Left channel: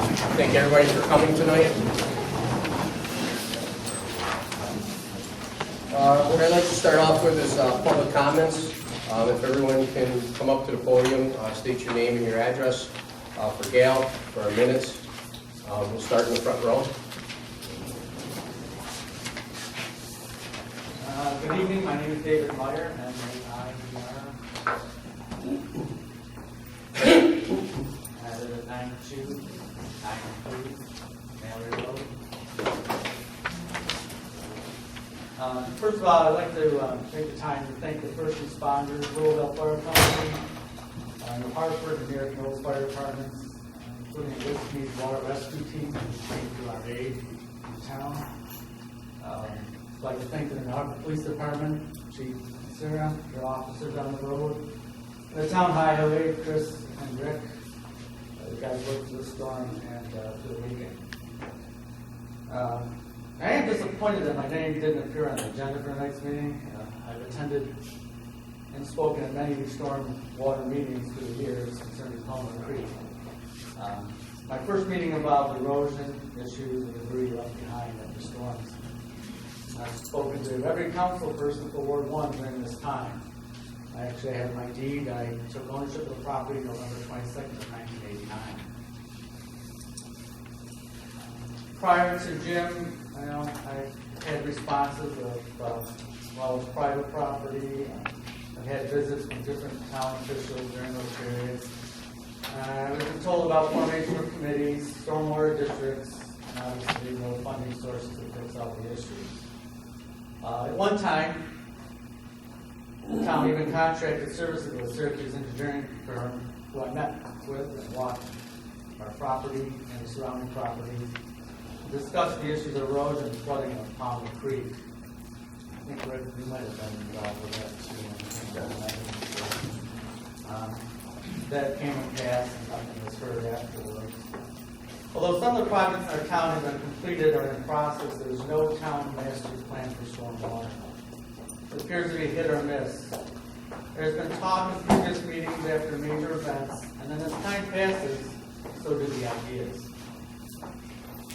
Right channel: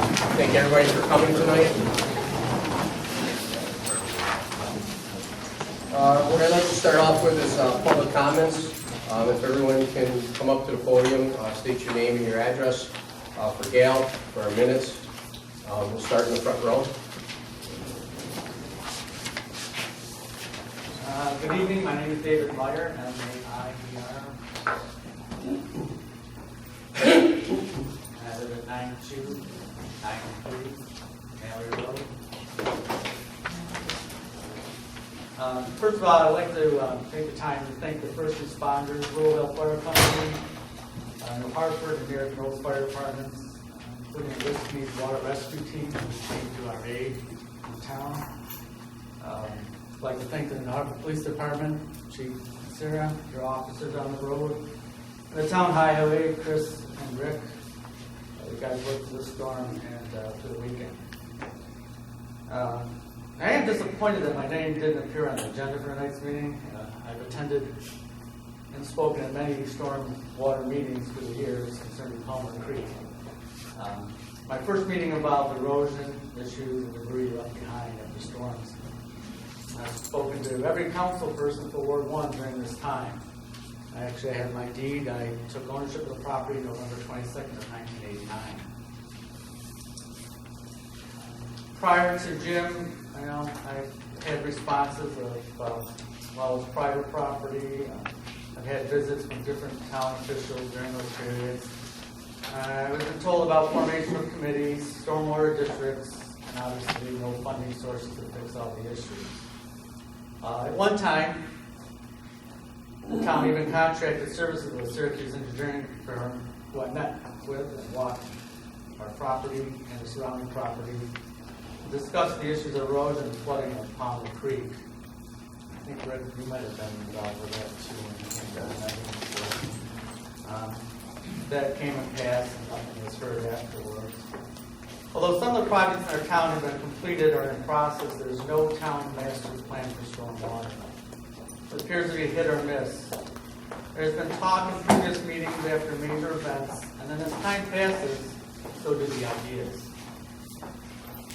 Thank everybody for coming tonight. What I'd like to start off with is public comments. If everyone can come up to the podium, state your name and your address for Gail, for our minutes. We'll start in the front row. Good evening, my name is David Meyer, M-A-I-E-R. I live at 9293 Mallory Road. First of all, I'd like to take the time to thank the first responders, Louisville Fire Company, New Hartford and American Hills Fire Departments, including the Whiskey's Water Rescue Team, who came to our aid in town. I'd like to thank the Hartford Police Department, Chief Sarah, your officers on the road, and the Town Highway, Chris and Rick. You guys worked through the storm and through the weekend. I am disappointed that my name didn't appear on the agenda for tonight's meeting. I've attended and spoken at many storm water meetings through the years concerning Palmer Creek. My first meeting involved erosion issues and debris left behind after storms. I've spoken to every council person for Ward 1 during this time. I actually had my deed. I took ownership of the property November 22nd of 1989. Prior to Jim, I had responses of, it's private property. I've had visits from different town officials during those periods. I've been told about formation of committees, stormwater districts, and obviously no funding sources to fix all the issues. At one time, the town even contracted services with a Syracuse engineering firm who I met with and walked our property and the surrounding properties to discuss the issues of erosion and flooding of Palmer Creek. I think, Rick, you might have been involved with that too when you came to that. That came and passed and nothing was heard afterwards. Although some of the projects in our town have been completed or in process, there is no town master plan for stormwater. It appears to be hit or miss. There's been talk in previous meetings after major events, and then as time passes, so do the ideas.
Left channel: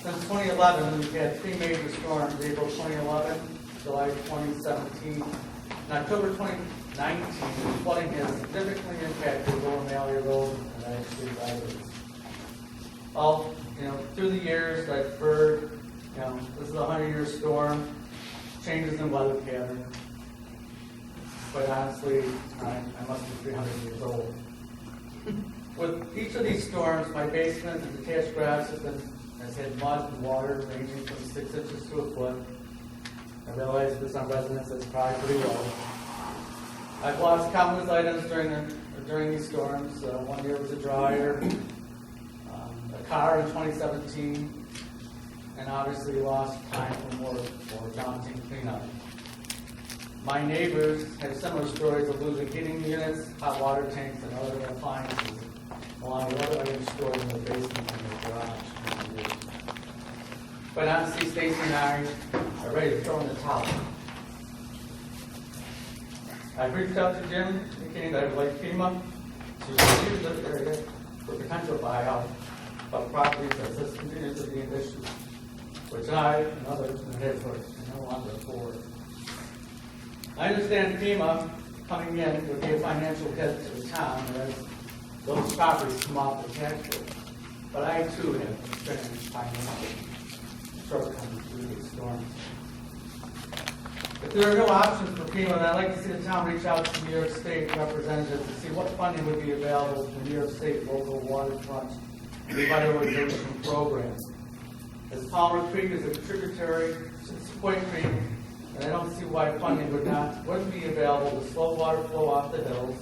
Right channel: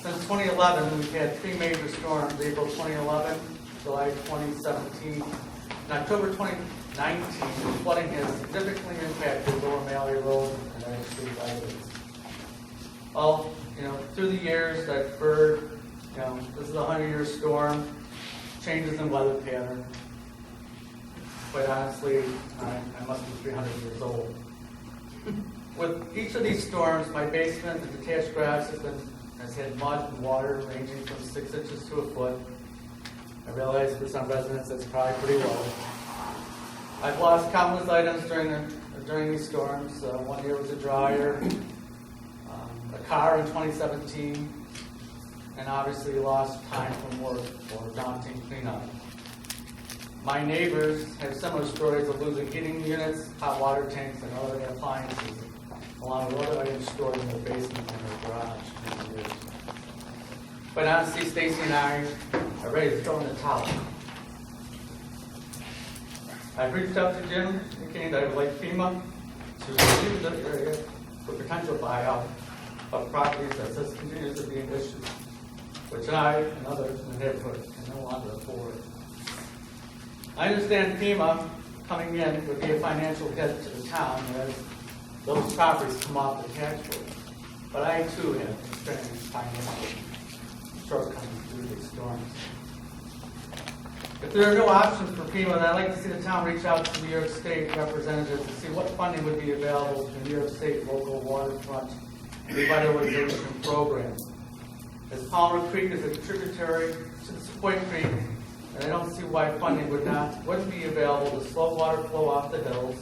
Since 2011, we've had 3 major storms: April 2011, July 2017, and October 2019. Flooding has significantly impacted Lower Mallory Road and our street residents. Well, through the years, I've heard, this is a 100-year storm, changes in weather pattern. Quite honestly, I must be 300 years old. With each of these storms, my basement and detached garage has had mud and water ranging from 6 inches to a foot. I realize for some residents that's probably pretty low. I've lost countless items during these storms. One year was a dryer, a car in 2017, and obviously lost time from work for daunting cleanup. My neighbors have similar stories of losing heating units, hot water tanks, and other appliances, along with other items stored in their basement and their garage. But honestly, Stacy and I are ready to throw in the towel. I've reached out to Jim, indicating that I would like FEMA to review this area for potential buyout of properties as this continues to be an issue, which I and others in the neighborhood can no longer afford. I understand FEMA coming in would be a financial hit to the town as those properties come off the tax roll, but I too have experienced financial shortcomings through these storms. If there are no options for FEMA, then I'd like to see the town reach out to New York State representatives to see what funding would be available to the New York State local waterfront revitalization program. As Palmer Creek is a tributary to the Sequoia Creek, and I don't see why funding wouldn't be available to slow water flow off the hills,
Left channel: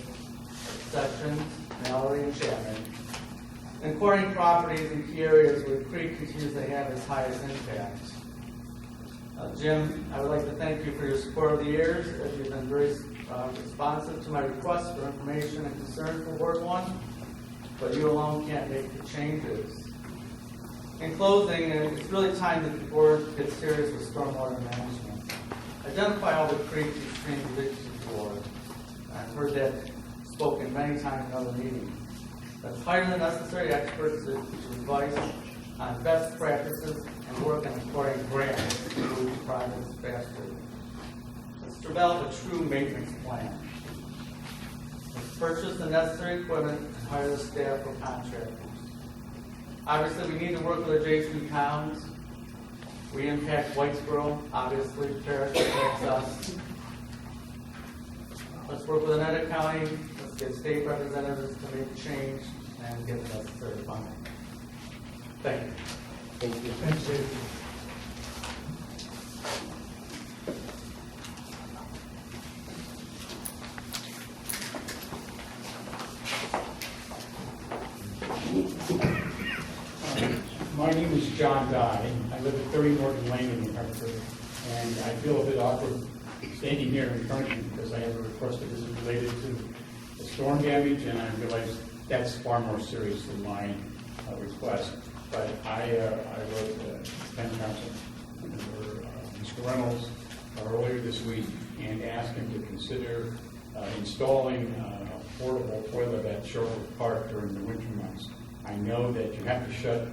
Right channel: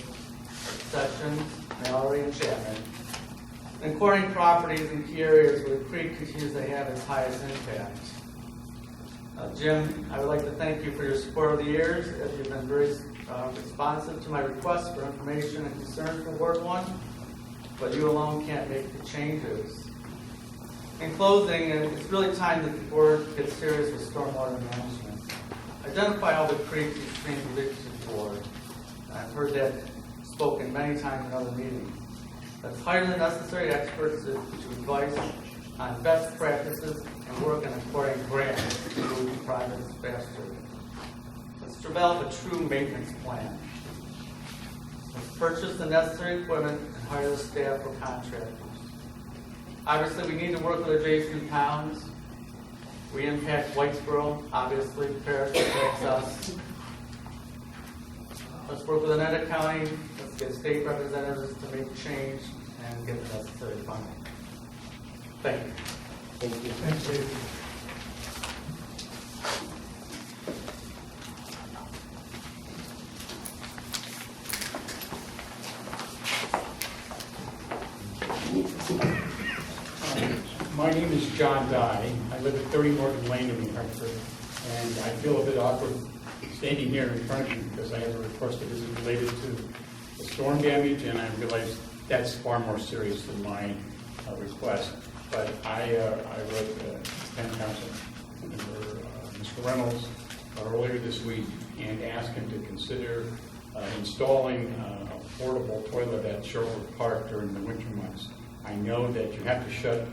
Sessions, Mallory, and Chapman, and quarrying properties in key areas where the creek continues to have its highest impact. Jim, I would like to thank you for your support over the years, as you've been very responsive to my requests for information and concern for Ward 1, but you alone can't make the changes. In closing, it's really time that the board gets serious with stormwater management. Identify all the creeks and streams you wish to for. I've heard that spoken many times in other meetings. That's hire the necessary experts to advise on best practices and work on acquiring grants to move projects faster. Let's develop a true maintenance plan. Let's purchase the necessary equipment and hire the staff or contractors. Obviously, we need to work with adjacent towns. We impact Whitesboro, obviously, Paris impacts us. Let's work with Oneida County, let's get state representatives to make change and get the necessary funding. Thank you. Thank you. Thanks, David. My name is John Dye. I live at 30 Morgan Lane in Hartford, and I feel a bit awkward standing here in front of you because I have a request that is related to the storm damage, and I realize that's far more serious than my request. But I wrote town council, Mr. Reynolds, earlier this week and asked him to consider installing a portable toilet at Sherwood Park during the winter months. I know that you have to shut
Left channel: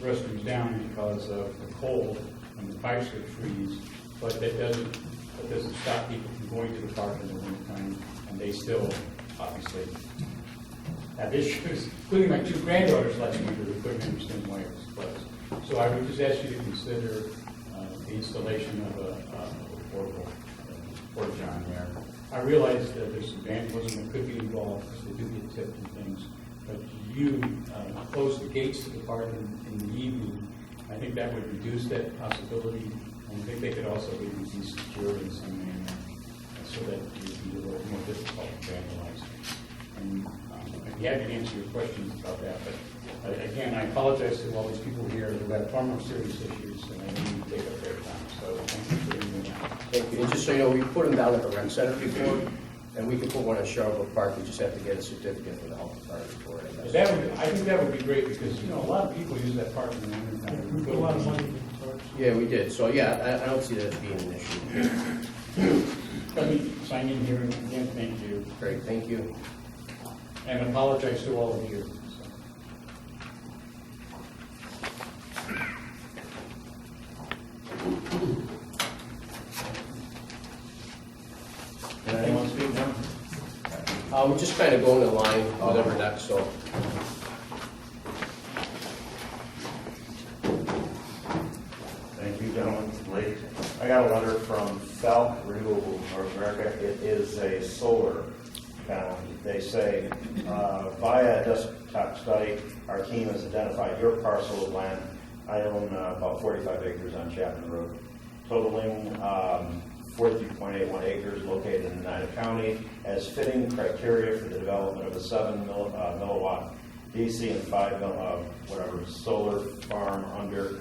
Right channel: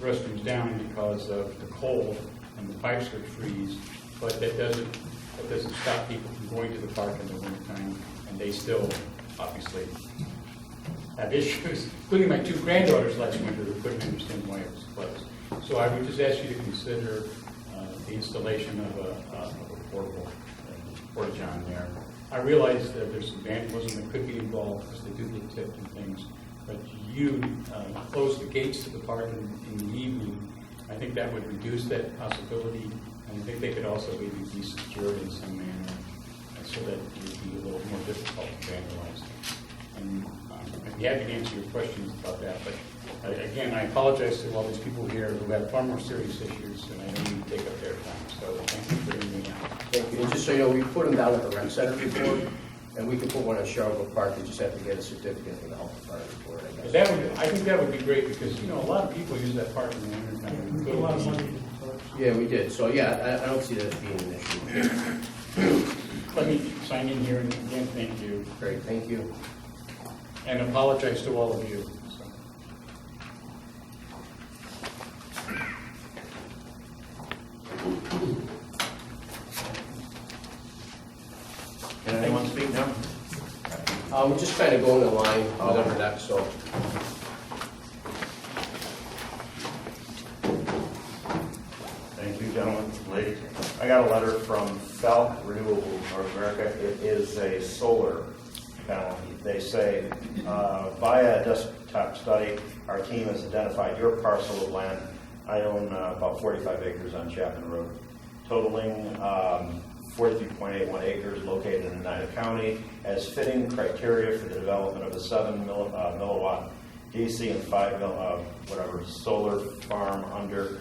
restrooms down because of the cold and the pipes would freeze, but that doesn't stop people from going to the park in the wintertime, and they still obviously have issues, including my two granddaughters last winter who couldn't understand why it was closed. So I would just ask you to consider the installation of a portable porta-john there. I realize that there's some vandalism that could be involved because they do get tipped and things, but you close the gates to the park in the evening. I think that would reduce that possibility, and I think they could also maybe be secured in some manner so that it would be a little more difficult to vandalize. And I'd be happy to answer your questions about that, but again, I apologize to all these people here who have far more serious issues, and I don't need to take up their time, so thank you for hearing me out. Thank you. And just so you know, we put them down at the rec center before, and we could put one at Sherwood Park. We just have to get a certificate from the health department for it, I guess. I think that would be great because, you know, a lot of people use that park in the winter time. We put a lot of money into the parks. Yeah, we did. So, yeah, I don't see that as being an issue. Let me sign in here and again, thank you. Great, thank you. And apologize to all of you. So. Can anyone speak now? We're just kind of going in line, whatever next, so. Thank you, gentlemen, ladies. I got a letter from Falk Renewable North America. It is a solar panel. They say, via a desktop study, our team has identified your parcel of land. I own about 45 acres on Chapman Road, totaling 43.81 acres located in Oneida County as fitting criteria for the development of a 7 milliwatt DC and 5 solar farm under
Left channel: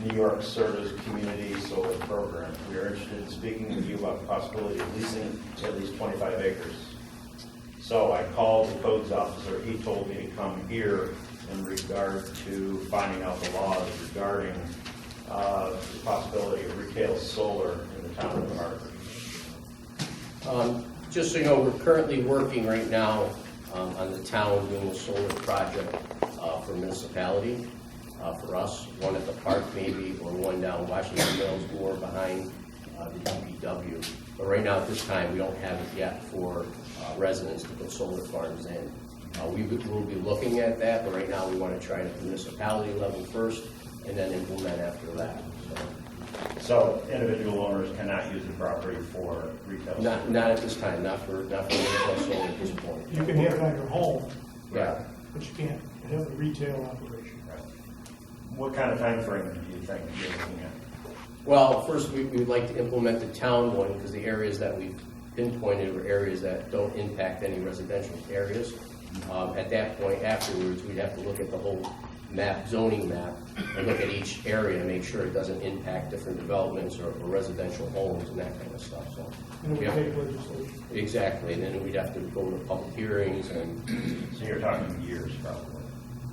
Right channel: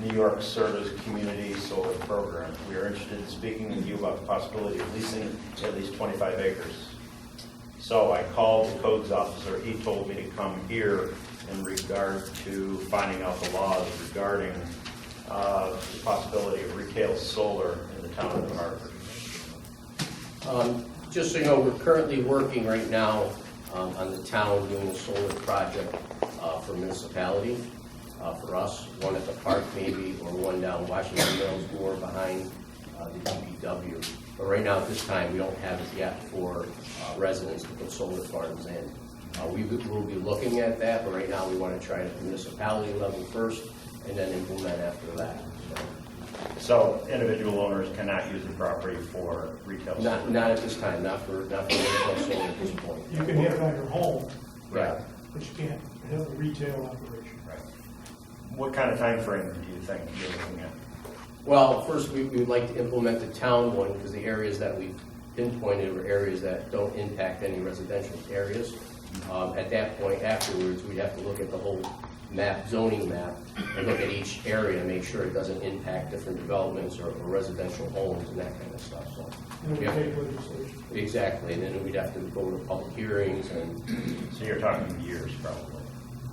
New York Service Community Solar Program. We are interested in speaking with you about the possibility of leasing at least 25 acres. So I called the codes officer. He told me to come here in regard to finding out the laws regarding the possibility of retail solar in the town of Hartford. Just so you know, we're currently working right now on the town doing a solar project for municipality, for us, one at the park maybe, or one down Washington Mills, more behind the DPW. But right now at this time, we don't have it yet for residents to put solar farms in. We will be looking at that, but right now we want to try it at the municipality level first and then implement after that. So individual owners cannot use the property for retail solar? Not at this time, not for retail solar at this point. You can have it on your home, Right. but you can't have a retail operation. Right. What kind of time frame do you think you're looking at? Well, first we would like to implement the town one because the areas that we've pinpointed are areas that don't impact any residential areas. At that point afterwards, we'd have to look at the whole map, zoning map, and look at each area and make sure it doesn't impact different developments or residential homes and that kind of stuff, so. And it would Yeah. take legislation. Exactly, and then we'd have to go to public hearings and, So you're talking years, probably.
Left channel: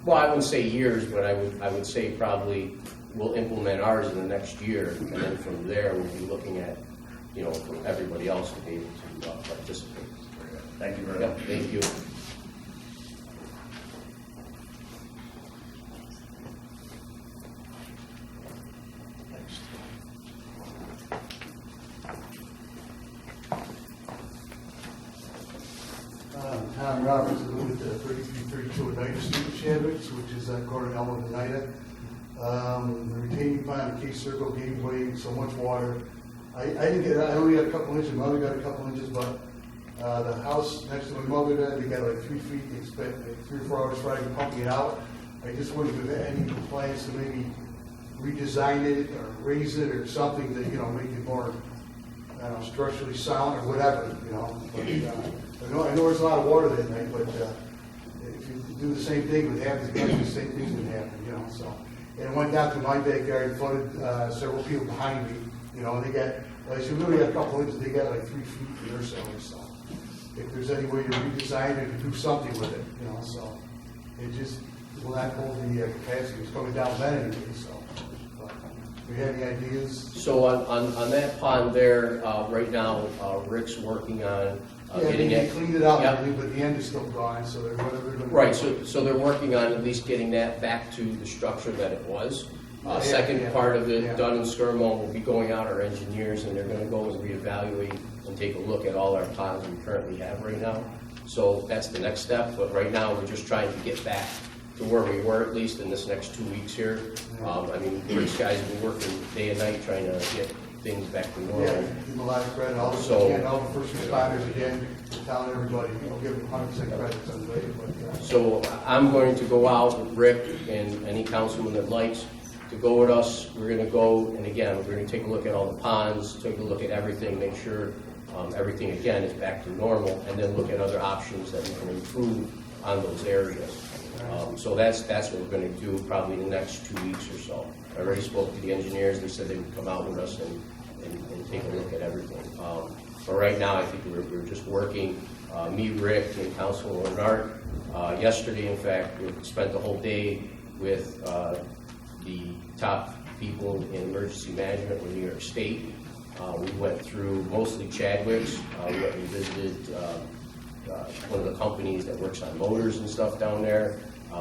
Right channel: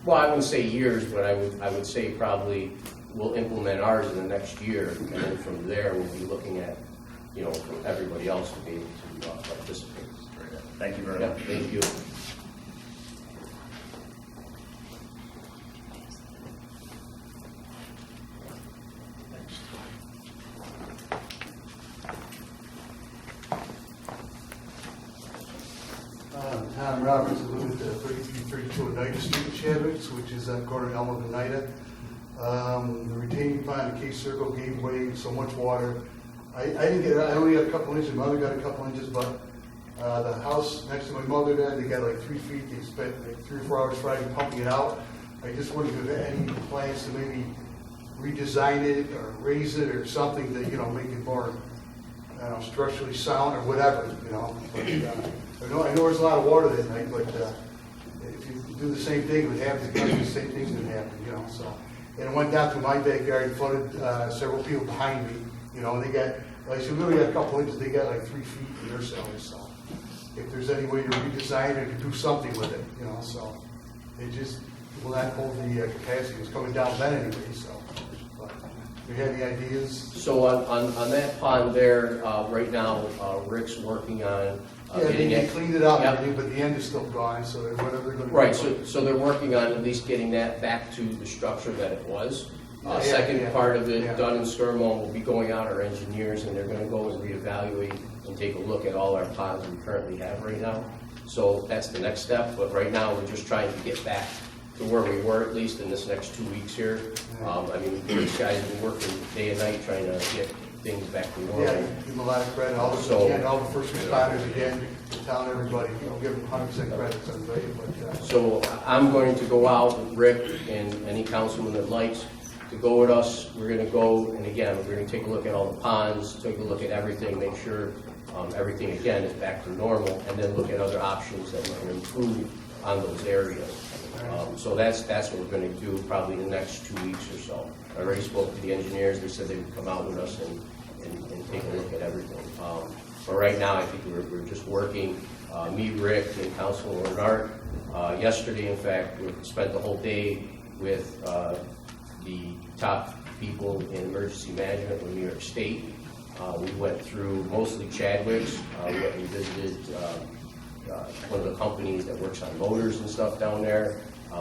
well, I wouldn't say years, but I would say probably we'll implement ours in the next year, and then from there, we'll be looking at, you know, for everybody else to be able to participate. Thank you very Yep, much. thank you. Roberts, I live at 3332 Oneida Street in Chadwick, which is on corner Elm and Oneida. The retaining pond, the Case Circle gave way so much water. I only got a couple inches, my mother got a couple inches, but the house next to my mother there, they got like 3 feet, they spent like 3 or 4 hours Friday pumping it out. I just wouldn't give any plans to maybe redesign it or raise it or something to, make it more, I don't know, structurally sound or whatever, But, I know there's a lot of water that night, but if you do the same thing, it would happen, the same thing's gonna happen, so. And it went down to my backyard, flooded several people behind me, they got, like I said, we only got a couple inches, they got like 3 feet in their cellars, so. If there's any way to redesign it or do something with it, so. It just will not hold the capacity, it's coming down then anyway, so. But if you have any ideas? So on that pond there, right now, Rick's working on Yeah, getting they it. cleaned it up, Yep. but the end is still gone, so they're whatever they're gonna. Right, so they're working on at least getting that back to the structure that it was. Yeah, Second yeah, part of it, yeah. Dunn and Skirmo will be going out, our engineers, and they're gonna go and reevaluate and take a look at all our ponds we currently have right now. So that's the next step, but right now, we're just trying to get back to where we were, at least in this next 2 weeks here. Rick's guys have been working day and night trying to get things back to normal. Yeah, give them a lot of credit, all the first responders again, telling everybody, give them 100% credit, it's unbelievable, but, So I'm going to go out with Rick and any councilman that likes to go with us. We're gonna go, and again, we're gonna take a look at all the ponds, take a look at everything, make sure everything again is back to normal, and then look at other options that we can improve on those areas. So that's what we're gonna do probably in the next 2 weeks or so. I already spoke to the engineers, they said they would come out with us and take a look at everything. But right now, I think we're just working, me, Rick, and Councilman Art. Yesterday, in fact, we spent the whole day with the top people in emergency management with New York State. We went through mostly Chadwick's. We went and visited one of the companies that works on motors and stuff down there.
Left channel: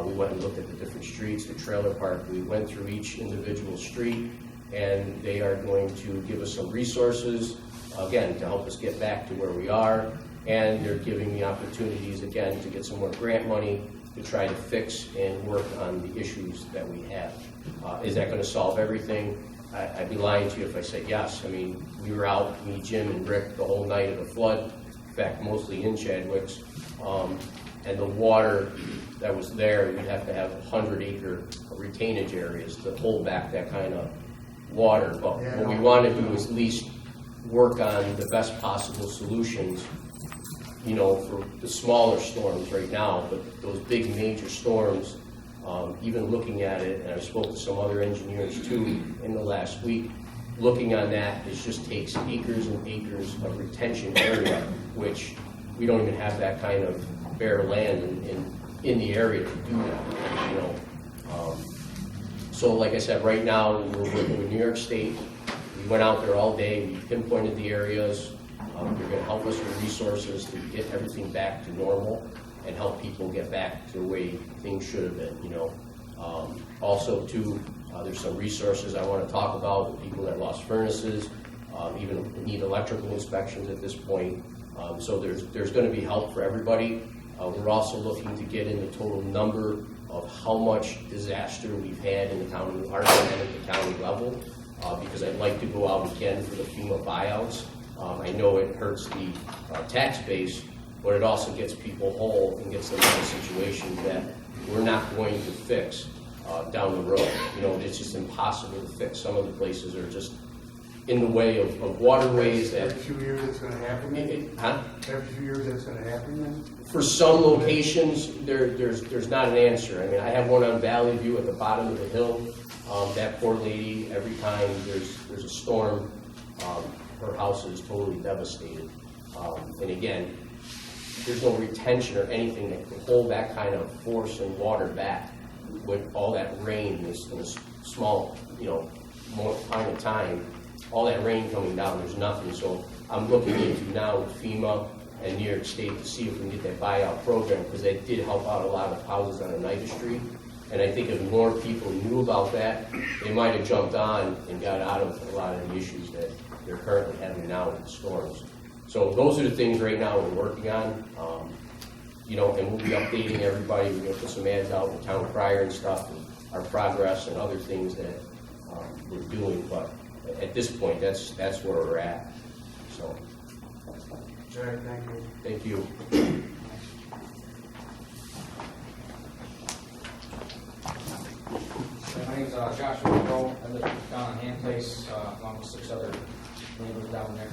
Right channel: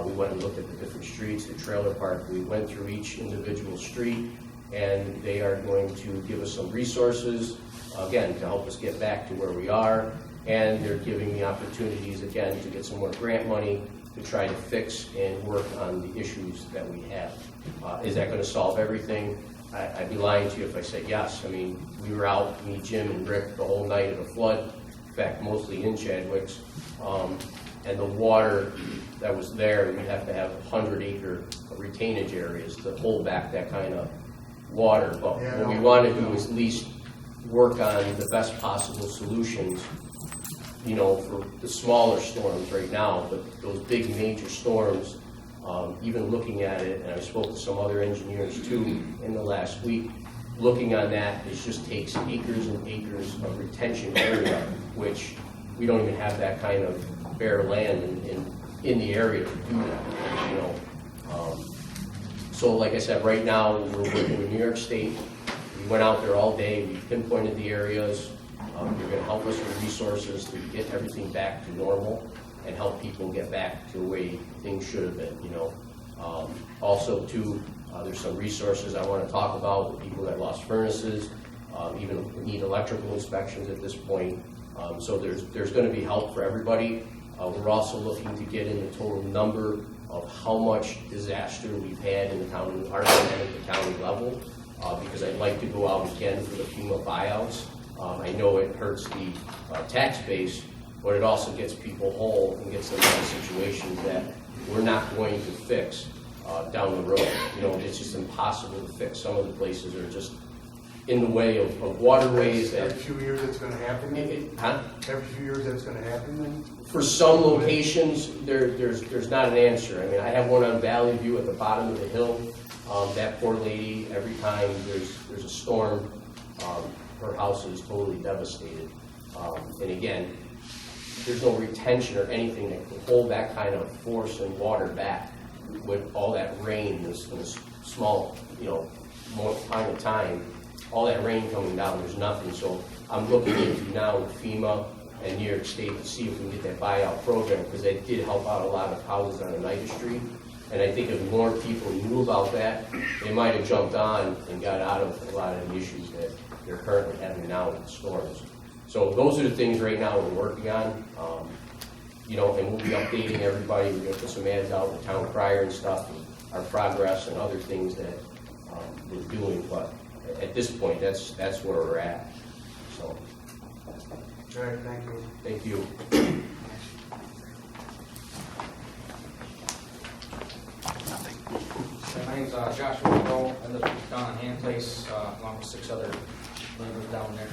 We went and looked at the different streets, the trailer park. We went through each individual street, and they are going to give us some resources, again, to help us get back to where we are. And they're giving me opportunities, again, to get some more grant money to try to fix and work on the issues that we have. Is that going to solve everything? I'd be lying to you if I said yes. I mean, we were out, me, Jim, and Rick, the whole night of the flood. In fact, mostly in Chadwick's. And the water that was there, we'd have to have 100-acre retainage areas to hold back that kind of water. But what we want to do is at least work on the best possible solutions, for the smaller storms right now. But those big major storms, even looking at it, and I spoke to some other engineers too in the last week, looking on that, it just takes acres and acres of retention area, which we don't even have that kind of bare land in the area to do that, So like I said, right now, we're working with New York State. We went out there all day, we pinpointed the areas. They're gonna help us with resources to get everything back to normal and help people get back to the way things should have been, Also, too, there's some resources I want to talk about with people that lost furnaces, even need electrical inspections at this point. So there's going to be help for everybody. We're also looking to get in the total number of how much disaster we've had in the county, our and at the county level, because I'd like to go out again for the FEMA buyouts. I know it hurts the tax base, but it also gets people whole and gets them in situations that we're not going to fix down the road. It's just impossible to fix. Some of the places are just in the way of waterways that... Every few years it's gonna happen? Every few years that's gonna happen then? For some locations, there's not an answer. I mean, I have one on Valley View at the bottom of the hill. That poor lady, every time there's a storm, her house is totally devastated. And again, there's no retention or anything that can hold that kind of force and water back with all that rain in this small, amount of time. All that rain coming down, there's nothing. So I'm looking into now with FEMA and New York State to see if we can get that buyout program, because that did help out a lot of houses on Oneida Street. And I think if more people knew about that, they might have jumped on and got out of a lot of the issues that they're currently having now with the storms. So those are the things right now we're working on. and we'll be updating everybody. We're gonna put some ads out in the town crier and stuff, and our progress and other things that we're doing, but at this point, that's where we're at, so, All right, thank you. thank you. My name's Joshua Monroe. I live down on Hand Place, along with 6 other neighbors down there.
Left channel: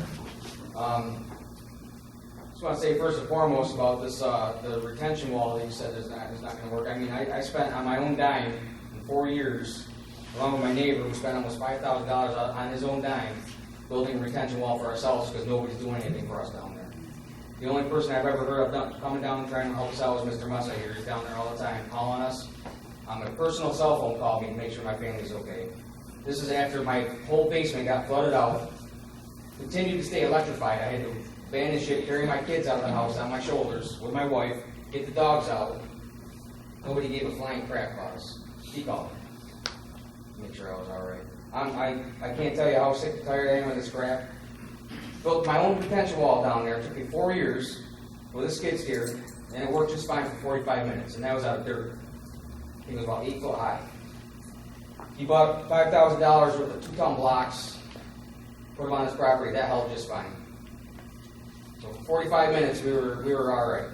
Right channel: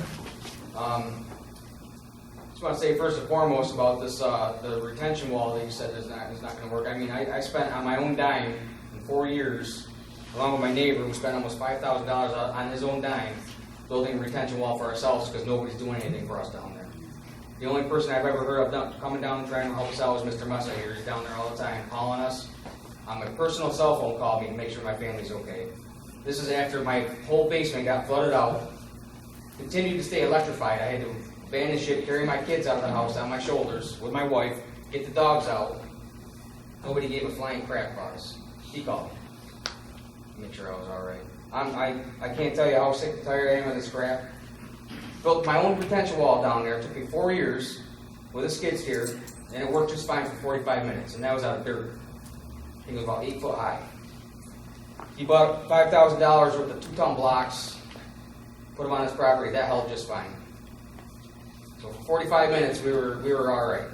Just want to say first and foremost about this, the retention wall that you said is not going to work. I mean, I spent on my own dime in 4 years, along with my neighbor, we spent almost $5,000 on his own dime building a retention wall for ourselves because nobody's doing anything for us down there. The only person I've ever heard of coming down and trying to help us out was Mr. Messa here. He's down there all the time calling us. On my personal cell phone called me to make sure my family's okay. This is after my whole basement got flooded out, continued to stay electrified. I had to abandon ship, carry my kids out of the house on my shoulders with my wife, get the dogs out. Nobody gave a flying crap about us. He called me to make sure I was all right. I can't tell you how sick and tired I am of this crap. Built my own retention wall down there. It took me 4 years with a skid steer, and it worked just fine for 45 minutes, and that was out of dirt. I think it was about 8 foot high. He bought $5,000 worth of 2-ton blocks, put them on his property. That held just fine. So for 45 minutes, we were all right.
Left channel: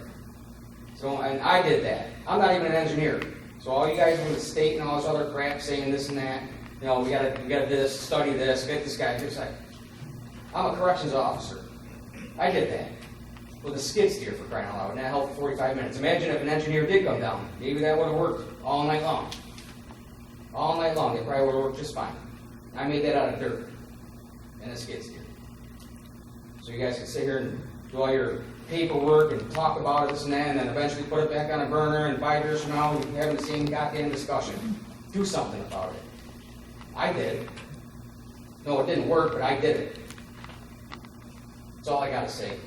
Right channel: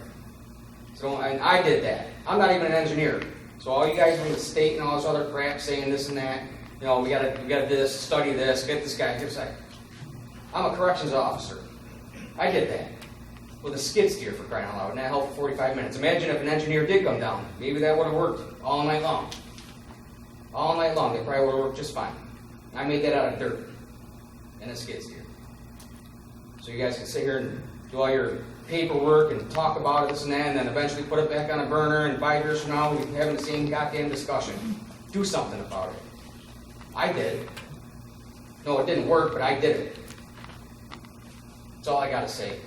So, and I did that. I'm not even an engineer. So all you guys from the state and all this other crap saying this and that, we gotta this, study this, get this guy. Just like, I'm a corrections officer. I did that with a skid steer, for crying out loud, and that held for 45 minutes. Imagine if an engineer did come down. Maybe that would have worked all night long. All night long, it probably would have worked just fine. I made that out of dirt and a skid steer. So you guys can sit here and do all your paperwork and talk about it, this and that, and then eventually put it back on a burner, and 5 years from now, we'll be having the same goddamn discussion. Do something about it. I did. No, it didn't work, but I did it. That's all I gotta say.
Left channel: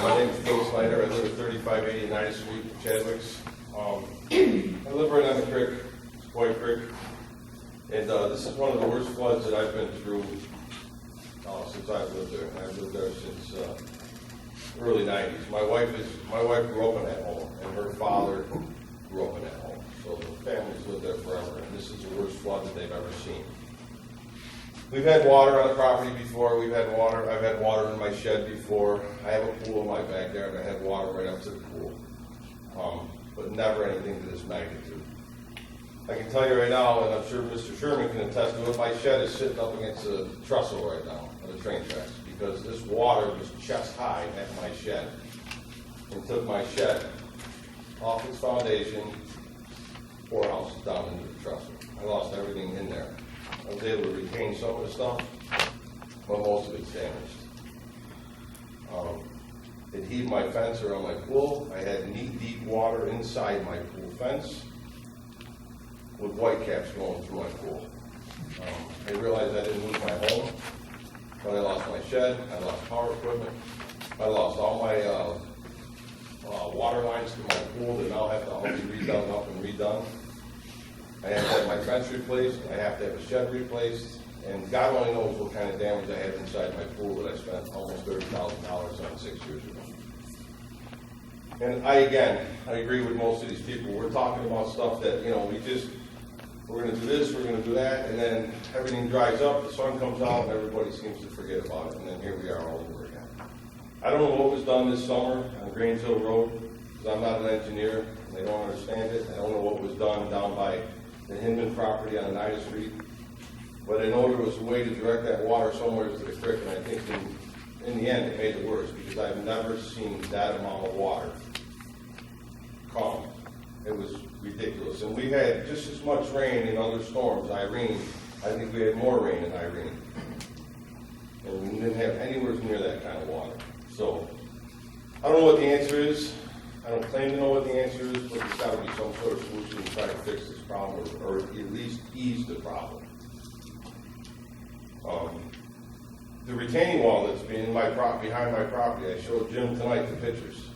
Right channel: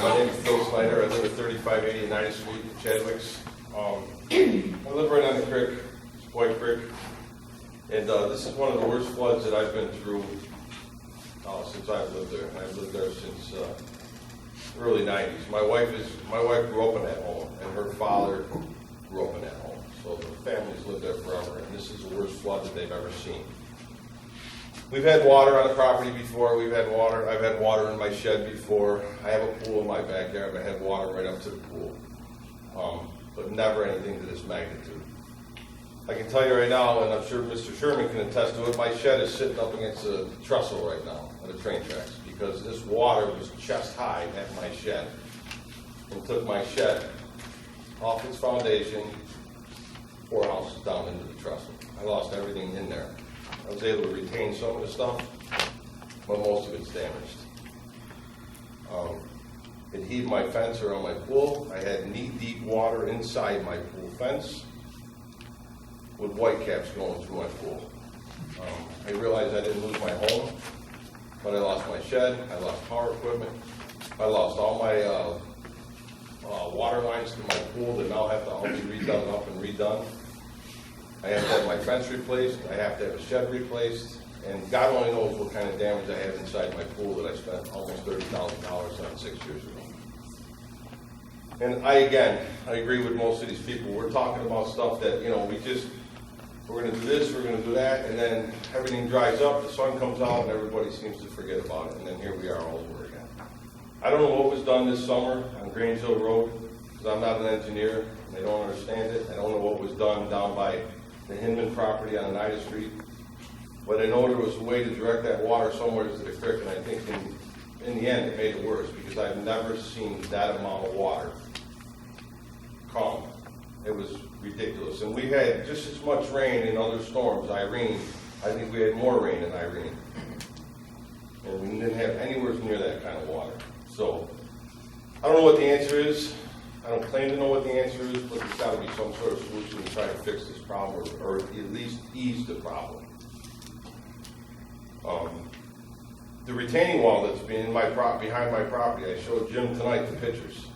My name is Phil Snyder. I live at 3580 9th Street in Chadwick's. I live right on the creek, it's White Creek. And this is one of the worst floods that I've been through since I've lived there. And I've lived there since early 90s. My wife grew up in that home, and her father grew up in that home. So the family's lived there forever, and this is the worst flood that they've ever seen. We've had water on the property before. I've had water in my shed before. I have a pool in my backyard. I had water right up to the pool, but never anything to this magnitude. I can tell you right now, and I'm sure Mr. Sherman can attest to it, my shed is sitting up against a trestle right now at the train tracks because this water was chest high at my shed and took my shed off its foundation, 4 houses down into the trestle. I lost everything in there. I was able to retain some of the stuff, but most of it's damaged. It heaved my fence around my pool. I had knee-deep water inside my pool fence with white caps going through my pool. I realized I didn't lose my home, but I lost my shed, I lost power equipment, I lost all my water lines to my pool that now have to all be redone up and redone. I have to have my fence replaced, I have to have a shed replaced, and God only knows what kind of damage I have inside my pool that I spent almost $30,000 on 6 years ago. And I agree with most of these people. We're talking about stuff that, we're gonna do this, we're gonna do that, and then everything dries up, the sun comes out, and everybody seems to forget about it, and then here we are all over again. I don't know what was done this summer on Grange Hill Road, because I'm not an engineer, and I don't understand it. I don't know what was done down by the Hinman property on 9th Street, but I know there was a way to direct that water somewhere to the creek, and I think in the end it made it worse, because I've never seen that amount of water come. It was ridiculous. And we had just as much rain in other storms. Irene, I think we had more rain in Irene. And we didn't have anywhere near that kind of water. So, I don't know what the answer is. I don't claim to know what the answer is, but there's got to be some sort of solution to try to fix this problem, or at least ease the problem. The retaining wall that's been behind my property, I showed Jim tonight the pictures.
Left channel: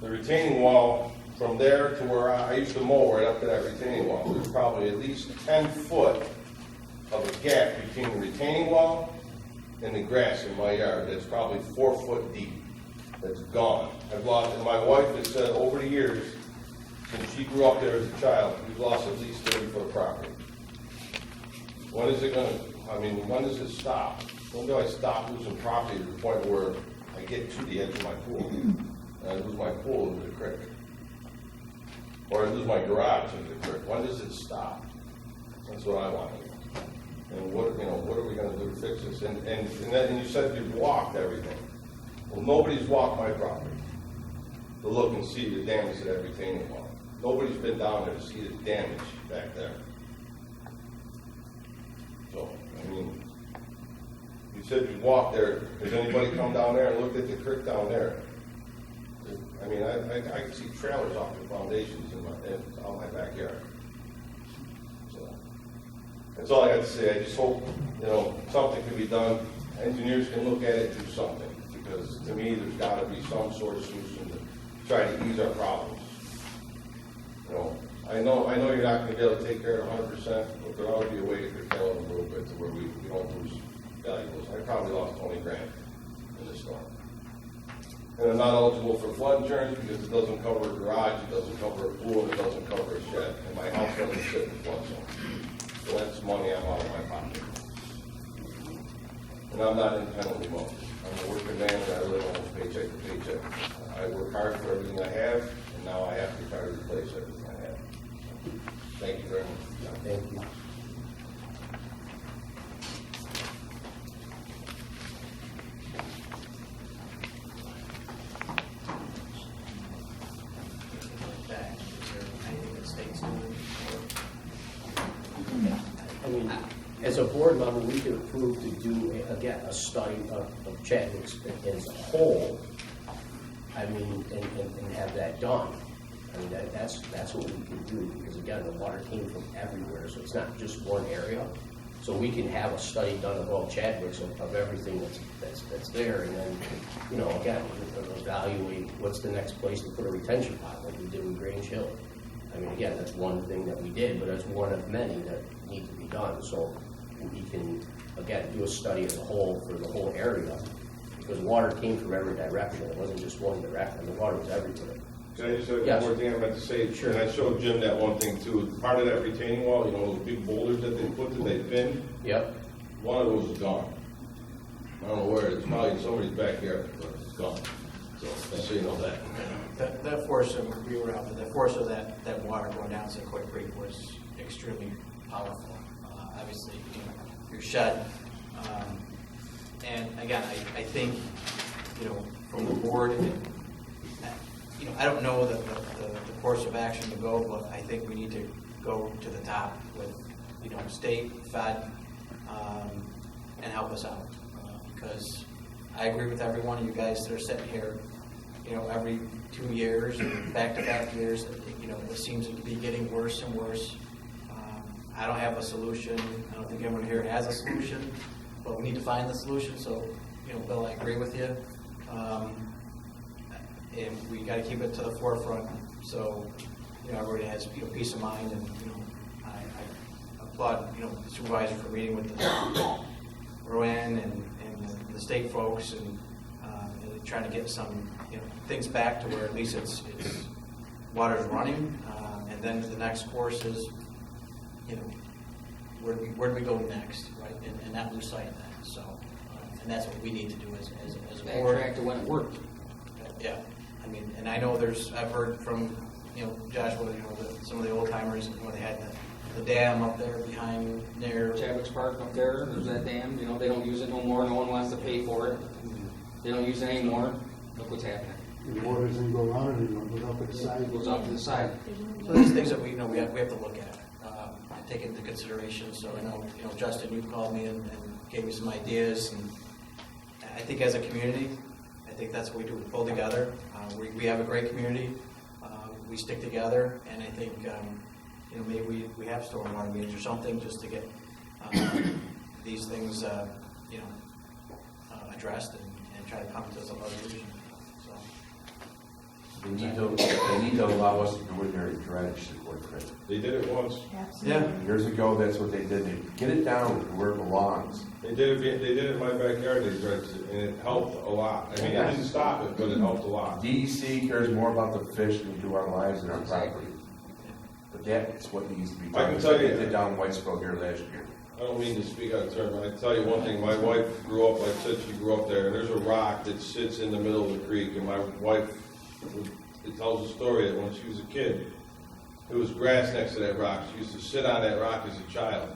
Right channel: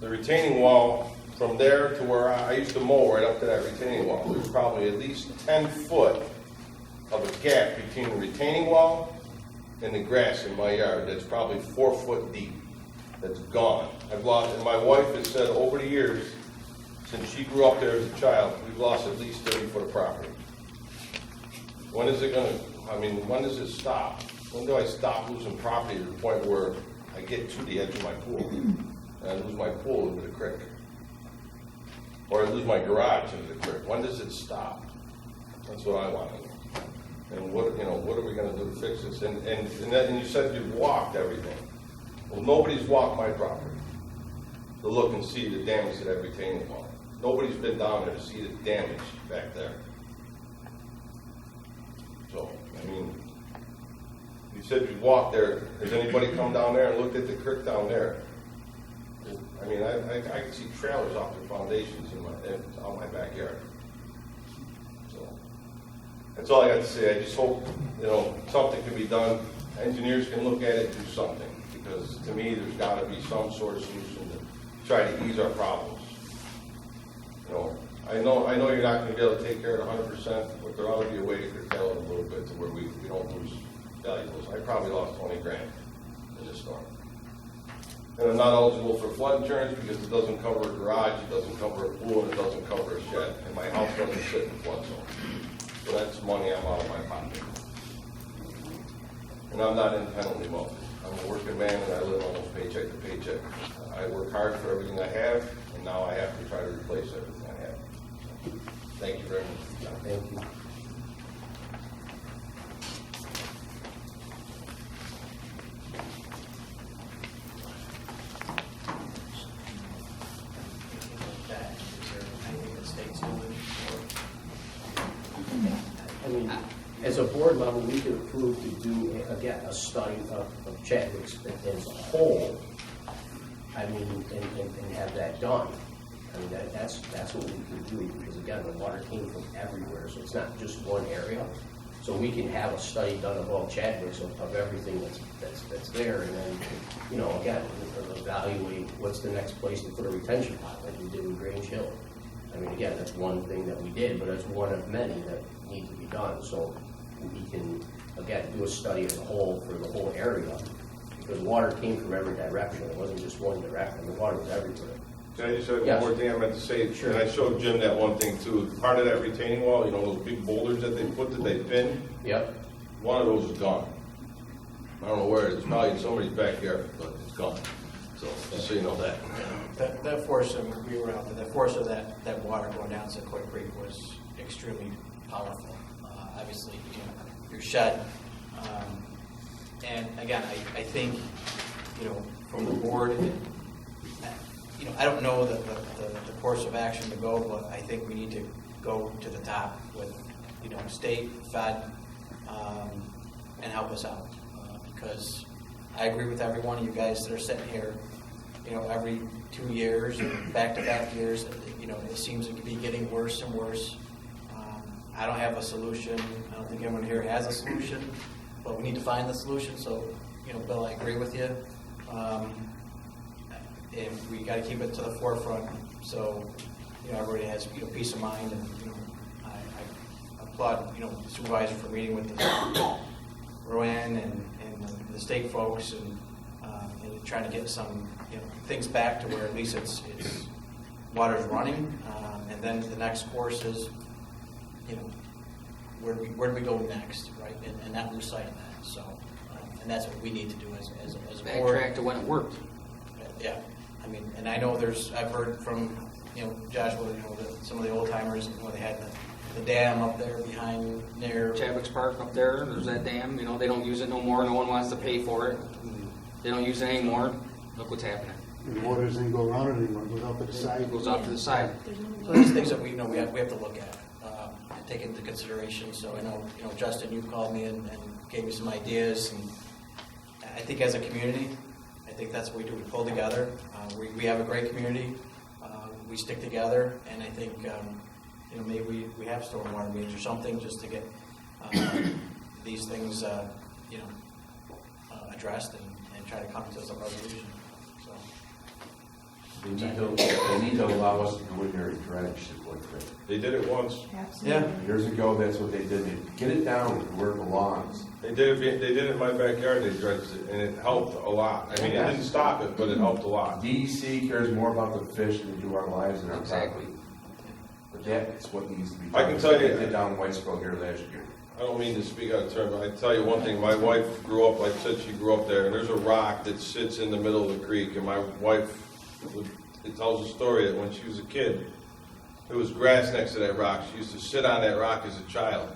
The retaining wall from there to where I used to mow right up to that retaining wall, there's probably at least 10 foot of a gap between the retaining wall and the grass in my yard that's probably 4 foot deep. That's gone. I've lost, and my wife has said over the years, since she grew up there as a child, we've lost at least 30 foot of property. When is it gonna, I mean, when does it stop? When do I stop losing property to the point where I get to the edge of my pool? And I lose my pool into the creek? Or I lose my garage into the creek? When does it stop? That's what I want to know. And what, you know, what are we gonna do to fix this? And you said you walked everything. Well, nobody's walked my property to look and see the damage to that retaining wall. Nobody's been down there to see the damage back there. So, I mean, you said you walked there. Has anybody come down there and looked at the creek down there? I mean, I can see trailers off their foundations in my backyard. So, that's all I got to say. I just hope, you know, something can be done. Engineers can look at it and do something. Because to me, there's got to be some sort of solution to try to ease our problems. You know, I know you're not going to be able to take care of it 100%, but there ought to be a way to curtail it a little bit to where we don't lose valuables. I probably lost 20 grand in this storm. And I'm not eligible for flood insurance because it doesn't cover a garage, it doesn't cover a pool, and it doesn't cover a shed. And my house doesn't sit in the flood zone. So that's money I'm out of my pocket. And I'm not independently mobile. I'm a working man and I live almost paycheck to paycheck. I work hard for everything I have, and now I have to try to replace everything I have. So, thank you very much. Thank you. That, is there anything the state's doing? I mean, as a board member, we could approve to do, again, a study of Chadwick's as a whole. I mean, and have that done. I mean, that's what we can do, because again, the water came from everywhere, so it's not just one area. So we can have a study done of all Chadwick's of everything that's there, and then, you know, again, evaluate what's the next place to put a retention pond, like we did with Grange Hill. I mean, again, that's one thing that we did, but that's one of many that need to be done. So we can, again, do a study as a whole for the whole area, because water came from every direction. It wasn't just one direction. The water was everywhere. Can I just say Yes. one more thing I meant to say? Sure. And I showed Jim that one thing too. Part of that retaining wall, you know, those big boulders that they pinned, Yep. one of those is gone. I don't know where it is. Probably in somebody's backyard, but it's gone. So, just so you know that. That force, and we were out there, the force of that water going down Sequoia Creek was extremely powerful. Obviously, you know, your shed. And again, I think, you know, from the board, you know, I don't know the course of action to go, but I think we need to go to the top with, you know, state, fed, and help us out. Because I agree with every one of you guys that are sitting here, you know, every 2 years, back-to-back years, you know, it seems to be getting worse and worse. I don't have a solution. I don't think anyone here has a solution, but we need to find the solution. So, you know, Bill, I agree with you. And we got to keep it to the forefront. So, you know, everybody has, you know, peace of mind. And, you know, I applaud, you know, the supervisor for meeting with the Rowan and the state folks and trying to get some, you know, things back to where at least it's water's running. And then the next course is, you know, where do we go next, right? And not lose sight of that. So, and that's what we need to do as a board. Backtrack to when it worked. Yeah, I mean, and I know I've heard from, you know, Joshua, you know, some of the old timers, you know, they had the dam up there behind their Chadwick's Park up there's that dam, you know, they don't use it no more, no one wants to pay for it. They don't use it anymore. Look what's happening. And the water doesn't go around it anymore, it goes up to the side. It goes off to the side. So there's things that we know we have to look at and take into consideration. So I know, you know, Justin, you called me and gave me some ideas, and I think as a community, I think that's what we do. We pull together. We have a great community. We stick together, and I think you know, maybe we have stormwater meetings or something just to get these things you know, addressed and try to come to some resolution. So They need to allow us to go in there and dredge the Court Creek. They did it once. Yeah. Years ago, that's what they did. They get it down where it belongs. They did it in my backyard, they dredged it, and it helped a lot. I mean, it didn't stop it, but it helped a lot. DEC cares more about the fish than they do our lives and our Exactly. property. But that's what needs to be I done. can tell you- They did down in Whitesboro here last year. I don't mean to speak out of turn, but I tell you one thing, my wife grew up, like I said, she grew up there, and there's a rock that sits in the middle of the creek, and my wife, it tells a story that when she was a kid, there was grass next to that rock. She used to sit on that rock as a child.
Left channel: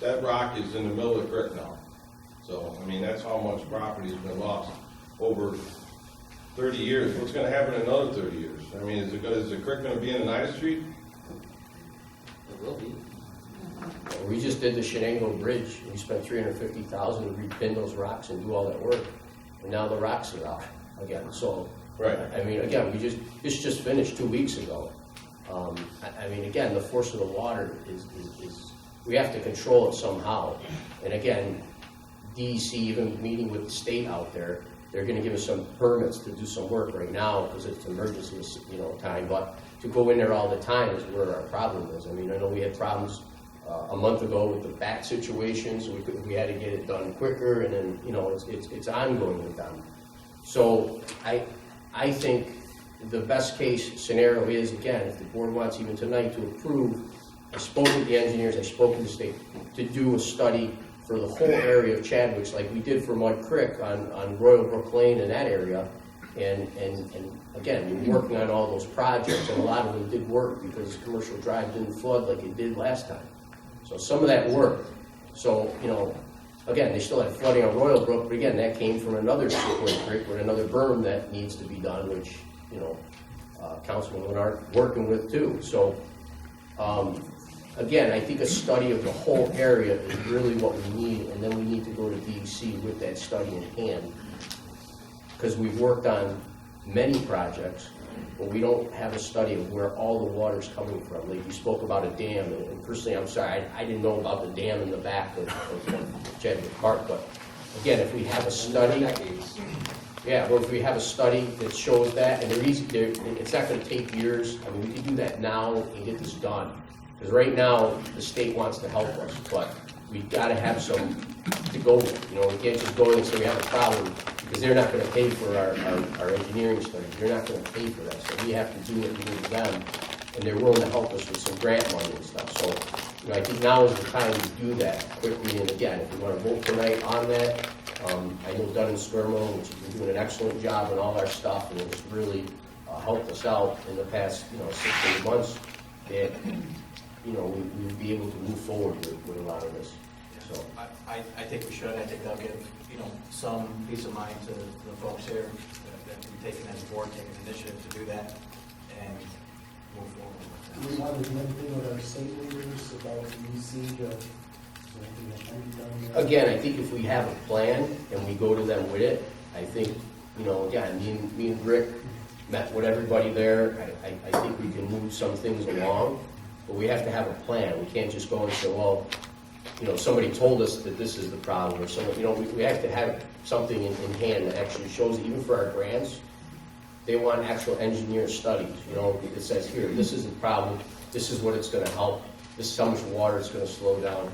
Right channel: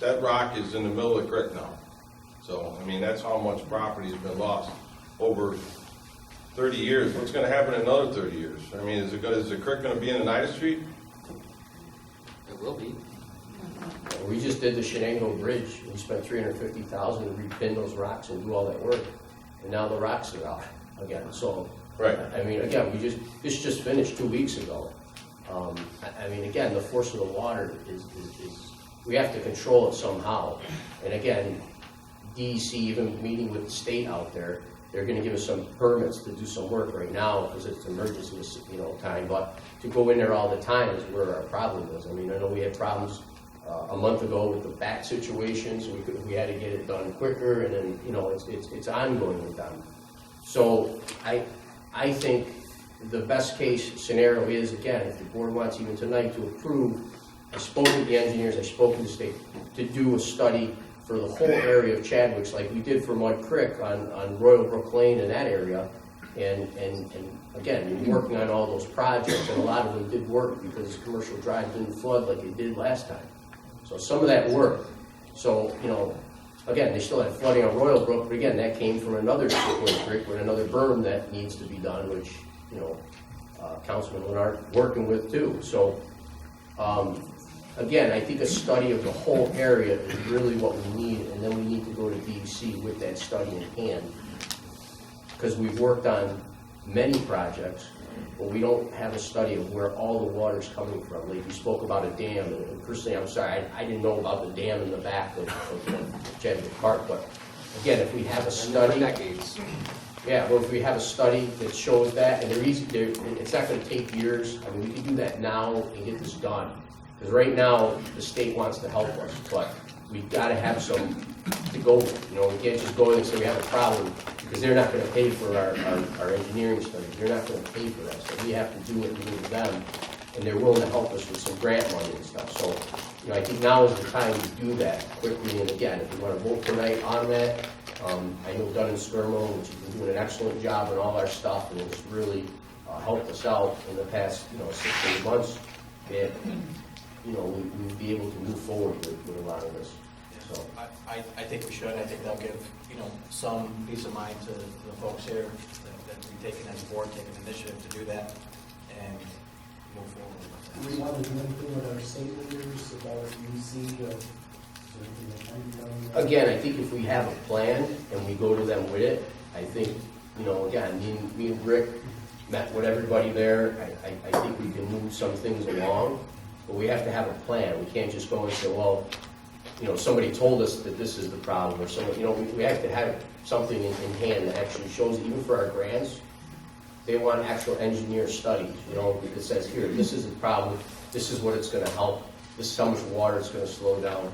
That rock is in the middle of the creek now. So, I mean, that's how much property has been lost over 30 years. What's gonna happen in another 30 years? I mean, is the creek gonna be in Oneida Street? It will be. We just did the Shenango Bridge. We spent $350,000 to repin those rocks and do all that work. And now the rocks are out again. So, Right. I mean, again, this just finished 2 weeks ago. I mean, again, the force of the water is we have to control it somehow. And again, DEC, even meeting with the state out there, they're gonna give us some permits to do some work right now because it's emergency, time. But to go in there all the time is where our problem is. I mean, I know we had problems a month ago with the bat situation, so we had to get it done quicker, and then, it's ongoing with them. So I think the best case scenario is, again, if the board wants even tonight to approve, I spoke with the engineers, I spoke to the state, to do a study for the whole area of Chadwick's, like we did for Mud Creek on Royal Brook Lane in that area. And again, we're working on all those projects, and a lot of them did work because Commercial Drive didn't flood like it did last time. So some of that worked. So, again, they still had flooding on Royal Brook, but again, that came from another Sequoia Creek with another berm that needs to be done, which, Councilman Leonard working with too. So, again, I think a study of the whole area is really what we need, and then we need to go to DEC with that study in hand. Because we've worked on many projects, but we don't have a study of where all the water's coming from. Like you spoke about a dam, and personally, I'm sorry, I didn't know about the dam in the back of Chadwick Park, but again, if we have a study. Decades. Yeah, well, if we have a study that shows that, and it's not gonna take years, I mean, we can do that now and get this done. Because right now, the state wants to help us, but we've gotta have some to go with. We can't just go in and say we have a problem, because they're not gonna pay for our engineering study. They're not gonna pay for that, so we have to do it with them, and they're willing to help us with some grant money and stuff. So, I think now is the time to do that quickly, and again, if you wanna vote tonight on that, I know Dunn and Skirmo, which has been doing an excellent job on all our stuff, and it's really helped us out in the past, 6 to 8 months, that, we'd be able to move forward with a lot of this. So, I think we should. I think that'll give, some peace of mind to the folks here that we've taken as a board, taken initiative to do that and move forward with Do that. we want to do anything with our state leaders about UC, is there anything that can be done there? again, I think if we have a plan and we go to them with it, I think, again, me and Rick met with everybody there. I think we can move some things along, but we have to have a plan. We can't just go and say, well, somebody told us that this is the problem, or someone, we have to have something in hand that actually shows, even for our grants, they want actual engineer studies, that says, here, this is the problem, this is what it's gonna help, this is how much water it's gonna slow down.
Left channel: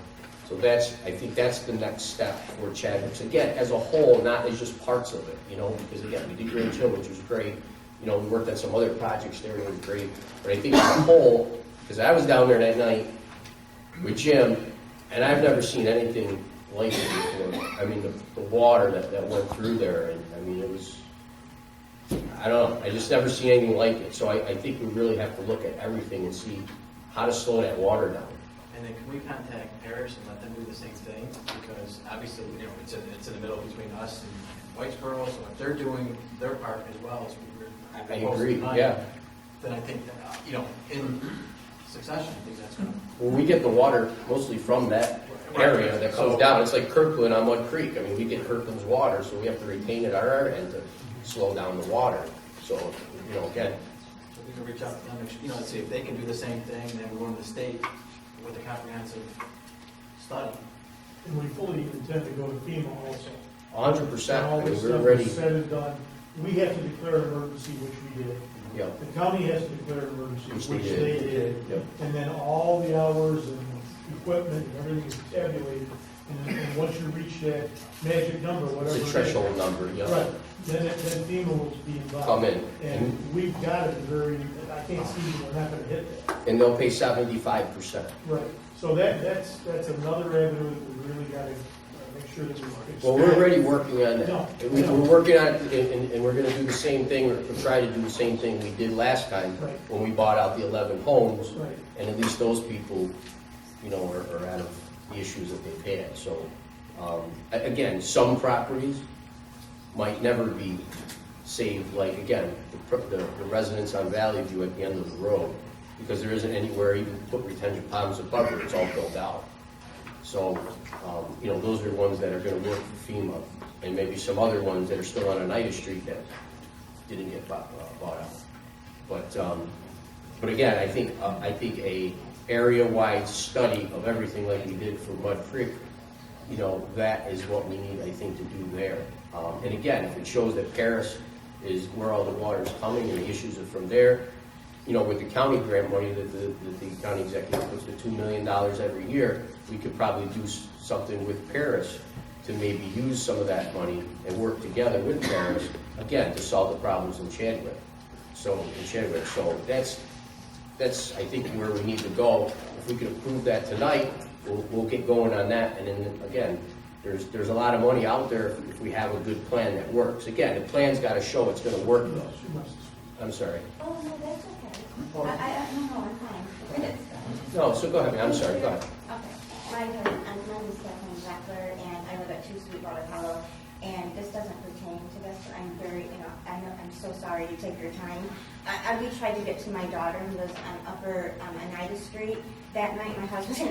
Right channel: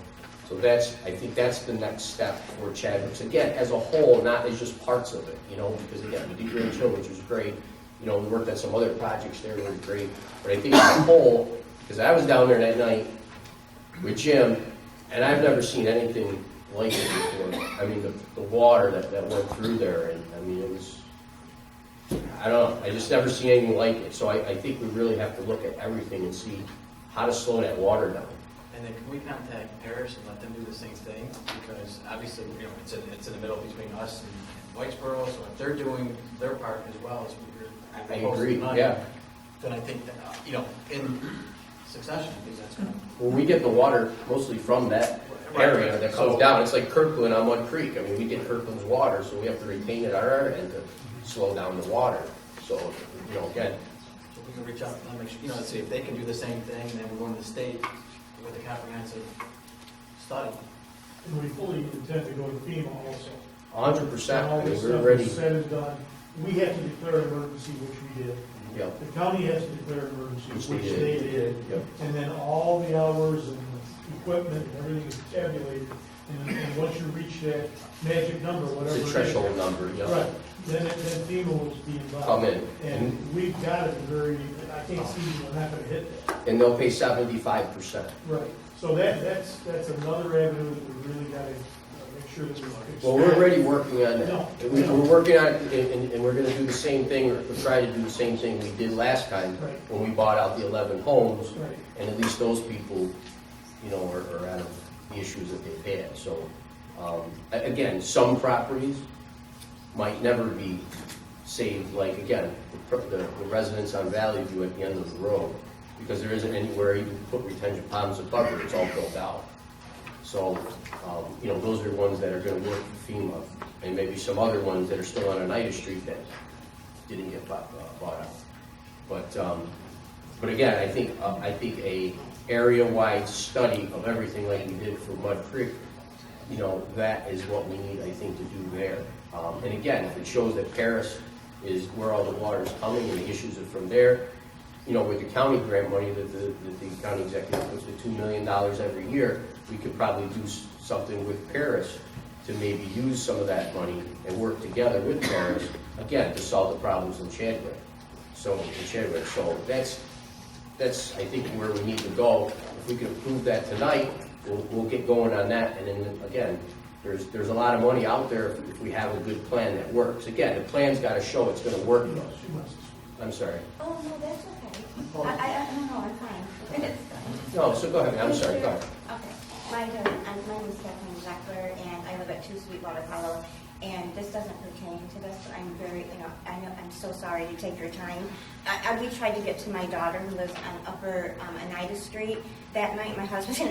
So I think that's the next step for Chadwick's. Again, as a whole, not as just parts of it, because again, we did Grand Hill, which was great. We worked on some other projects there that were great. But I think as a whole, because I was down there that night with Jim, and I've never seen anything like it before. I mean, the water that went through there, and I mean, it was, I don't know, I just never seen anything like it. So I think we really have to look at everything and see how to slow that water down. And then can we contact Paris and let them do the same thing? Because obviously, it's in the middle between us and Whitesboro, so if they're doing their part as well as I agree, yeah. then I think that, in succession, I think that's going to. Well, we get the water mostly from that area that comes down. It's like Kirkland on Mud Creek. I mean, we get Kirkland's water, so we have to retain it on our end to slow down the water. So, again. So we can reach out to them, and see if they can do the same thing, and then we go to the state with a comprehensive study. And we fully intend to go to FEMA also. 100%. All I mean, this we're stuff ready. is said and done, we have to declare an emergency, which we did. Yep. The county has to declare an emergency, Which which they they did. did. Yep. And then all the hours and equipment and everything is tabulated. And once you reach that magic number, whatever. It's a it is, threshold number, yeah. Right, then FEMA will be involved. Come in. And we've got it very, I can't see we're not gonna hit that. And they'll pay 75%. Right, so that's another avenue that we really gotta make sure that we fix. Well, we're already working on No, that. no. We're working on it, and we're gonna do the same thing, or try to do the same thing we did last time Right. when we bought out the 11 homes. Right. And at least those people, you know, are out of the issues that they've had. So, again, some properties might never be saved, like, again, the residents on Valley View at the end of the road, because there isn't anywhere even to put retention ponds above it, it's all built out. So, you know, those are ones that are gonna work for FEMA, and maybe some other ones that are still on Oneida Street that didn't get bought out. But again, I think a area-wide study of everything like we did for Mud Creek, you know, that is what we need, I think, to do there. And again, if it shows that Paris is where all the water is coming and the issues are from there, you know, with the county grant money that the county executive puts the $2 million every year, we could probably do something with Paris to maybe use some of that money and work together with Paris, again, to solve the problems in Chadwick. So that's, I think, where we need to go. If we could approve that tonight, we'll get going on that. And then, again, there's a lot of money out there if we have a good plan that works. Again, the plan's gotta show it's gonna work. I'm sorry. Oh, no, that's okay. No, I'm fine. No, so go ahead, I'm sorry, go ahead. Okay. My name is Kathleen Zeckler, and I live at 2 Sweetwater Hollow, and this doesn't pertain to this, but I'm very, I'm so sorry to take your time. We tried to get to my daughter who lives on Upper Oneida Street that night, my husband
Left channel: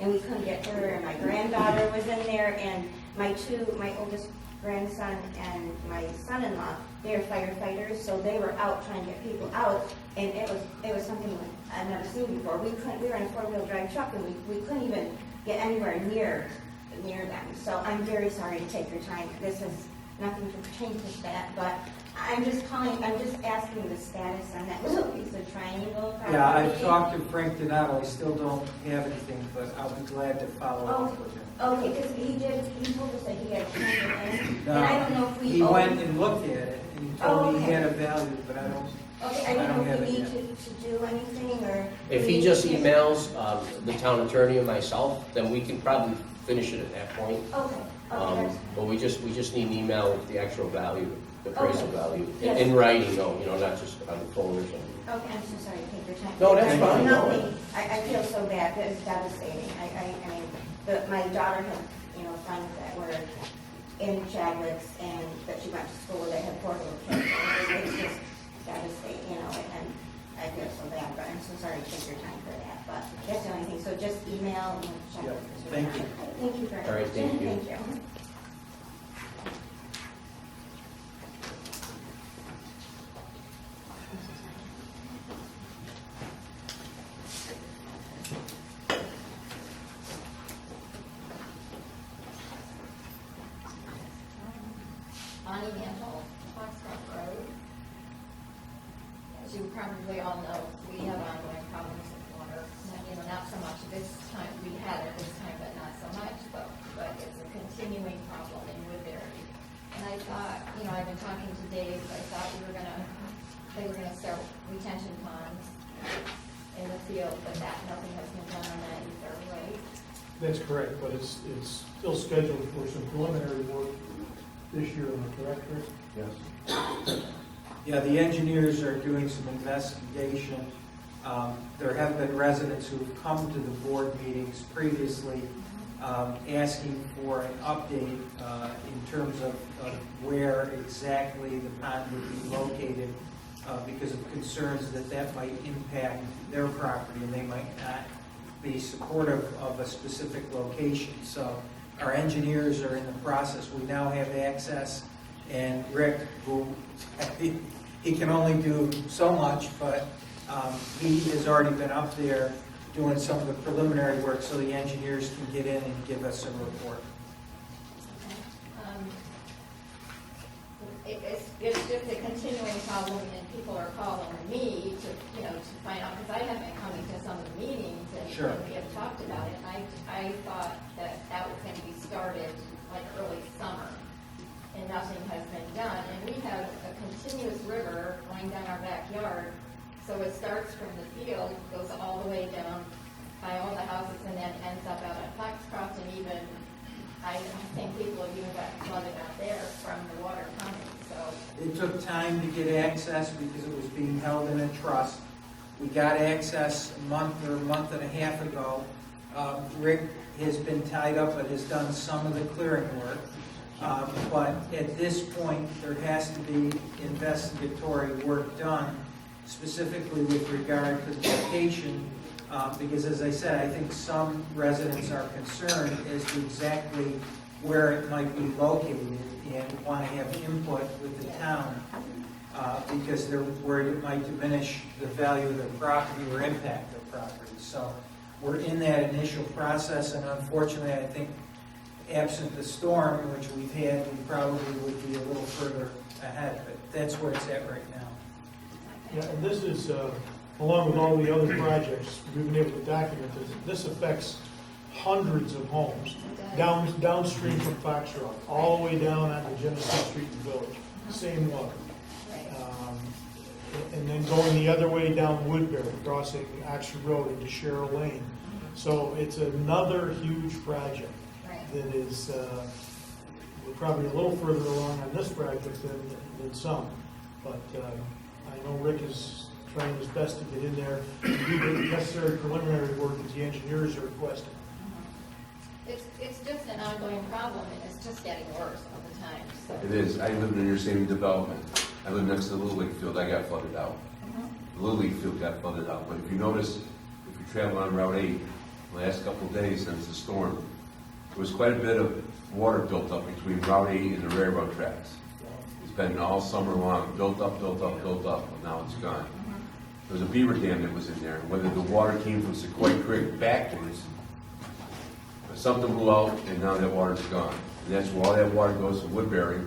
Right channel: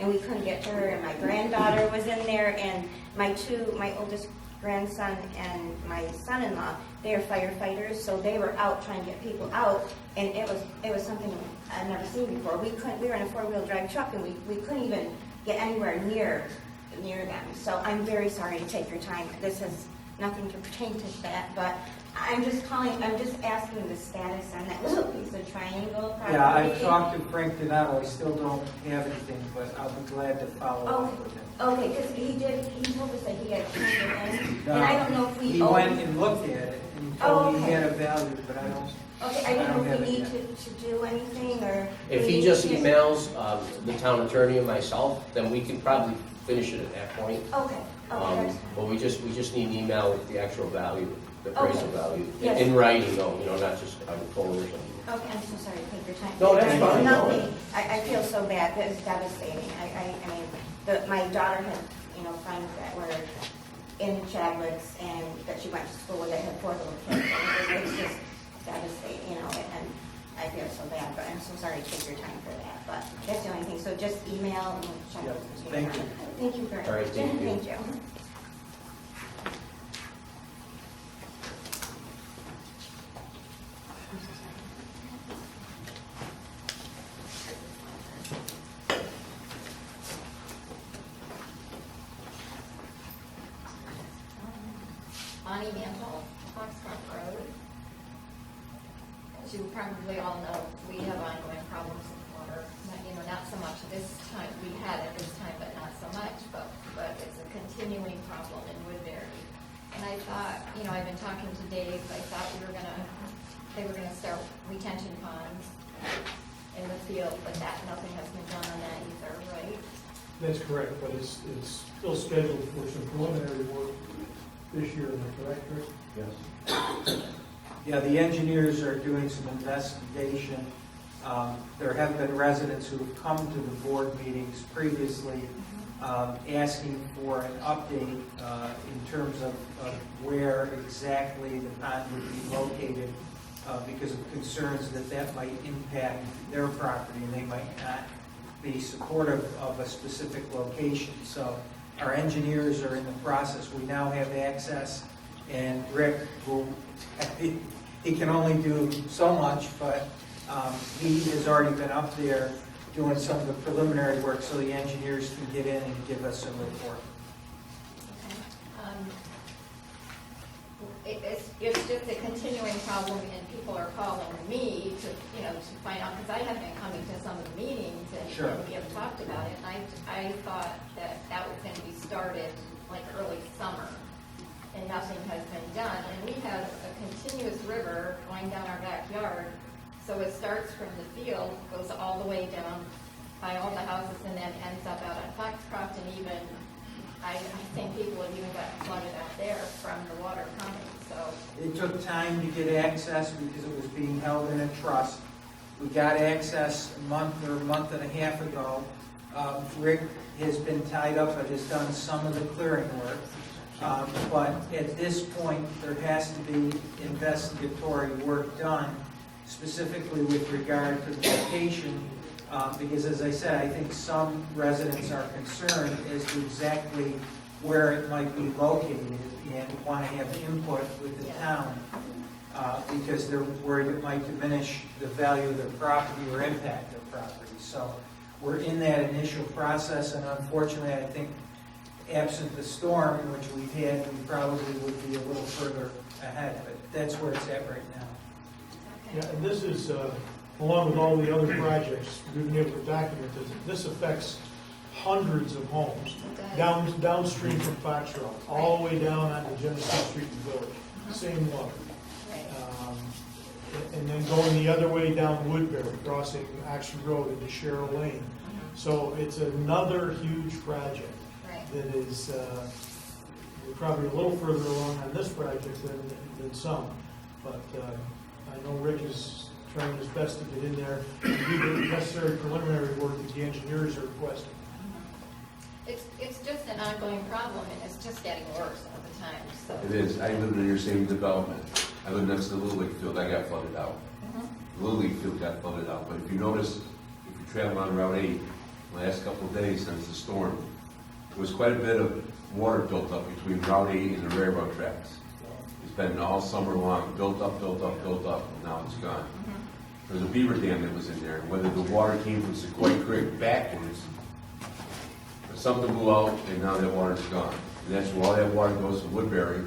and we couldn't get to her, and my granddaughter was in there, and my oldest grandson and my son-in-law, they are firefighters, so they were out trying to get people out, and it was something I've never seen before. We were in a 4-wheel drive truck, and we couldn't even get anywhere near them. So I'm very sorry to take your time. This has nothing to pertain to that, but I'm just asking the status on that little piece of triangle property. Yeah, I've talked to Frank Donato, I still don't have anything, but I'll be glad to follow up with him. Okay, because he told us that he had turned it in, and I don't know if we He went and looked at it, and he told me he had a value, but I don't. Okay, I don't know if we need to do anything, or... If he just emails the town attorney and myself, then we can probably finish it at that point. Okay, that's But we just need an email with the actual value, the appraisal Okay. value, Yes. in writing though, you know, not just on the phone or something. Okay, I'm so sorry to take your time. No, that's It's fine, no. nothing. I feel so bad, it's devastating. I mean, my daughter had, friends that were in Chadwick's and that she went to school with that had 4 little kids. And it's just devastating, and I feel so bad, but I'm so sorry to take your time for that. But that's the only thing, so just email and check. Yep, with thank you. Thank you very much. All right, thank you. Thank you. Bonnie Mantle, Foxcroft Road. As you probably all know, we have ongoing problems with water. Not so much this time, we had it this time, but not so much, but it's a continuing problem in Woodbury. And I thought, I've been talking to Dave, I thought they were gonna start retention ponds in the field, but nothing has been done on that either, right? That's correct, but it's still scheduled for some preliminary work this year, am I correct, Rick? Yes. Yeah, the engineers are doing some investigation. There have been residents who have come to the board meetings previously asking for an update in terms of where exactly the pond would be located because of concerns that might impact their property and they might not be supportive of a specific location. So our engineers are in the process. We now have access, and Rick, he can only do so much, but he has already been up there doing some of the preliminary work so the engineers can get in and give us a report. Okay. it's just a continuing problem, and people are calling me to, you know, to find out, because I have been coming to some of the meetings, and Sure. and we have talked about it, and I thought that that was going to be started like early summer, and nothing has been done, and we have a continuous river going down our backyard, so it starts from the field, goes all the way down by all the houses, and then ends up out on Foxcroft, and even, I think people have even got flooded out there from the water coming, so. It took time to get access because it was being held in a trust. We got access a month or a month and a half ago. Rick has been tied up but has done some of the clearing work. But at this point, there has to be investigatory work done, specifically with regard to the location, because as I said, I think some residents are concerned as to exactly where it might be located and want to have input with the town, because they're worried it might diminish the value of their property or impact their property. So we're in that initial process, and unfortunately, I think absent the storm, which we've had, we probably would be a little further ahead, but that's where it's at right now. Yeah, and this is, along with all the other projects, we've been able to document this affects hundreds of homes downstream from Foxtrot, all the way down onto Genesee Street and Village, same water. And then going the other way down Woodbury, crossing Oxford Road into Sherrill Lane. So it's another huge project that is, we're probably a little further along on this project than some. But I know Rick is trying his best to get in there and do the necessary preliminary work that the engineers are requesting. It's just an ongoing problem, and it's just getting worse all the time, so. It is. I live in your same development. I live next to the Little League field. I got flooded out. The Little League field got flooded out. But if you notice, if you travel on Route 8, the last couple of days since the storm, there was quite a bit of water built up between Route 8 and the railroad tracks. It's been all summer long, built up, and now it's gone. There's a beaver dam that was in there, and whether the water came from Sequoia Creek backwards, but something blew out, and now that water's gone. And that's where all that water goes from Woodbury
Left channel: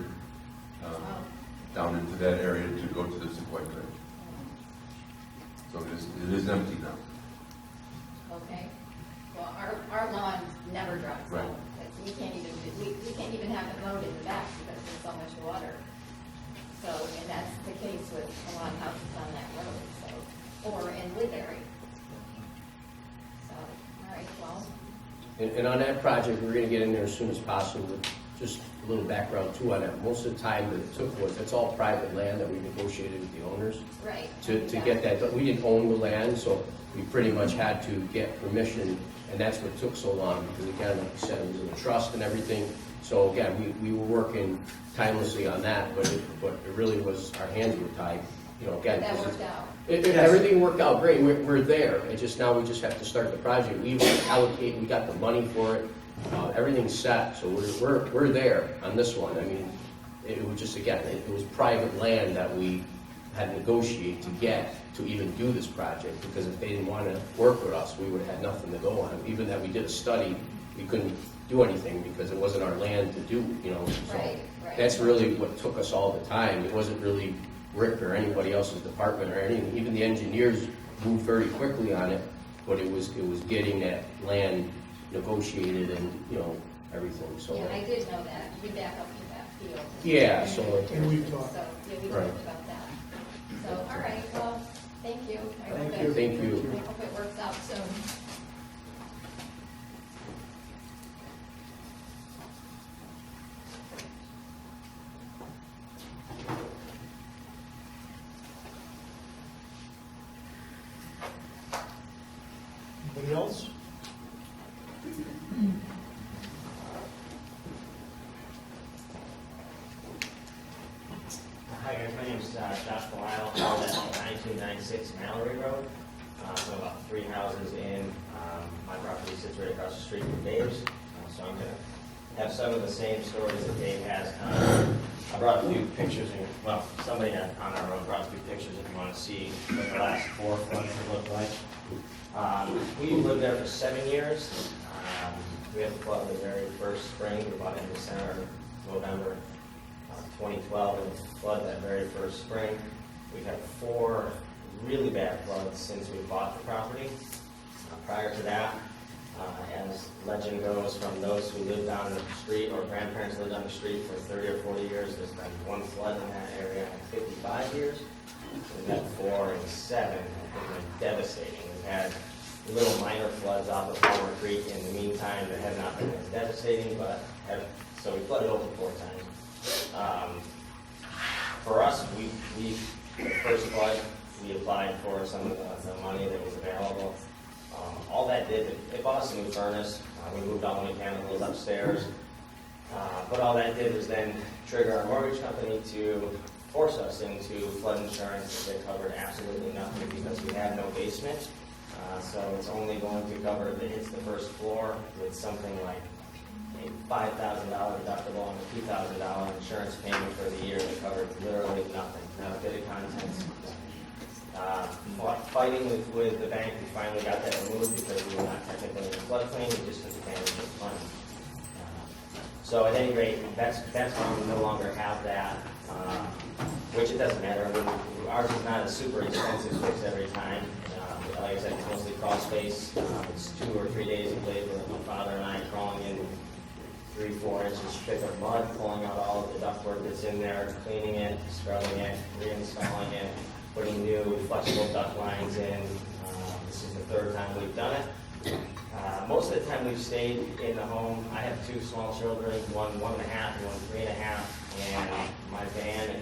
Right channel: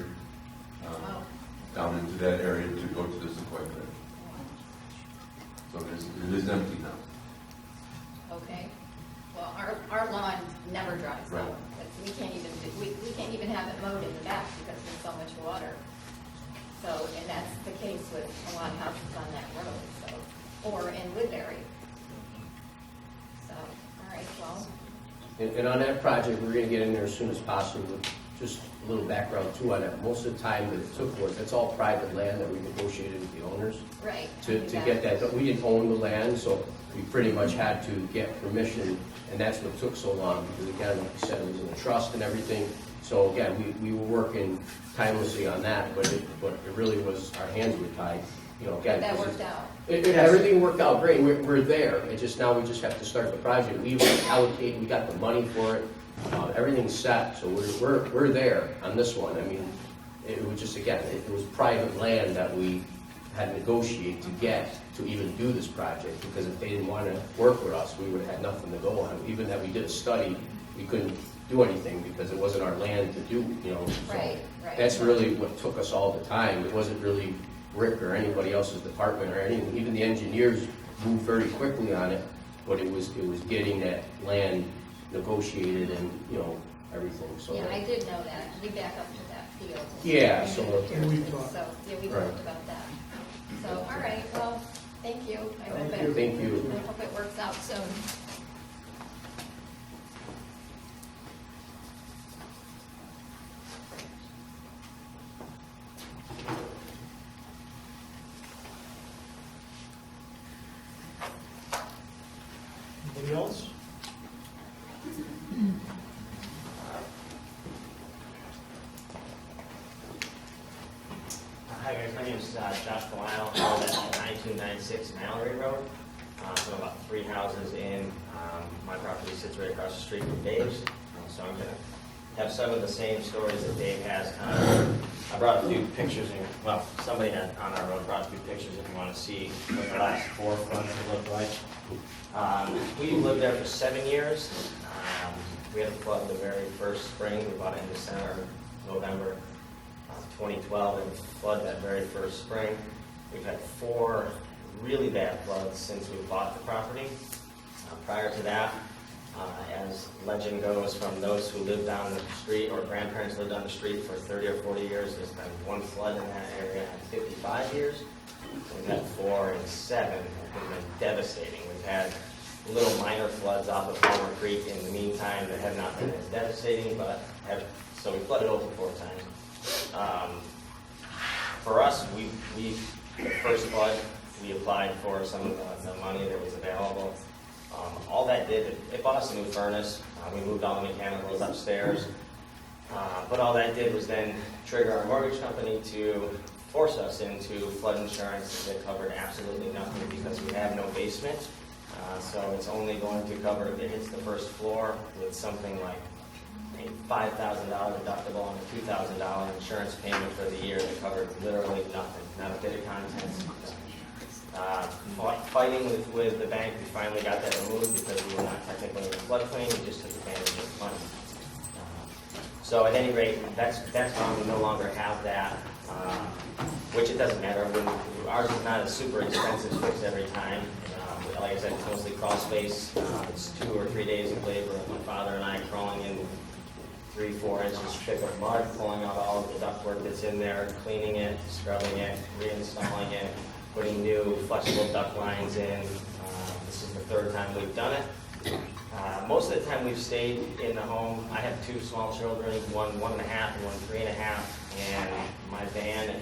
down into that area to go to the Sequoia Creek. So it is empty now. Okay, well, our lawn never dries Right. out. We can't even have it mowed in the back because there's so much water. So, and that's the case with a lot of houses on that road, so, or in Woodbury. So, all right, well. And on that project, we're gonna get in there as soon as possible with just a little background too on that. Most of the time that it took was, it's all private land that we negotiated with the owners. Right. To get that done. We didn't own the land, so we pretty much had to get permission, and that's what took so long, because again, like you said, it was in a trust and everything. So again, we were working timelessly on that, but it really was, our hands were tied, you know, again. That worked out. Everything worked out great, we're there, we just have to start the project. We allocate, we got the money for it, everything's set, so we're there on this one. I mean, it was just, again, it was private land that we had to negotiate to get to even do this project, because if they didn't want to work with us, we would have had nothing to go on. Even that we did a study, we couldn't do anything because it wasn't our land to do, you know. So Right. that's really what took us all the time. It wasn't really Rick or anybody else's department or anything. Even the engineers moved very quickly on it, but it was getting that land negotiated and, you know, everything, so. Yeah, I did know that. We back up to that field. Yeah, so. And we've talked. So, yeah, we Right. talked about that. So, all right, well, thank you. I hope Thank you. Thank you. I hope it works out soon. Anybody else? Hi guys, my name is Josh Delisle. I live at 1996 Mallory Road. So about 3 houses in. My property sits right across the street from Dave's. So I'm going to have some of the same stories that Dave has. I brought a few pictures, somebody on our road brought a few pictures if you want to see what the last 4 floods look like. We lived there for 7 years. We had a flood the very first spring, we bought it in December, November 20 2012, it was flood that very first spring. We've had 4 really bad floods since we bought the property. Prior to that, as legend goes, from those who lived down the street or grandparents lived on the street for 30 or 40 years, there's been 1 flood in that area in 55 years. We've had 4 and 7 have been devastating. We've had little minor floods off of Palmer Creek in the meantime that have not been as devastating, but so we flooded over 4 times. For us, the first flood, we applied for some of the money that was available. All that did, it bought us a new furnace. We moved all the mechanicals upstairs. But all that did was then trigger our mortgage company to force us into flood insurance that covered absolutely nothing because we have no basement. So it's only going to cover if it hits the first floor with something like a $5,000 deductible and a $2,000 insurance payment for the year that covered literally nothing, not a bit of contents. Fighting with the bank, we finally got that removed because we were not technically in the floodplain, we just took advantage of the money. So at any rate, that's why we no longer have that, which it doesn't matter. Ours is not a super expensive fix every time. Like I said, it's mostly crawl space. It's 2 or 3 days of labor of my father and I crawling in 3-4 inches thick of mud, pulling out all of the ductwork that's in there, cleaning it, scrubbing it, reinstalling it, putting new flexible duct lines in. This is the 3rd time we've done it. Most of the time we've stayed in the home. I have 2 small children, one 1.5 and one 3.5, and my van,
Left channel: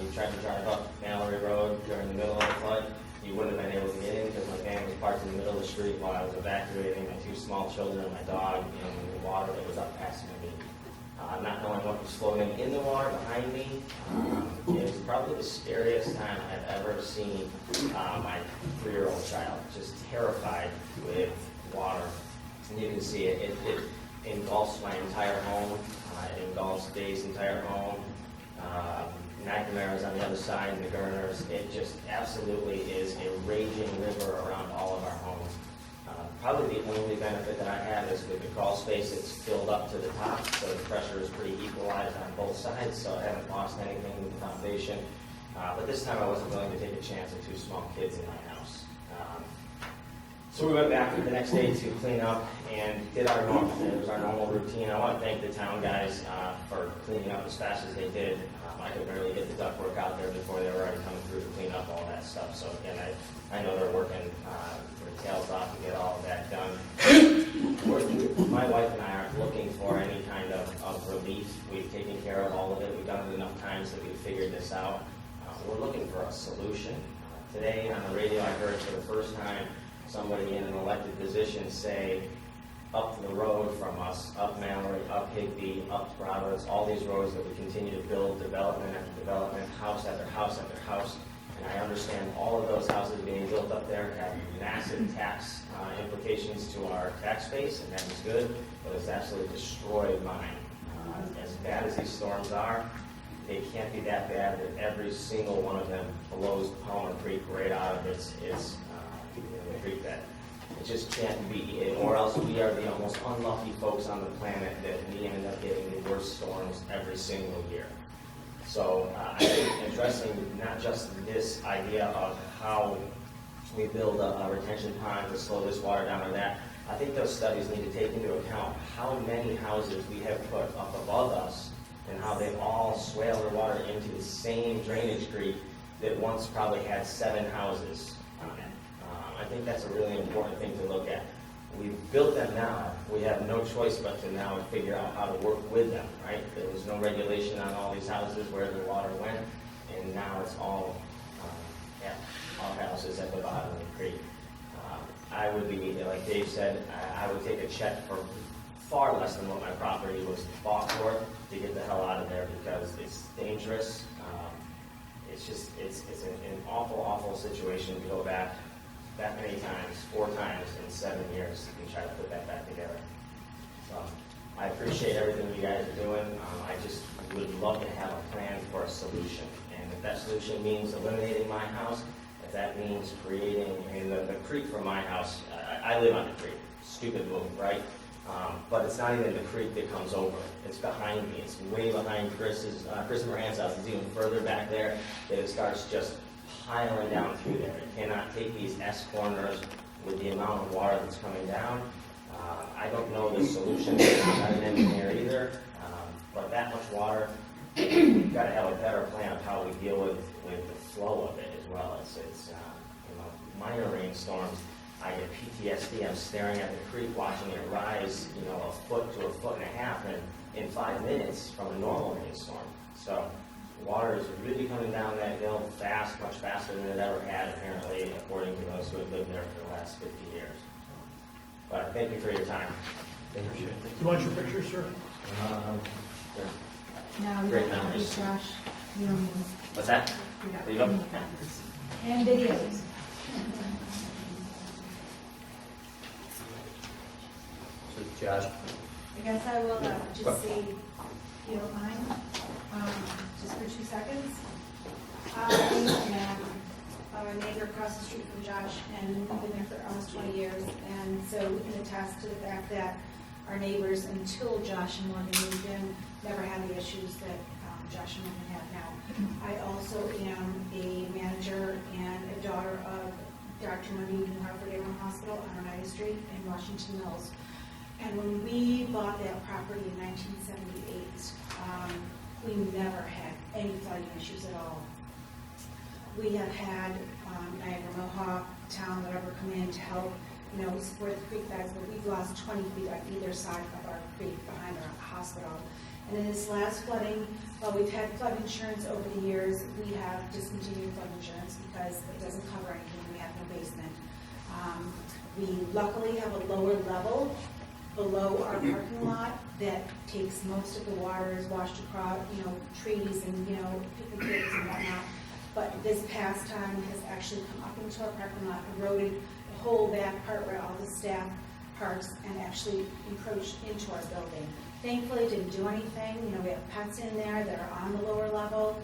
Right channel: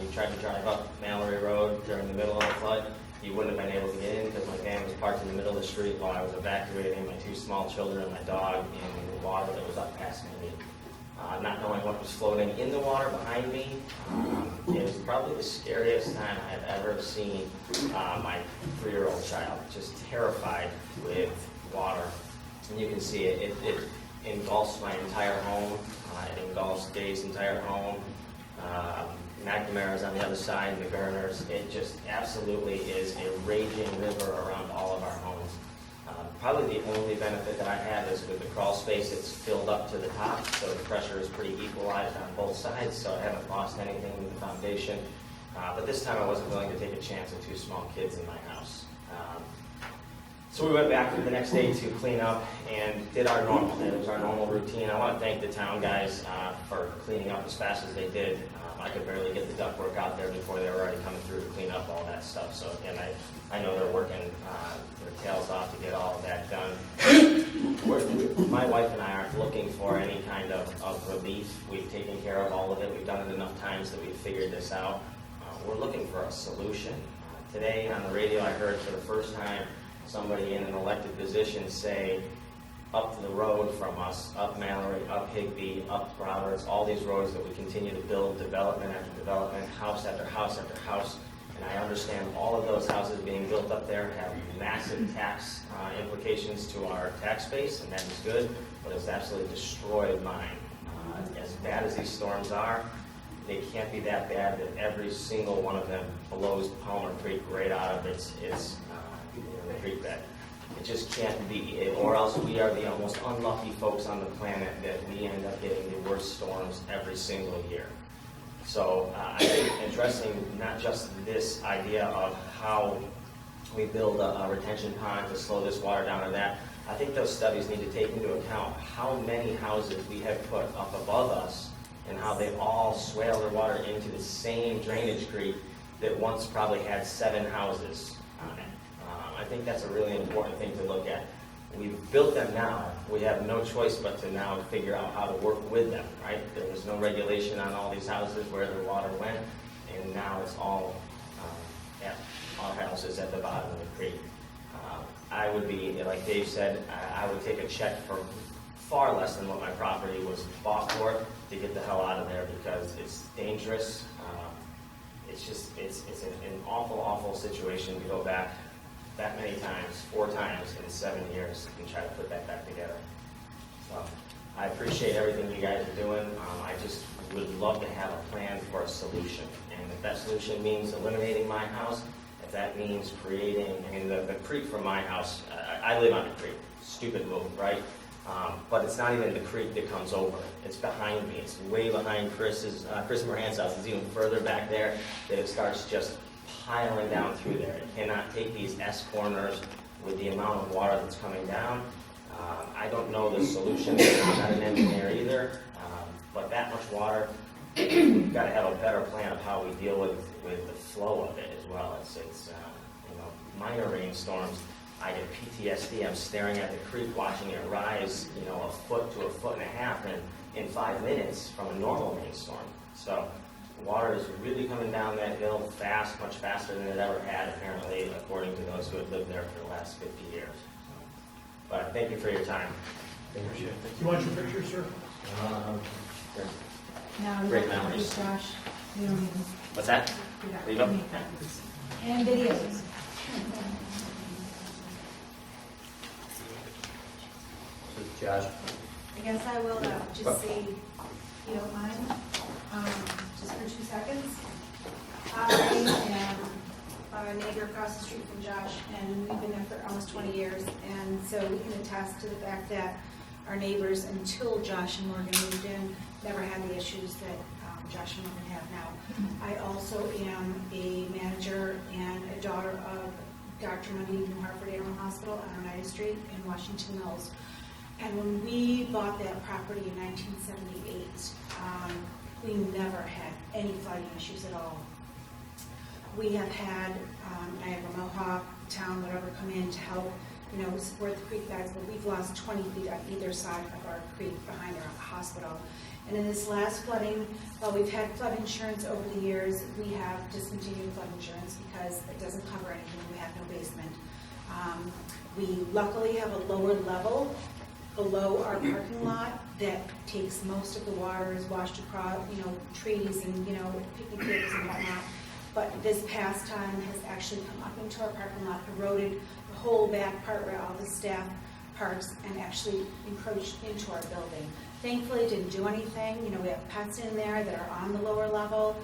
you tried to drive up Mallory Road during the middle of the flood, you wouldn't have been able to get in because my van was parked in the middle of the street while I was evacuating my 2 small children and my dog in the water that was up past my knee. Not knowing what was floating in the water behind me, it was probably the scariest time I have ever seen my 3-year-old child, just terrified with water. And you can see it engulfs my entire home, it engulfs Dave's entire home. McNamara's on the other side, and the Gurners. It just absolutely is a raging river around all of our homes. Probably the only benefit that I have is with the crawl space, it's filled up to the top, so the pressure is pretty equalized on both sides, so I haven't lost anything with the foundation. But this time I wasn't willing to take a chance with 2 small kids in my house. So we went back the next day to clean up and did our normal. It was our normal routine. I want to thank the town guys for cleaning up as fast as they did. I could barely get the ductwork out there before they were already coming through to clean up all that stuff. So again, I know they're working their tails off to get all of that done. My wife and I aren't looking for any kind of relief. We've taken care of all of it. We've done it enough times that we've figured this out. We're looking for a solution. Today on the radio I heard for the first time somebody in an elected position say, up the road from us, up Mallory, up Higbee, up Roberts, all these roads that we continue to build development after development, house after house after house. And I understand all of those houses being built up there have massive tax implications to our tax base, and that is good, but it's absolutely destroyed mine. As bad as these storms are, they can't be that bad that every single one of them blows Palmer Creek right out of its the creek bed. It just can't be, or else we are the most unlucky folks on the planet that we end up getting the worst storms every single year. So I think addressing not just this idea of how we build a retention pond to slow this water down or that, I think those studies need to take into account how many houses we have put up above us and how they all swale their water into the same drainage creek that once probably had 7 houses on it. I think that's a really important thing to look at. We've built them now. We have no choice but to now figure out how to work with them, right? There was no regulation on all these houses where the water went, and now it's all at our houses at the bottom of the creek. I would be, like Dave said, I would take a check for far less than what my property was bought for to get the hell out of there because it's dangerous. It's an awful, awful situation to go back that many times, 4 times in 7 years, and try to put that back together. So I appreciate everything you guys are doing. I just would love to have a plan for a solution. And if that solution means eliminating my house, if that means creating, the creek from my house, I live on the creek. Stupid move, right? But it's not even the creek that comes over it. It's behind me. It's way behind Chris Moran's house. It's even further back there that it starts just piling down through there. It cannot take these S corners with the amount of water that's coming down. I don't know the solution. I'm not an engineer either. But that much water, we've got to have a better plan of how we deal with the flow of it as well. It's minor rainstorms. I get PTSD. I'm staring at the creek, watching it rise, a foot to a foot and a half in 5 minutes from a normal rainstorm. So water is really coming down that hill fast, much faster than it ever had, apparently, according to those who have lived there for the last 50 years. So, but thank you for your time. Thank you. You want your picture, sir? No, Great memories. Josh, you don't need them. What's that? We got Leave 'em? plenty of copies. And videos. So Josh, I guess I will just say, if you don't mind, just for 2 seconds. I am a neighbor across the street from Josh, and we've been there for almost 20 years. And so we can attest to the fact that our neighbors, until Josh and Morgan moved in, never had the issues that Josh and Morgan have now. I also am a manager and a daughter of Dr. Mundy from Hartford Animal Hospital on Oneida Street in Washington Mills. And when we bought that property in 1978, we never had any flooding issues at all. We have had Niagara Mohawk, town, whatever, come in to help, support the creek beds, but we've lost 20 feet on either side of our creek behind our hospital. And in this last flooding, while we've had flood insurance over the years, we have discontinued flood insurance because it doesn't cover anything. We have no basement. We luckily have a lower level below our parking lot that takes most of the water, is washed across, trees and, picnic tables and whatnot. But this past time has actually come up into our parking lot, eroded the whole back part where all the staff parks, and actually encroached into our building. Thankfully, it didn't do anything. We have pets in there that are on the lower level.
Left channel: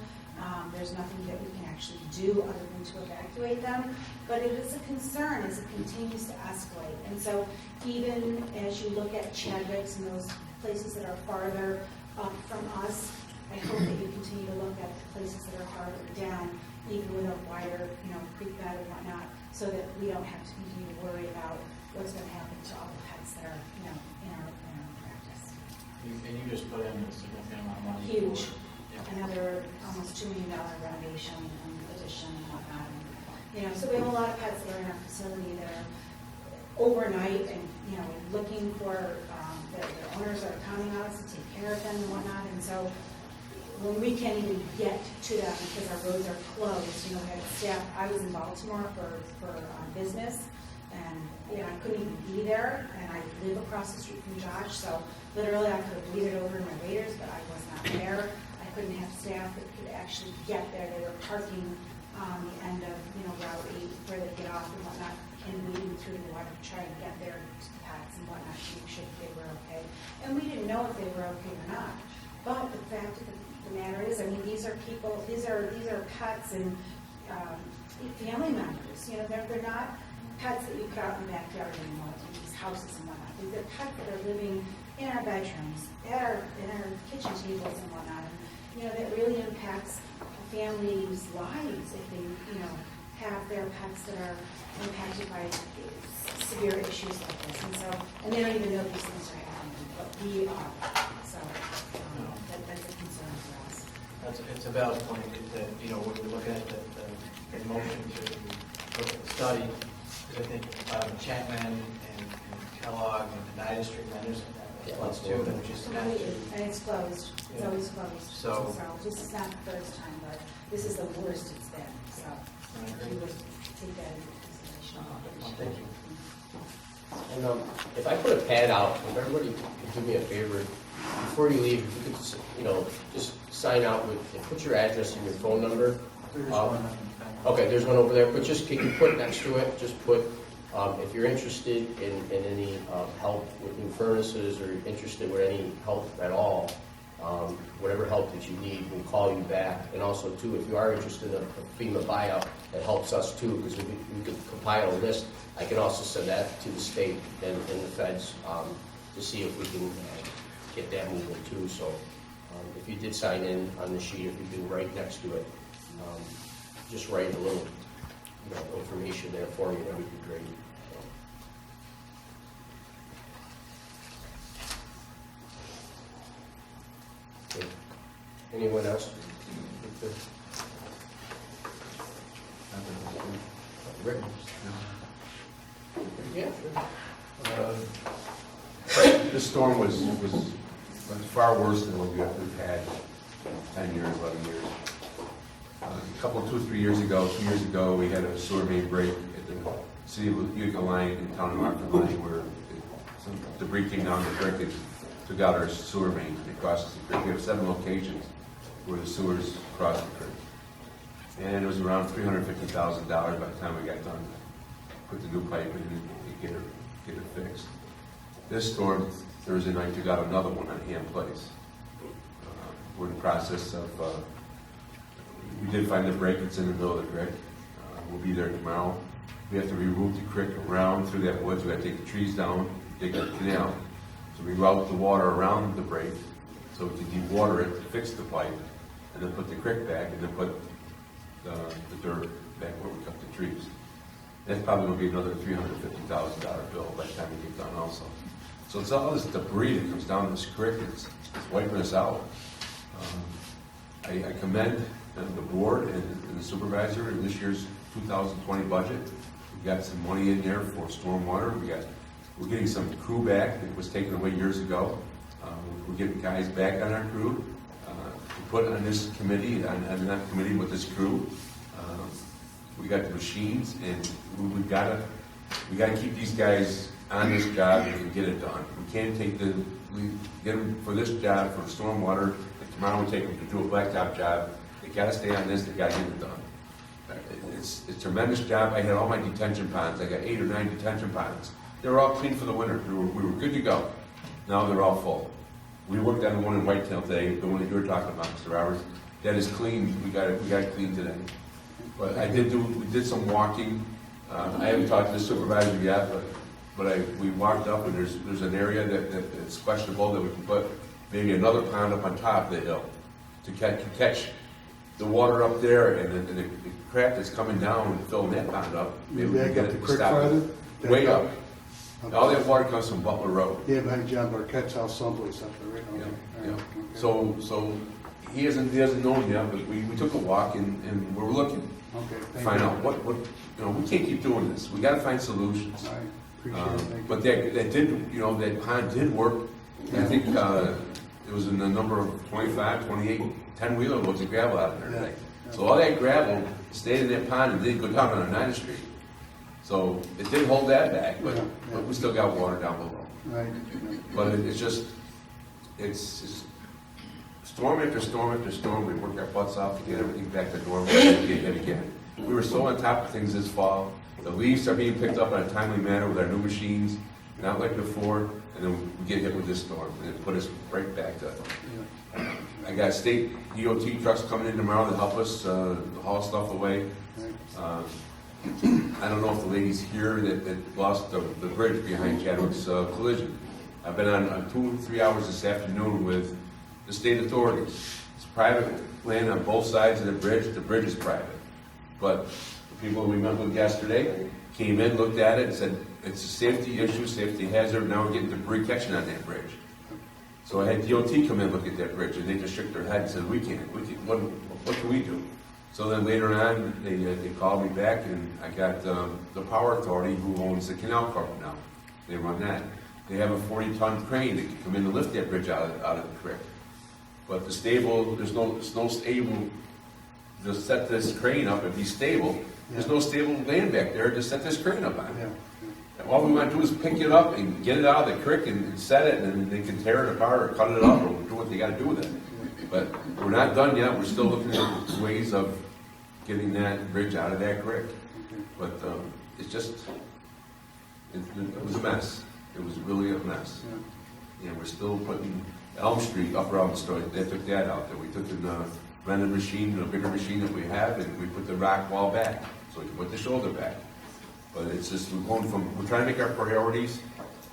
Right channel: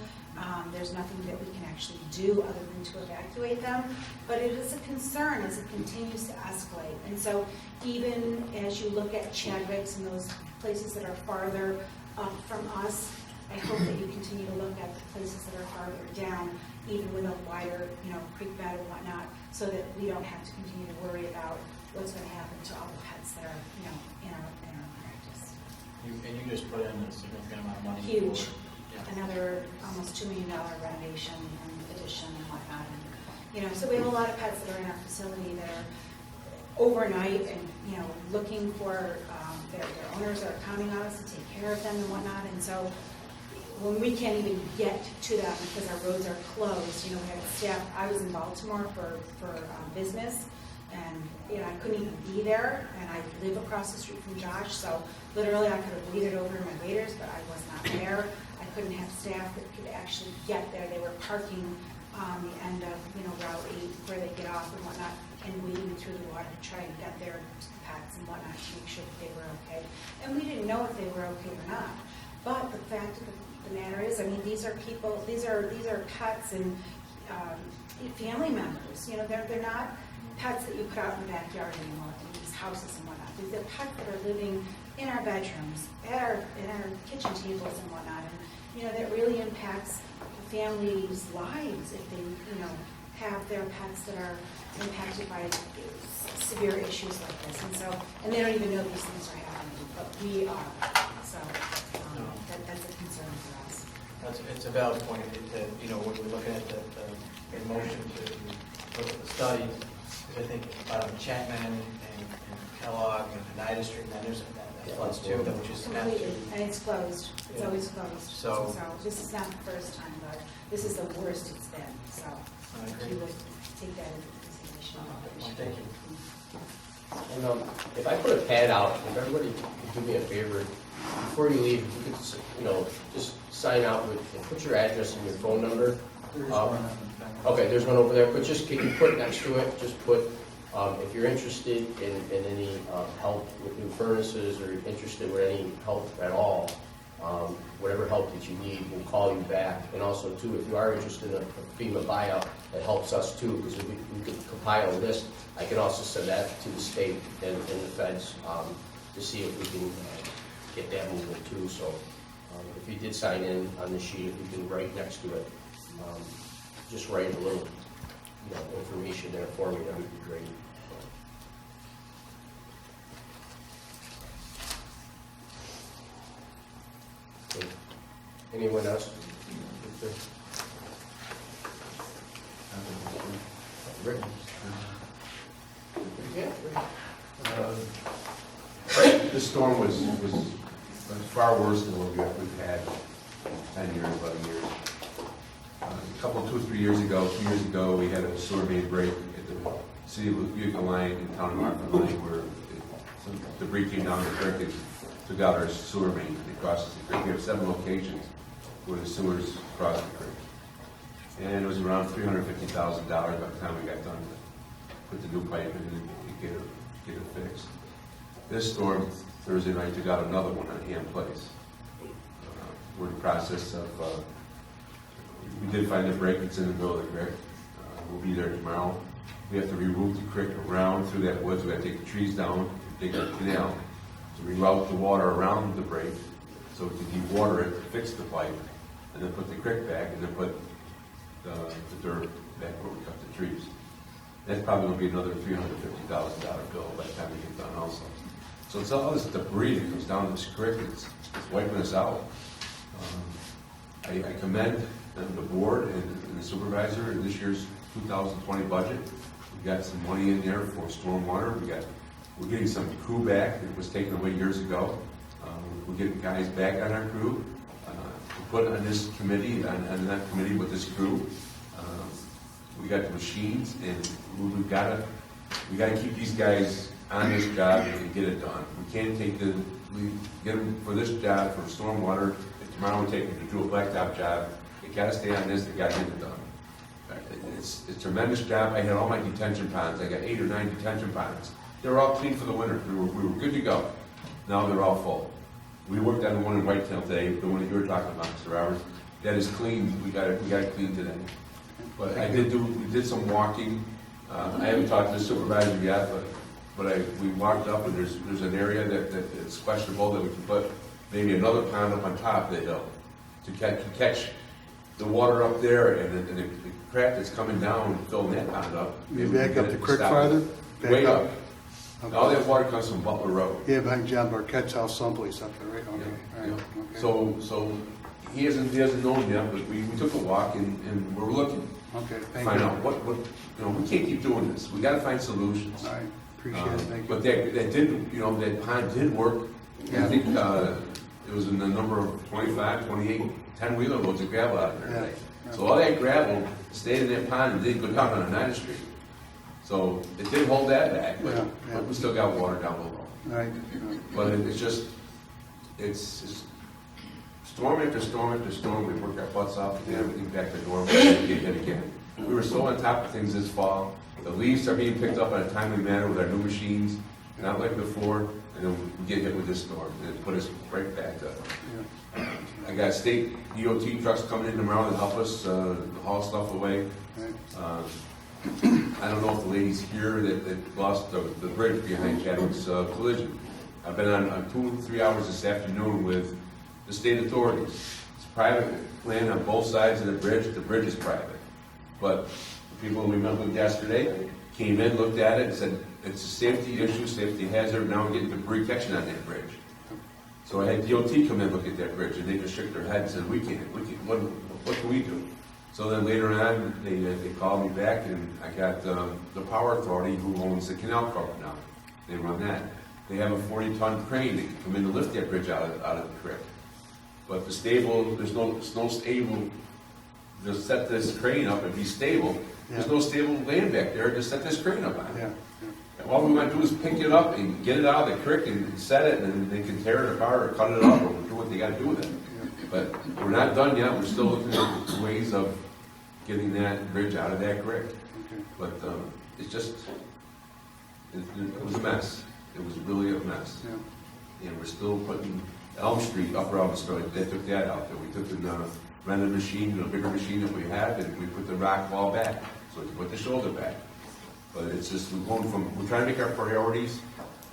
There's nothing that we can actually do other than to evacuate them. But it is a concern as it continues to escalate. And so even as you look at Chadwick's and those places that are farther up from us, I hope that you continue to look at the places that are farther down, even with a wider, creek bed and whatnot, so that we don't have to continue to worry about what's going to happen to all the pets that are, in our practice. And you just put in a significant amount of money. Huge. Yeah. Another almost $2 million renovation and addition and whatnot. And, so we have a lot of pets that are in our facility that are overnight and, looking for, their owners are counting on us to take care of them and whatnot. And so when we can't even get to that because our roads are closed, we had staff. I was in Baltimore for business, and I couldn't even be there, and I live across the street from Josh, so literally I could have weeded over in my waders, but I was not there. I couldn't have staff that could actually get there. They were parking on the end of Route 8 where they get off and whatnot, and wading through the water to try and get their pets and whatnot to make sure that they were okay. And we didn't know if they were okay or not. But the fact of the matter is, these are people, these are pets and family members. They're not pets that you put out in the backyard anymore in these houses and whatnot. These are pets that are living in our bedrooms, in our kitchen tables and whatnot. And that really impacts a family's lives if they have their pets that are impacted by severe issues like this. And they don't even know these things are happening, but we are. So that's a concern for us. It's a valid point. When we're looking at the motion to look at the study, because I think Chapman and Kellogg and Oneida Street, and there's that floods too, which is completely, and it's closed. It's Yeah. always closed. So this is not the first time, but this is the worst it's been. So I agree. if you would take that into consideration. Thank you. and if I put a pad out, if everybody could do me a favor, before you leave, if you could, just sign out with, and put your address and your phone number. Okay, there's one over there, but just, can you put next to it, just put, if you're interested in any help with new furnaces or interested with any help at all, whatever help that you need, we'll call you back. And also, too, if you are interested in a FEMA buyout, it helps us, too, because we could compile a list. I can also send that to the state and the feds. to see if we can get that moving too. So if you did sign in on the sheet, if you can write next to it, just write a little, information there for me, that would be great. Okay. Anyone else? Rick? Yeah, sure. This storm was far worse than what we've had 10 years, 11 years. Two or 3 years ago, 2 years ago, we had a sewer main break at the city of Utica line and town of Hartford line where some debris came down the creek and took out our sewer main and it crosses the creek. We have 7 locations where the sewers cross the creek. And it was around $350,000 by the time we got done to put the new pipe in and get it fixed. This storm, Thursday night, took out another one on Ham Place. We're in the process of, we did find the break, it's in the middle of the creek. We'll be there tomorrow. We have to reroute the creek around through that woods. We have to take the trees down, dig a canal to reroute the water around the break so we can de-water it, fix the pipe, and then put the creek back, and then put the dirt back where we cut the trees. That's probably going to be another $350,000 bill by the time we get done also. So it's all this debris that comes down this creek, it's wiping us out. I commend the board and the supervisor in this year's 2020 budget. We've got some money in there for stormwater. We're getting some crew back that was taken away years ago. We're getting guys back on our crew to put on this committee, on that committee with this crew. We got the machines, and we got to keep these guys on this job and get it done. We can't we get them for this job for stormwater, and tomorrow we take them to do a blacktop job. They got to stay on this. They got to get it done. It's a tremendous job. I had all my detention ponds. I got 8 or 9 detention ponds. They were all clean for the winter. We were good to go. Now they're all full. We worked on the one in Whitetail today, the one that you were talking about, Mr. Roberts. That is clean. We got it clean today. But we did some walking. I haven't talked to the supervisor yet, but we walked up and there's an area that's questionable that we can put maybe another pond up on top of the hill to catch the water up there and the crap that's coming down and filling that pond up. You back up the creek farther? Way up. Okay. All that water comes from Butler Road. Yeah, behind John Barquette's house someplace up there, right? Okay. Yeah, All right. yeah. Okay. So he hasn't known yet, but we took a walk and we're looking. Okay, to thank find you. out what we can't keep doing this. We got to find solutions. All right, appreciate it, thank you. But that pond did work. I think it was in the number of 25, 28, 10-wheeler loads of gravel out there today. Yeah. So all that gravel stayed in that pond and didn't go down on 9th Street. So it did hold that back, but we still got water down below. Right. But it's just storm after storm after storm. We work our butts off to get everything back to normal and get hit again. We were so on top of things this fall. The leaves are being picked up in a timely manner with our new machines, not like before, and then we get hit with this storm and it put us right back to. I got state DOT trucks coming in tomorrow to help us haul stuff away. I don't know if the ladies here that lost the bridge behind Chadwick's collision. I've been on 2 or 3 hours this afternoon with the state authorities. It's private land on both sides of the bridge. The bridge is private. But the people we met with yesterday came in, looked at it, and said, it's a safety issue, safety hazard. Now we're getting debris catching on that bridge. So I had DOT come in and look at that bridge, and they just shook their head and said, we can't, what can we do? So then later on, they called me back, and I got the power authority who owns the canal corp now. They run that. They have a 40-ton crane that can come in and lift that bridge out of the creek. But the stable, there's no stable to set this crane up and be stable. There's no stable land back there to set this crane up on. And all we want to do is pick it up and get it out of the creek and set it, and then they can tear it apart or cut it up or do what they got to do with it. But we're not done yet. We're still looking at ways of getting that bridge out of that creek. But it's just, it was a mess. It was really a mess. And we're still putting Elm Street, Upper Elm Street, they took that out there. We took the rented machine, a bigger machine that we have, and we put the rock wall back so we can put the shoulder back. But it's just, we're trying to make our priorities,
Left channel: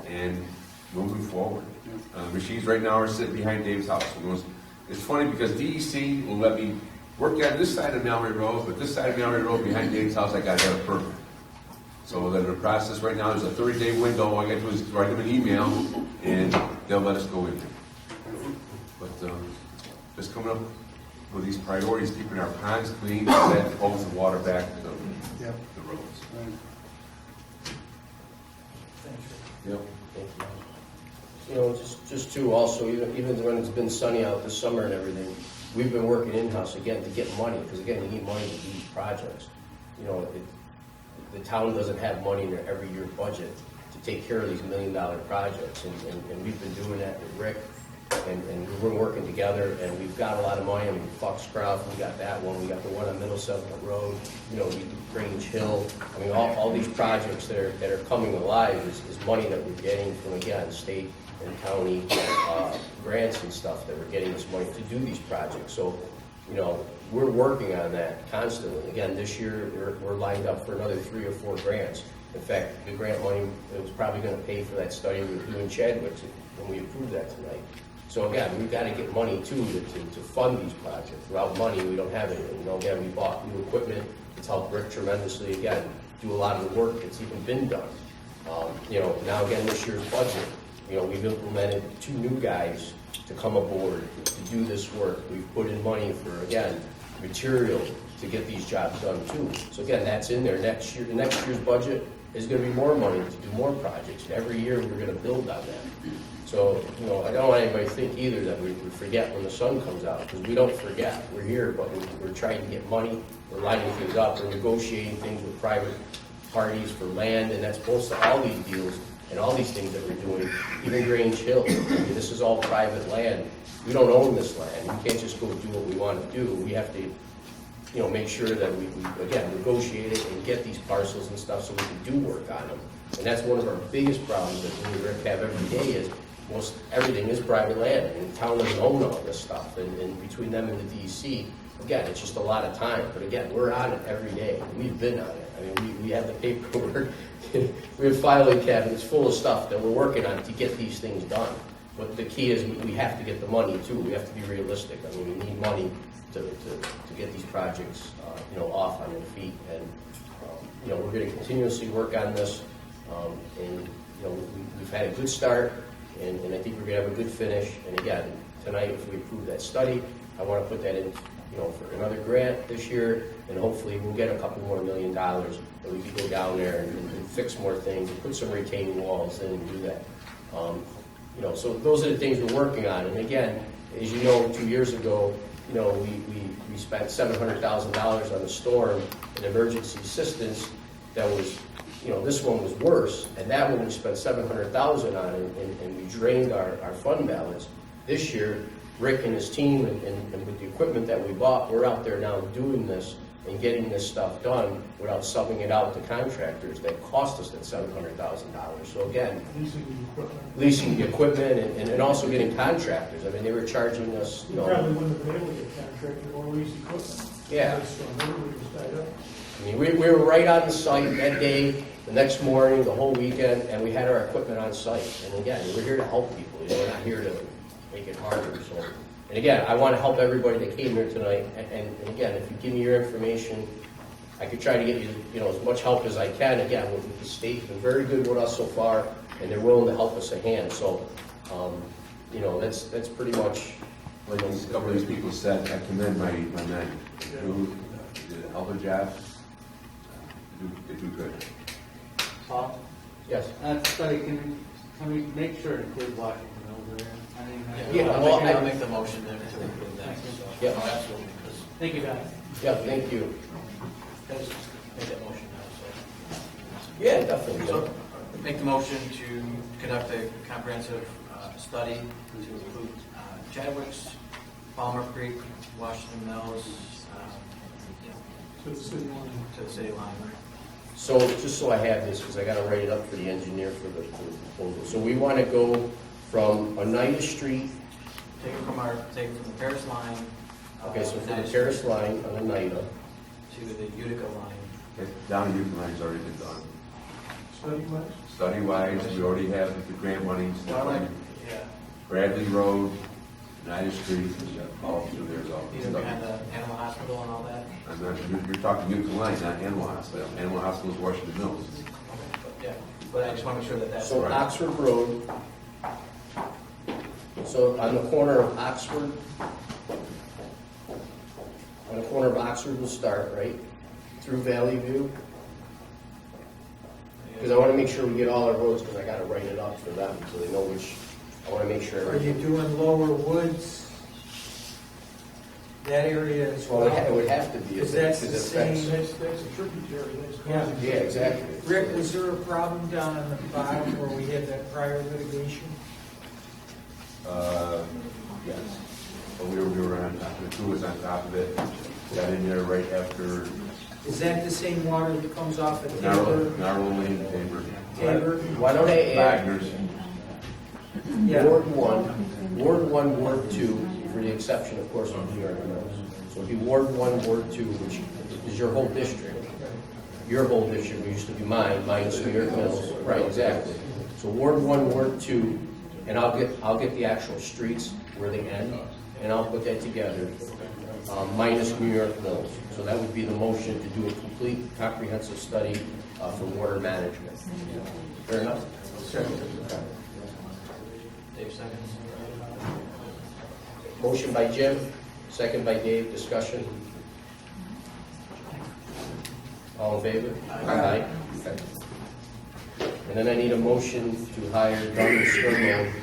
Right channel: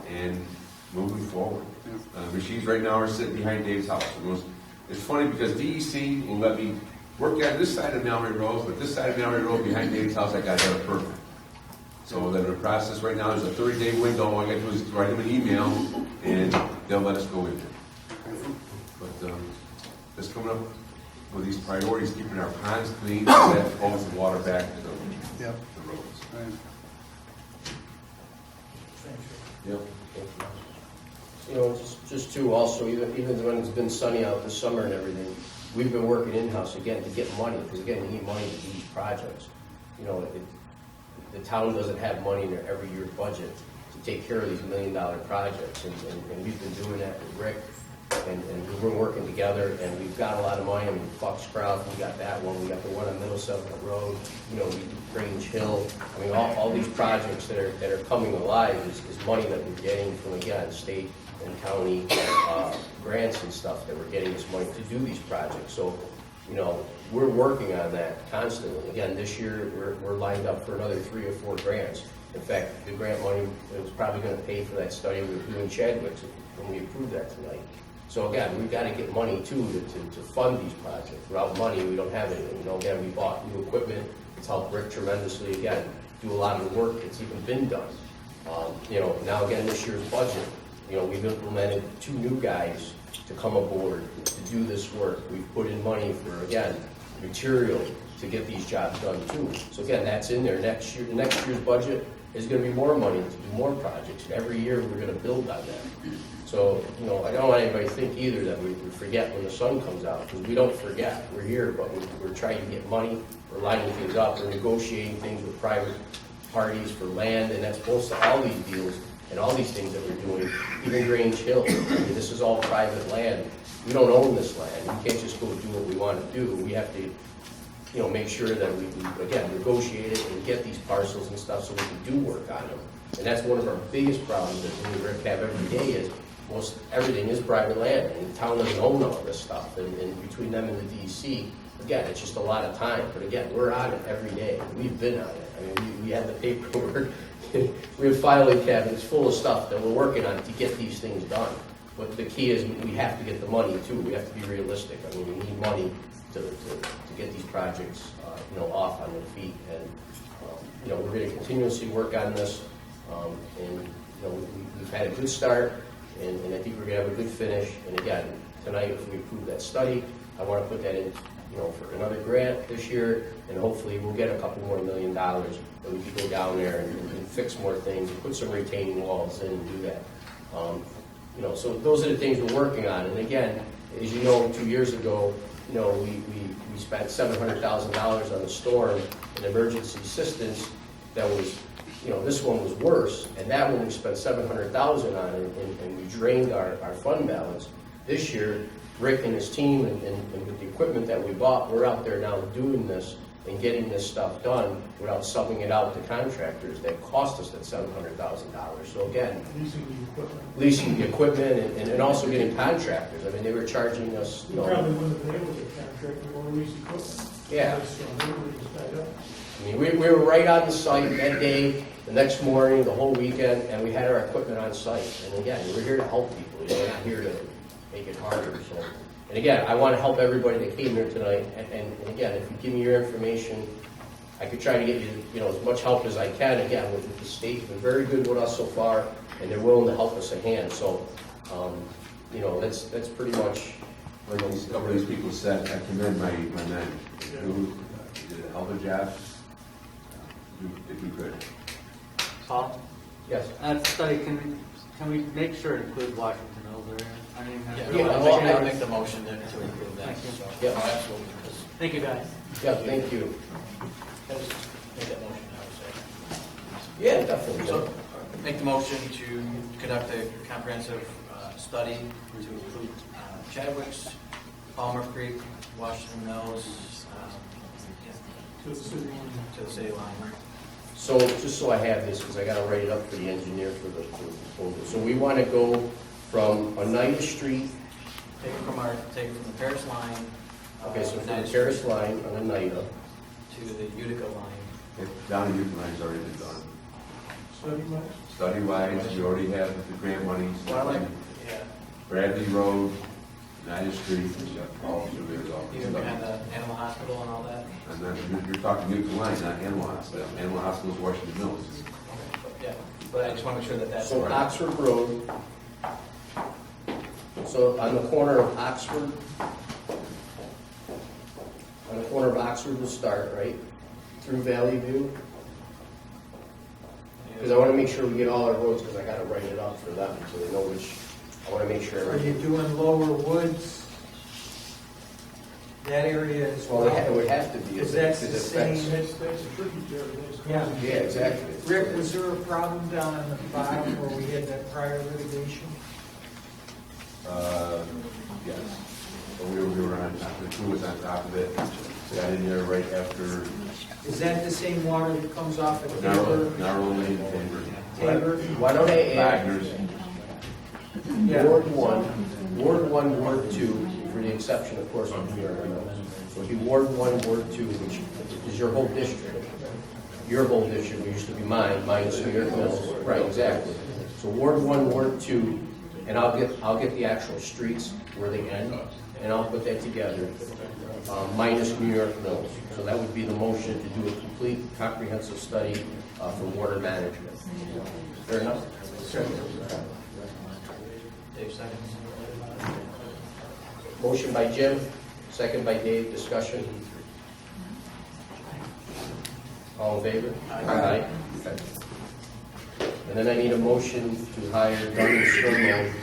and moving forward. Machines right now are sitting behind Dave's house. It's funny because DEC will let me work on this side of Mallory Road, but this side of Mallory Road behind Dave's house, I gotta have a permit. So then the process right now is a 30-day window. All I gotta do is write them an email, and they'll let us go in there. But just coming up with these priorities, keeping our ponds clean, and that pulls the water back to the roads. Yep. You know, just too, also, even when it's been sunny out this summer and everything, we've been working in-house again to get money, because again, you need money to do these projects. You know, the town doesn't have money in their every year budget to take care of these $1 million projects, and we've been doing that with Rick, and we've been working together, and we've got a lot of money. I mean, Foxcroft, we got that one, we got the one on Middle Settlement Road, you know, we do Grange Hill. I mean, all these projects that are coming alive is money that we're getting from, again, state and county grants and stuff, that we're getting this money to do these projects. So, you know, we're working on that constantly. Again, this year, we're lined up for another 3 or 4 grants. In fact, the grant money is probably gonna pay for that study we were doing in Chadwick when we approved that tonight. So again, we've got to get money too to fund these projects. Without money, we don't have anything. You know, again, we bought new equipment. It's helped Rick tremendously. Again, do a lot of the work that's even been done. You know, now again, this year's budget, you know, we've implemented 2 new guys to come aboard to do this work. We've put in money for, again, material to get these jobs done too. So again, that's in there. Next year, the next year's budget is going to be more money to do more projects. And every year, we're going to build on that. So, you know, I don't want anybody to think either that we forget when the sun comes out, because we don't forget. We're here, but we're trying to get money. We're lining things up. We're negotiating things with private parties for land, and that's both to all these deals and all these things that we're doing. Even Grange Hill, I mean, this is all private land. We don't own this land. We can't just go do what we want to do. We have to, you know, make sure that we again, negotiate it and get these parcels and stuff so we can do work on them. And that's one of our biggest problems that we and Rick have every day is most everything is private land, and the town doesn't own all this stuff. And between them and the DEC, again, it's just a lot of time. But again, we're on it every day. We've been on it. I mean, we have the paperwork. We have filing cabinets full of stuff that we're working on to get these things done. But the key is we have to get the money too. We have to be realistic. I mean, we need money to get these projects, you know, off on their feet. And you know, we're going to continuously work on this. And you know, we've had a good start, and I think we're going to have a good finish. And again, tonight, if we approve that study, I want to put that in, you know, for another grant this year, and hopefully we'll get a couple more $1 million that we can go down there and fix more things, and put some retaining walls in and do that. You know, so those are the things we're working on. And again, as you know, 2 years ago, you know, we spent $700,000 on the storm and emergency assistance. That was, you know, this one was worse, and that one we spent $700,000 on, and we drained our fund balance. This year, Rick and his team, and with the equipment that we bought, we're out there now doing this and getting this stuff done without subbing it out to contractors that cost us that $700,000. So again, leasing the equipment and also getting contractors. I mean, they were charging us, you know. Probably wouldn't have been able to get contractor or lease equipment. Yeah. Everybody was tied up. I mean, we were right on the site that day, the next morning, the whole weekend, and we had our equipment on site. And again, we're here to help people. You know, we're not here to make it harder. So, and again, I want to help everybody that came here tonight. And again, if you give me your information, I could try to get you, you know, as much help as I can. Again, with the state's been very good with us so far, and they're willing to help us a hand. So, you know, that's pretty much. Like a couple of these people said, I commend my men who did a hell of a job. They do good. Paul? Yes. That study, can we make sure it includes Washington Mills area? I mean, I'll make the motion to approve that. So, Yeah. absolutely. Thank you, guys. Yeah, thank you. Just make that motion now, so. Yeah, definitely. So, make the motion to conduct a comprehensive study to include Chadwick's, Palmer Creek, Washington Mills, To the city line. to the city line. So, just so I have this, because I got to write it up for the engineer for the proposal. So we want to go from Oneida Street. Take it from the Paris line. Okay, so from the Terrace line on Oneida. To the Utica line. Down in Utica line's already been done. Study-wise? Study-wise, we already have the grant money. Yeah. Bradley Road, United Street, all through there's all this Even stuff. behind the animal hospital and all that? And then you're talking Newton Line, not Animal Hospital. Animal Hospital is Washington Mills. Yeah, but I just want to make sure that that's. So Oxford Road, so on the corner of Oxford, we'll start, right? Through Valley View. Because I want to make sure we get all our roads, because I got to write it up for them, so they know which, I want to make sure. Are you doing Lower Woods? That area as well? Well, it would have to be. Because that's the because it affects- same. That's a tributary, that's Yeah. causing. Yeah, exactly. Rick, was there a problem down on the bottom where we had that prior litigation? Yes. But we were on top of it, the crew was on top of it. Got in there right after Is that the same water that comes off of Narrow Tabor? Lane, Tabor. Tabor? Why don't I add Wagner's. Yeah. Ward 1, Ward 2, for the exception, of course, of New York Mills. So it'd be Ward 1, Ward 2, which is your whole district. Your whole district, which used to be mine, minus New York Mills. Right, exactly. So Ward 1, Ward 2, and I'll get the actual streets where they end, and I'll put that together, minus New York Mills. So that would be the motion to do a complete comprehensive study for water management. Fair enough? Dave seconds. Motion by Jim, second by Dave, discussion. All in favor? Aye. Okay. And then I need a motion to hire Dunn & Sternman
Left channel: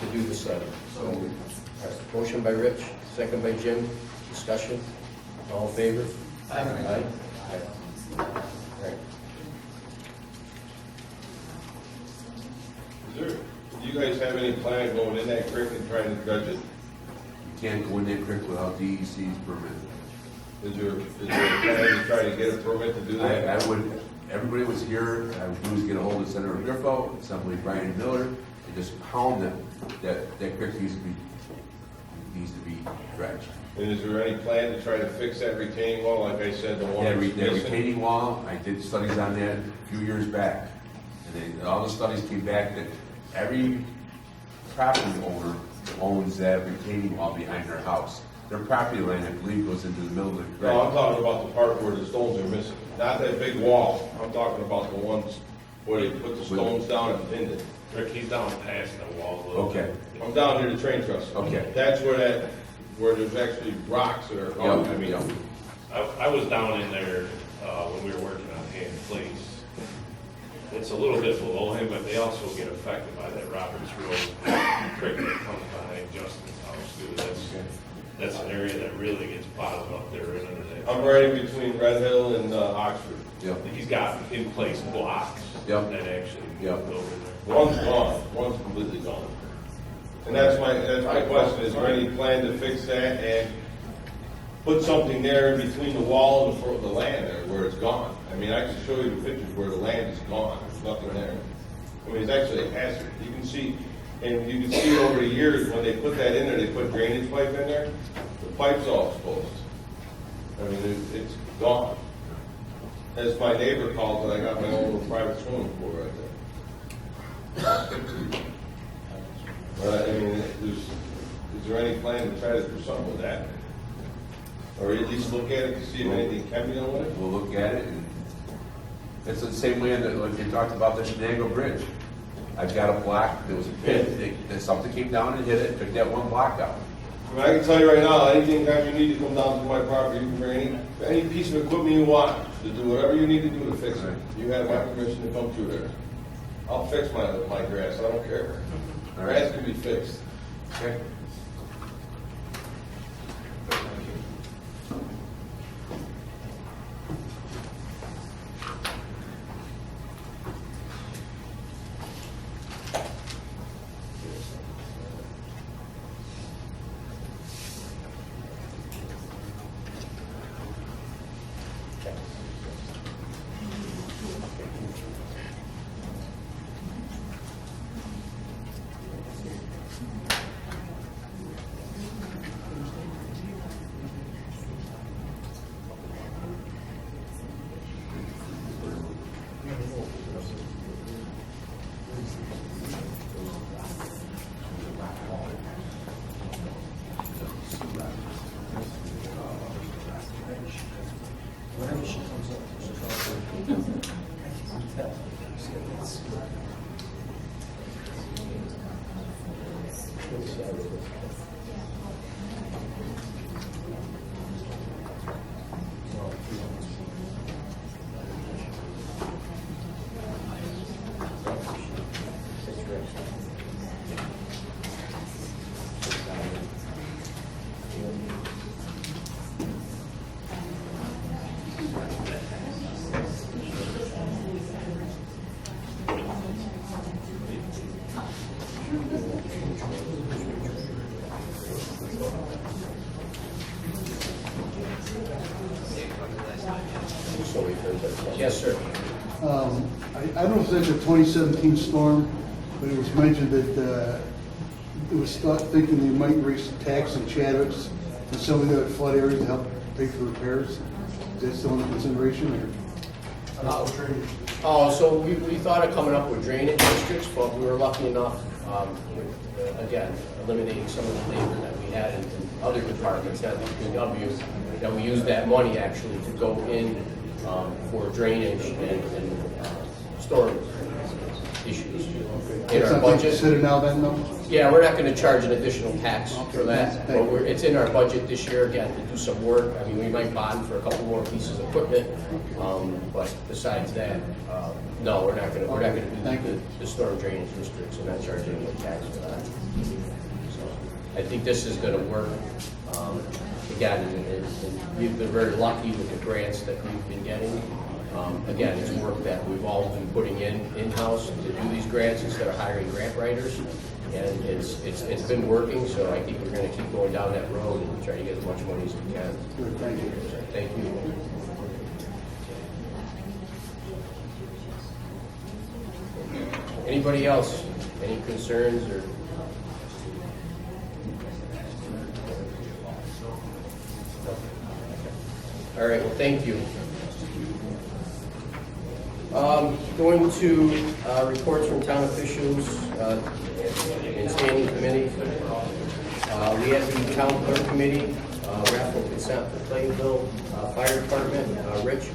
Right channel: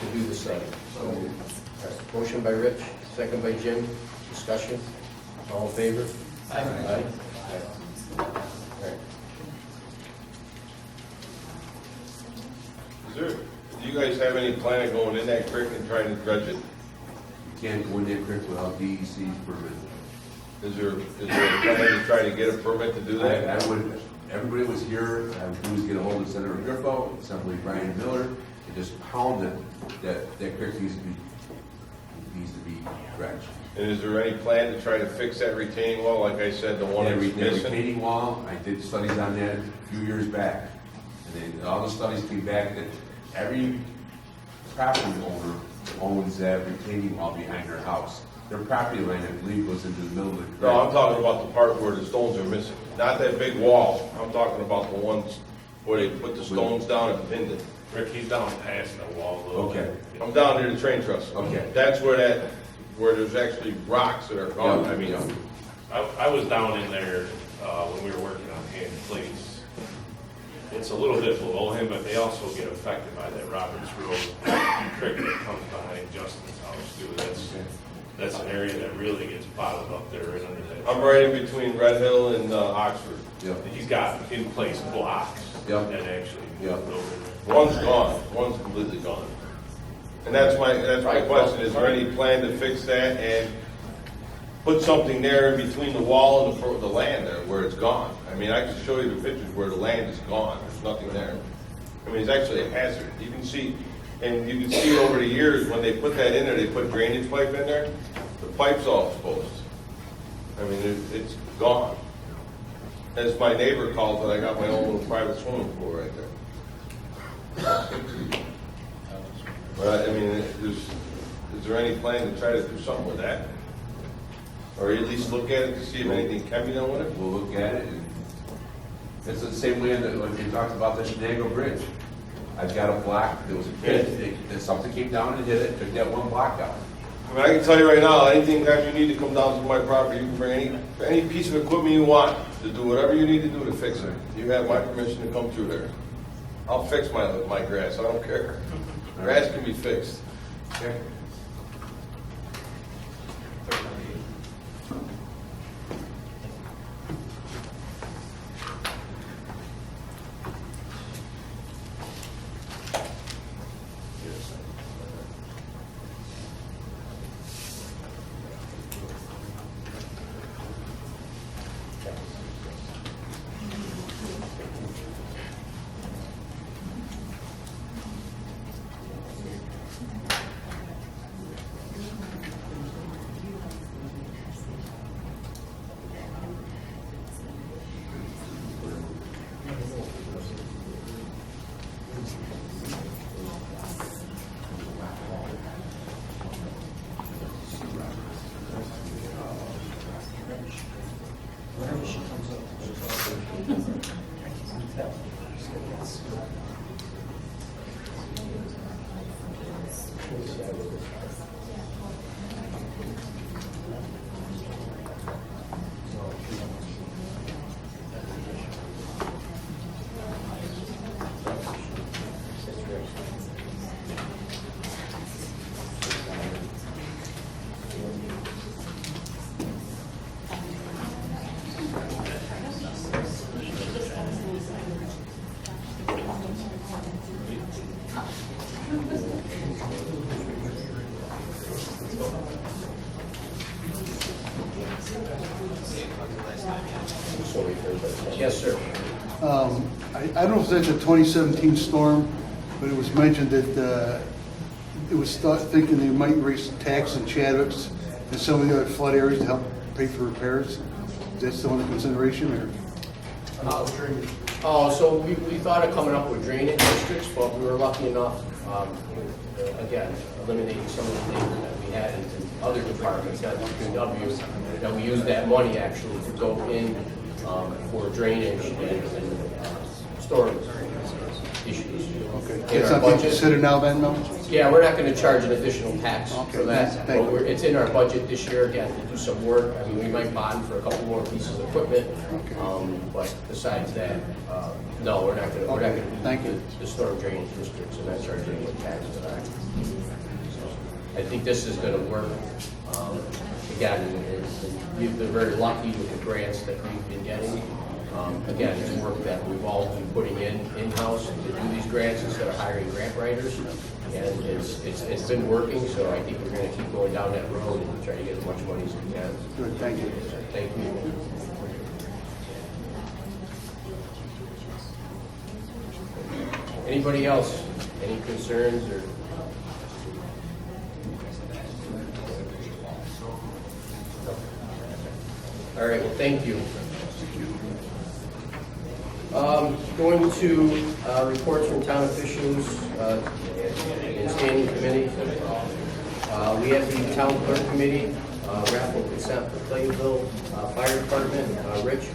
to do the study. So, all right, motion by Rich, second by Jim, discussion. All in favor? Aye. Aye. All right. Do you guys have any plan of going in that creek and trying to dredge it? You can't go in that creek without DEC's permit. Is there a plan to try to get a permit to do that? I would, everybody was here, I would do is get a hold of Senator Griffo, Assembly Brian Miller, and just pound it, that creek needs to be dredged. And is there any plan to try to fix that retaining wall, like I said, the one That that's missing? retaining wall, I did studies on that a few years back. And then all the studies came back that every property owner owns that retaining wall behind their house. Their property line, I believe, goes into the middle of the creek. No, I'm talking about the part where the stones are missing, not that big wall. I'm talking about the ones where they put the stones down and pinned it. Rick, he's down past the wall a little. Okay. I'm down near the train trust. Okay. That's where there's actually rocks that are gone. Yeah, I mean, yeah. I was down in there when we were working on Hand Place. It's a little bit below him, but they also get affected by that Roberts Road creek that comes behind Justin's house too. That's an area that really gets bottled up there right under that. I'm right in between Red Hill and Oxford. Yep. He's got in place blocks Yep. that actually Yep. moved over there. One's gone, one's completely gone. And that's my question, is there any plan to fix that and put something there in between the wall and the land there where it's gone? I mean, I can show you the pictures where the land is gone, there's nothing there. I mean, it's actually a hazard. You can see, and you can see over the years, when they put that in there, they put drainage pipe in there, the pipe's all exposed. I mean, it's gone. As my neighbor calls it, I got my own little private swimming pool right there. But I mean, is there any plan to try to do something with that? Or at least look at it to see if anything can be done with it? We'll look at it, and it's the same way that, like they talked about the Shenango Bridge. I've got a block, there was a pit, something came down and hit it, took that one block out. I mean, I can tell you right now, anything that you need to come down to my property, you can bring any piece of equipment you want to do whatever you need to do to fix it. You have my permission to come through there. I'll fix my grass, I don't care. Grass can be fixed. Okay. Yes, sir. I don't know if that's a 2017 storm, but it was mentioned that it was thought, thinking they might raise tax in Chadwick's and some of the other flood areas to help pay for repairs. Is that still under consideration, or? So we thought of coming up with drainage districts, but we were lucky enough, again, eliminating some of the labor that we had in other departments, not DPW, that we used that money actually to go in for drainage and storm issues. In That's our something budget. considered now then, no? Yeah, we're not going to charge an additional tax for that, thank but it's in our budget this year, again, to do some work. I mean, we might bond for a couple more pieces of equipment, but besides that, no, we're not going to do the storm drainage districts and not charge anyone tax for that. So I think this is going to work. Again, and we've been very lucky with the grants that we've been getting. Again, it's work that we've all been putting in-house to do these grants instead of hiring grant writers. And it's been working, so I think we're going to keep going down that road and try to get as much money as we can. Good, thank you. Thank you. Anybody else? Any concerns or? All right, well, thank you. Going to reports from town officials and standing committees. We have the town clerk committee, raffle consent for Clayville Fire Department. Rich?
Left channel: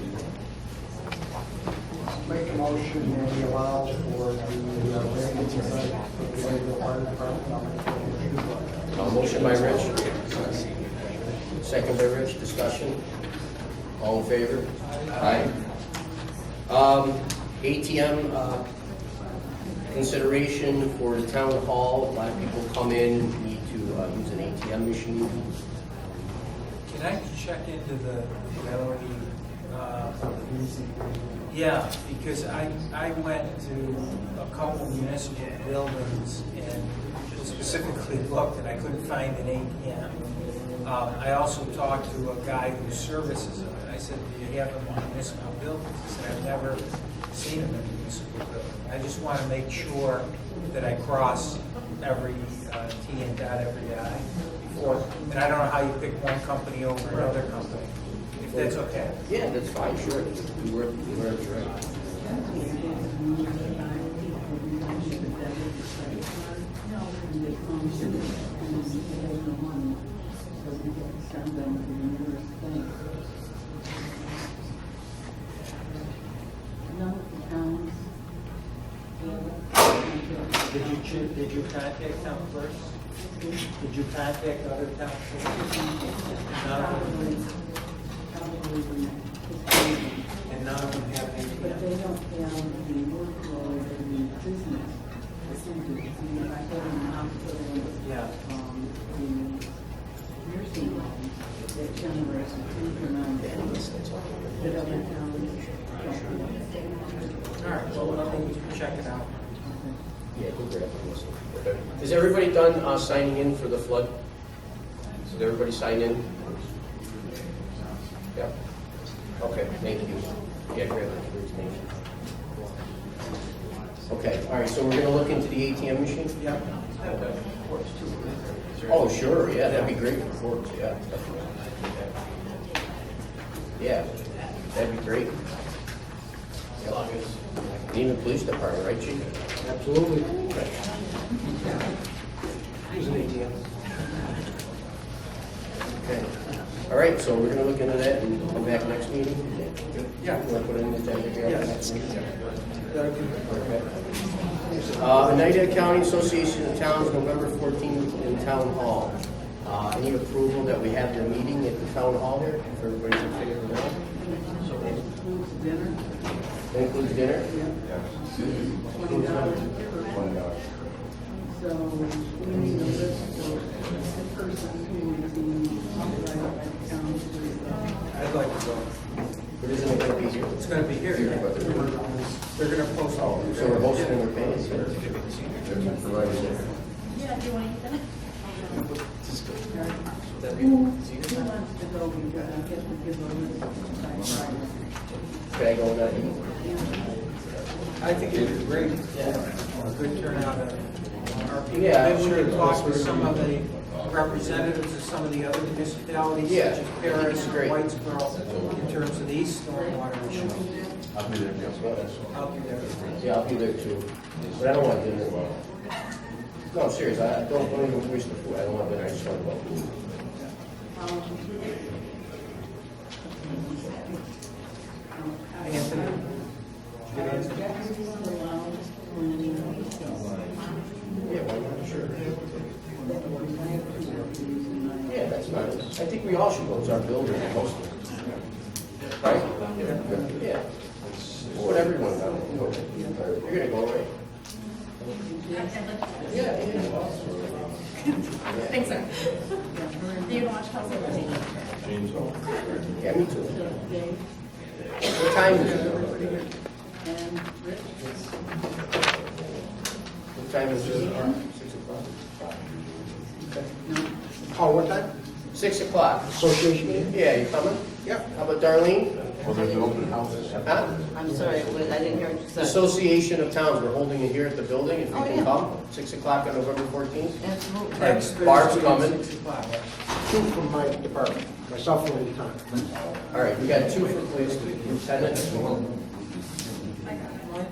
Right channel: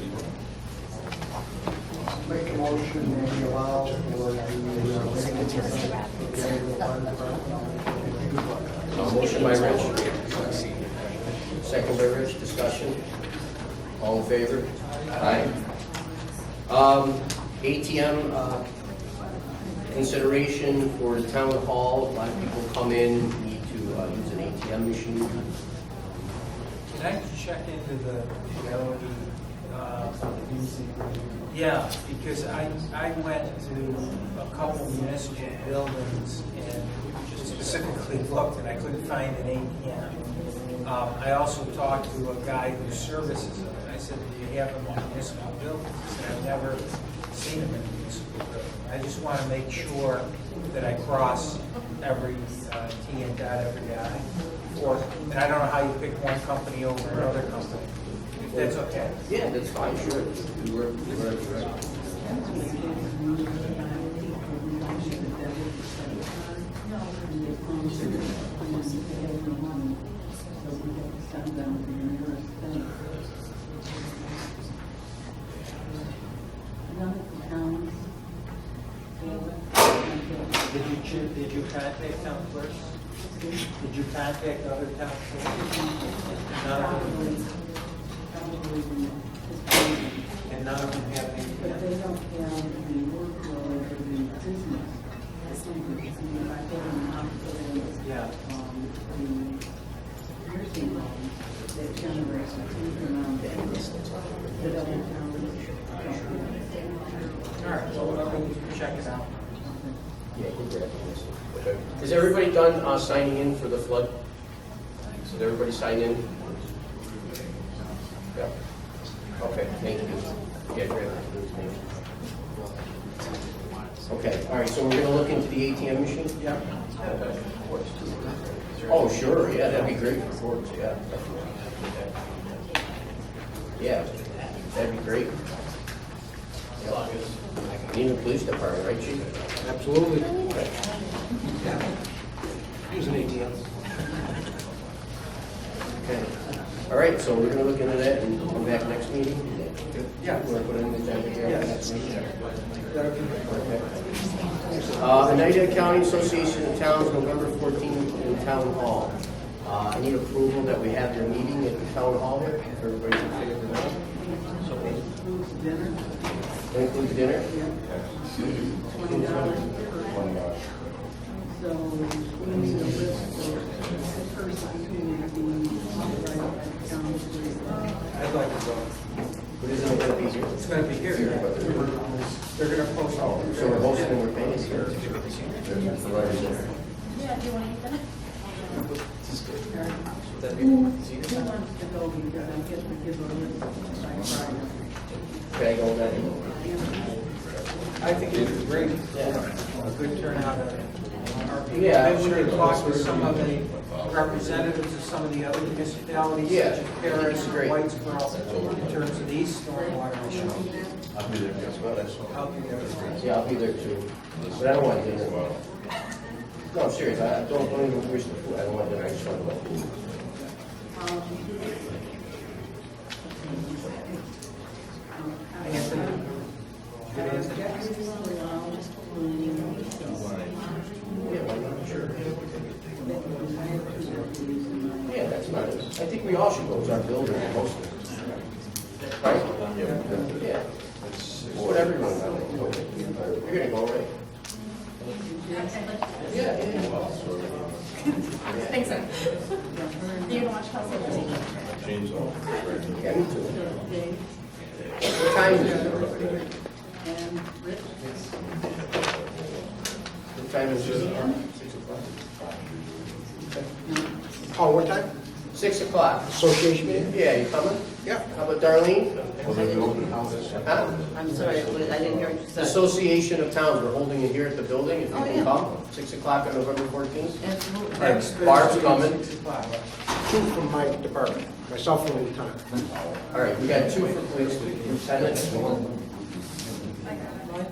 Make a motion and we allow for the Motion by Rich. Second by Rich. Discussion. All in favor? Aye. ATM consideration for the town hall. A lot of people come in, need to use an ATM machine. Can I check into the ability? Yeah, because I went to a couple municipal buildings and specifically looked and I couldn't find an ATM. I also talked to a guy who services them and I said, do you have them in municipal buildings? He said, I've never seen them in municipal buildings. I just want to make sure that I cross every T and dot every I before. And I don't know how you pick one company over another company. If that's okay. Yeah, that's fine, sure. Do whatever's right. Did you contact town clerks? Did you contact other town clerks? None of them. And none of them have any. But they don't have the workload or the business. I mean, if I go in the hospital, Yeah. the nursing home that generates a huge amount of business that other towns don't. All right, well, let me check it out. Yeah, go grab this. Okay. Is everybody done signing in for the flood? Did everybody sign in? Yeah. Okay, thank you. Yeah, grab it. Okay, all right, so we're gonna look into the ATM machine? Yeah. Okay. Oh, sure, yeah, that'd be great for courts, yeah. Yeah, that'd be great. Yeah. And even the police department, right, chief? Absolutely. Okay. Use an ATM. Okay. All right, so we're gonna look into that and come back next meeting? Yeah. You wanna put it in the agenda here? Yeah. Next meeting? That'll give me. Okay. Oneida County Association of Towns, November 14th in Town Hall. I need approval that we have their meeting at the Town Hall here, if everybody's in favor of that. So it includes dinner? That includes dinner? $20 per. So we need a list of the person who would be authorized by the county to. I'd like to go. But isn't it gonna be here? It's gonna be here. They're gonna post all. So we're hosting and we're paying here. Yeah, do you want to eat that? Who wants to go, because I get to give a list by Friday. Can I go with that? I think it was great. A good turnout of our people. Yeah, Maybe we sure. could talk with some of the representatives of some of the other municipalities, Yeah. such as Paris and Great. Whitesboro, in terms of these stormwater issues. I'll be there, yes, well, that's. I'll be there. Yeah, I'll be there too. But I don't want dinner. No, I'm serious. I don't even waste the food. I don't want dinner. I just want to go. Anthony? Good answer. Yeah, why not? Sure. Yeah, that's nice. I think we all should go. It's our building, most of it. Right? Yeah. Just put everyone down. You're gonna go, right? Yeah. Thanks, sir. You gonna watch Hustle? Yeah, me too. What time is it, everybody? What time is it? 6 o'clock. Oh, what time? 6 o'clock. Association meeting? Yeah, you coming? Yeah. How about Darlene? Well, there's an open house. Huh? I'm sorry, I didn't hear what you said. Association of Towns, we're holding it here at the building, if you Oh, can yeah. come, 6 o'clock on November 14th. Absolutely. Next Thursday, Barb's coming. 6 o'clock. Two from my department, myself and Lieutenant. All right, we got 2 for police, lieutenant. You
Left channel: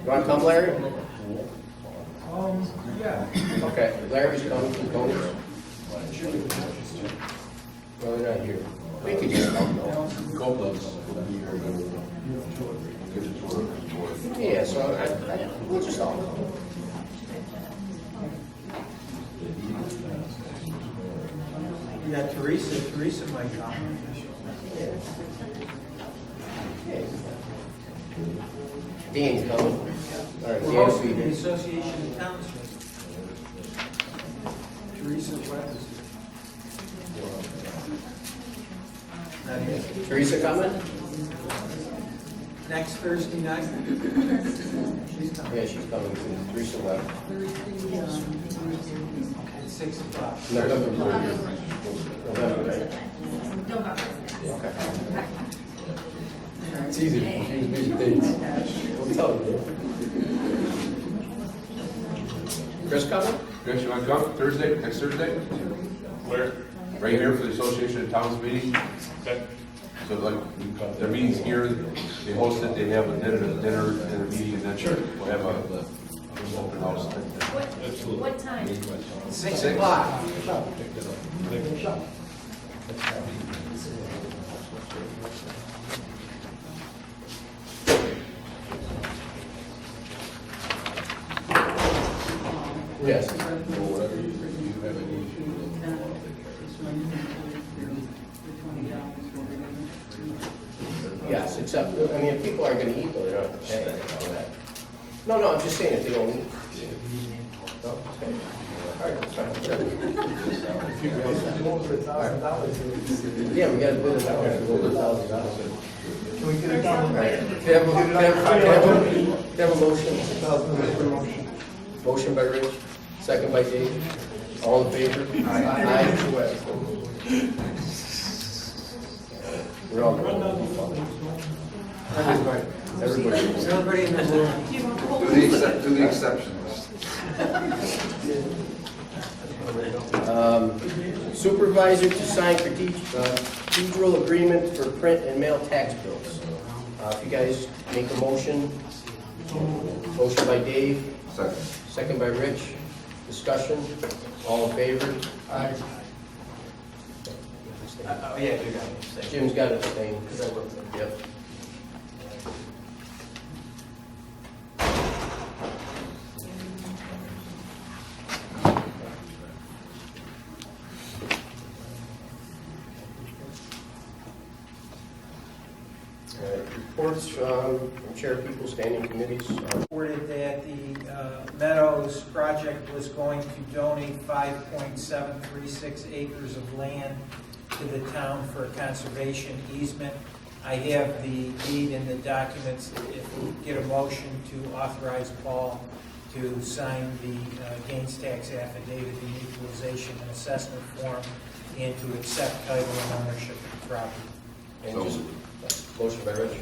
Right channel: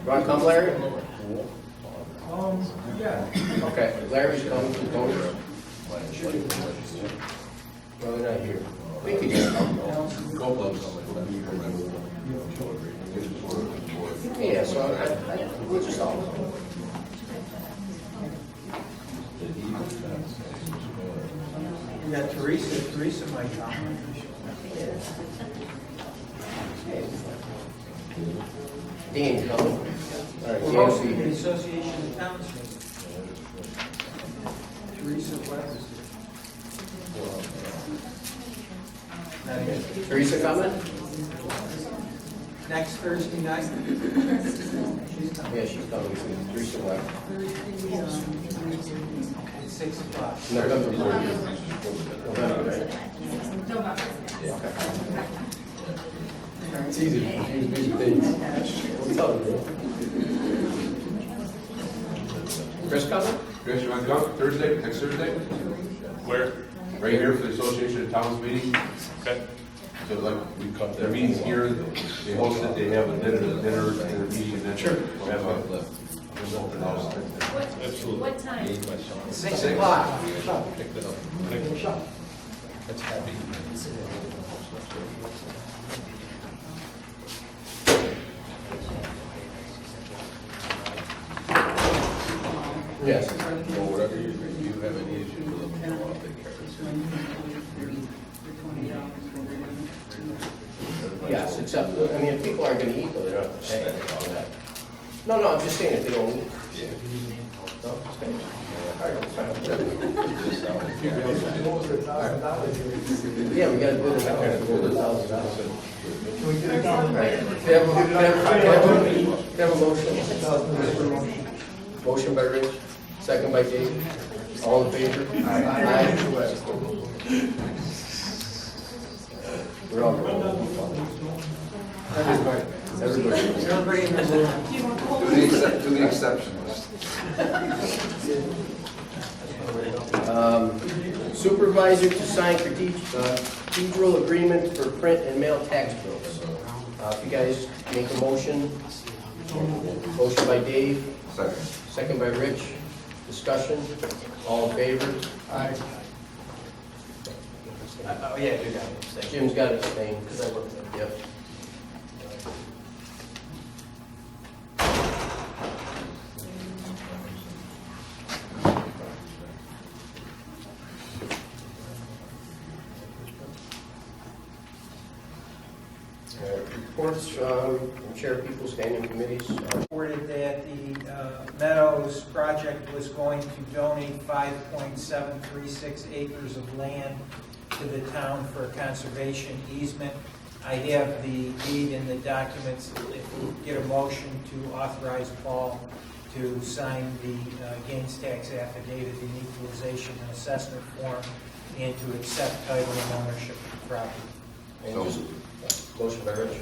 want to come, Larry? Yeah. Okay, Larry's coming from Coney. Well, they're not here. We could just come. Yeah, so we'll just all come. Yeah, Teresa might come. Dean's coming. All right, We're Dan will hosting be the here. Association of Towns meeting. Teresa Webb is here. Not here. Teresa coming? Next Thursday night? She's coming. Yeah, she's coming, Teresa Webb. At 6 o'clock. November 14th. November, right? Okay. It's easy to confuse these dates. Don't tell them. Chris coming? Chris, you want to come Thursday, next Thursday? Where? Right here for the Association of Towns meeting? Okay. So like, their meeting's here, they host it, they have a dinner and a meeting, and then we'll have a open house. Absolutely. What time? 6 o'clock. Yes. Yes, except, I mean, if people aren't gonna eat, though, they don't have to pay for that. No, I'm just saying if they don't eat. No, okay. All right, that's fine. Yeah, we gotta bid it out. $1,000. Can we get it done? All right. Can I have a motion? Motion by Rich, second by Dave. All in favor? Aye. We're all going. Everybody. Everybody in the room. Do the exception list. Supervisor to sign procedural agreement for print and mail tax bills. If you guys make a motion. Motion by Dave, Second. second by Rich. Discussion, all in favor? Oh, yeah, you got it. Jim's got to abstain. Because I worked there. Yep. All right, reports from chair people, standing committees. Reported that the Meadows project was going to donate 5.736 acres of land to the town for a conservation easement. I have the deed in the documents. If we get a motion to authorize Paul to sign the gains tax affidavit, the equalization and assessment form, and to accept title and ownership of the property. And just, motion by Rich,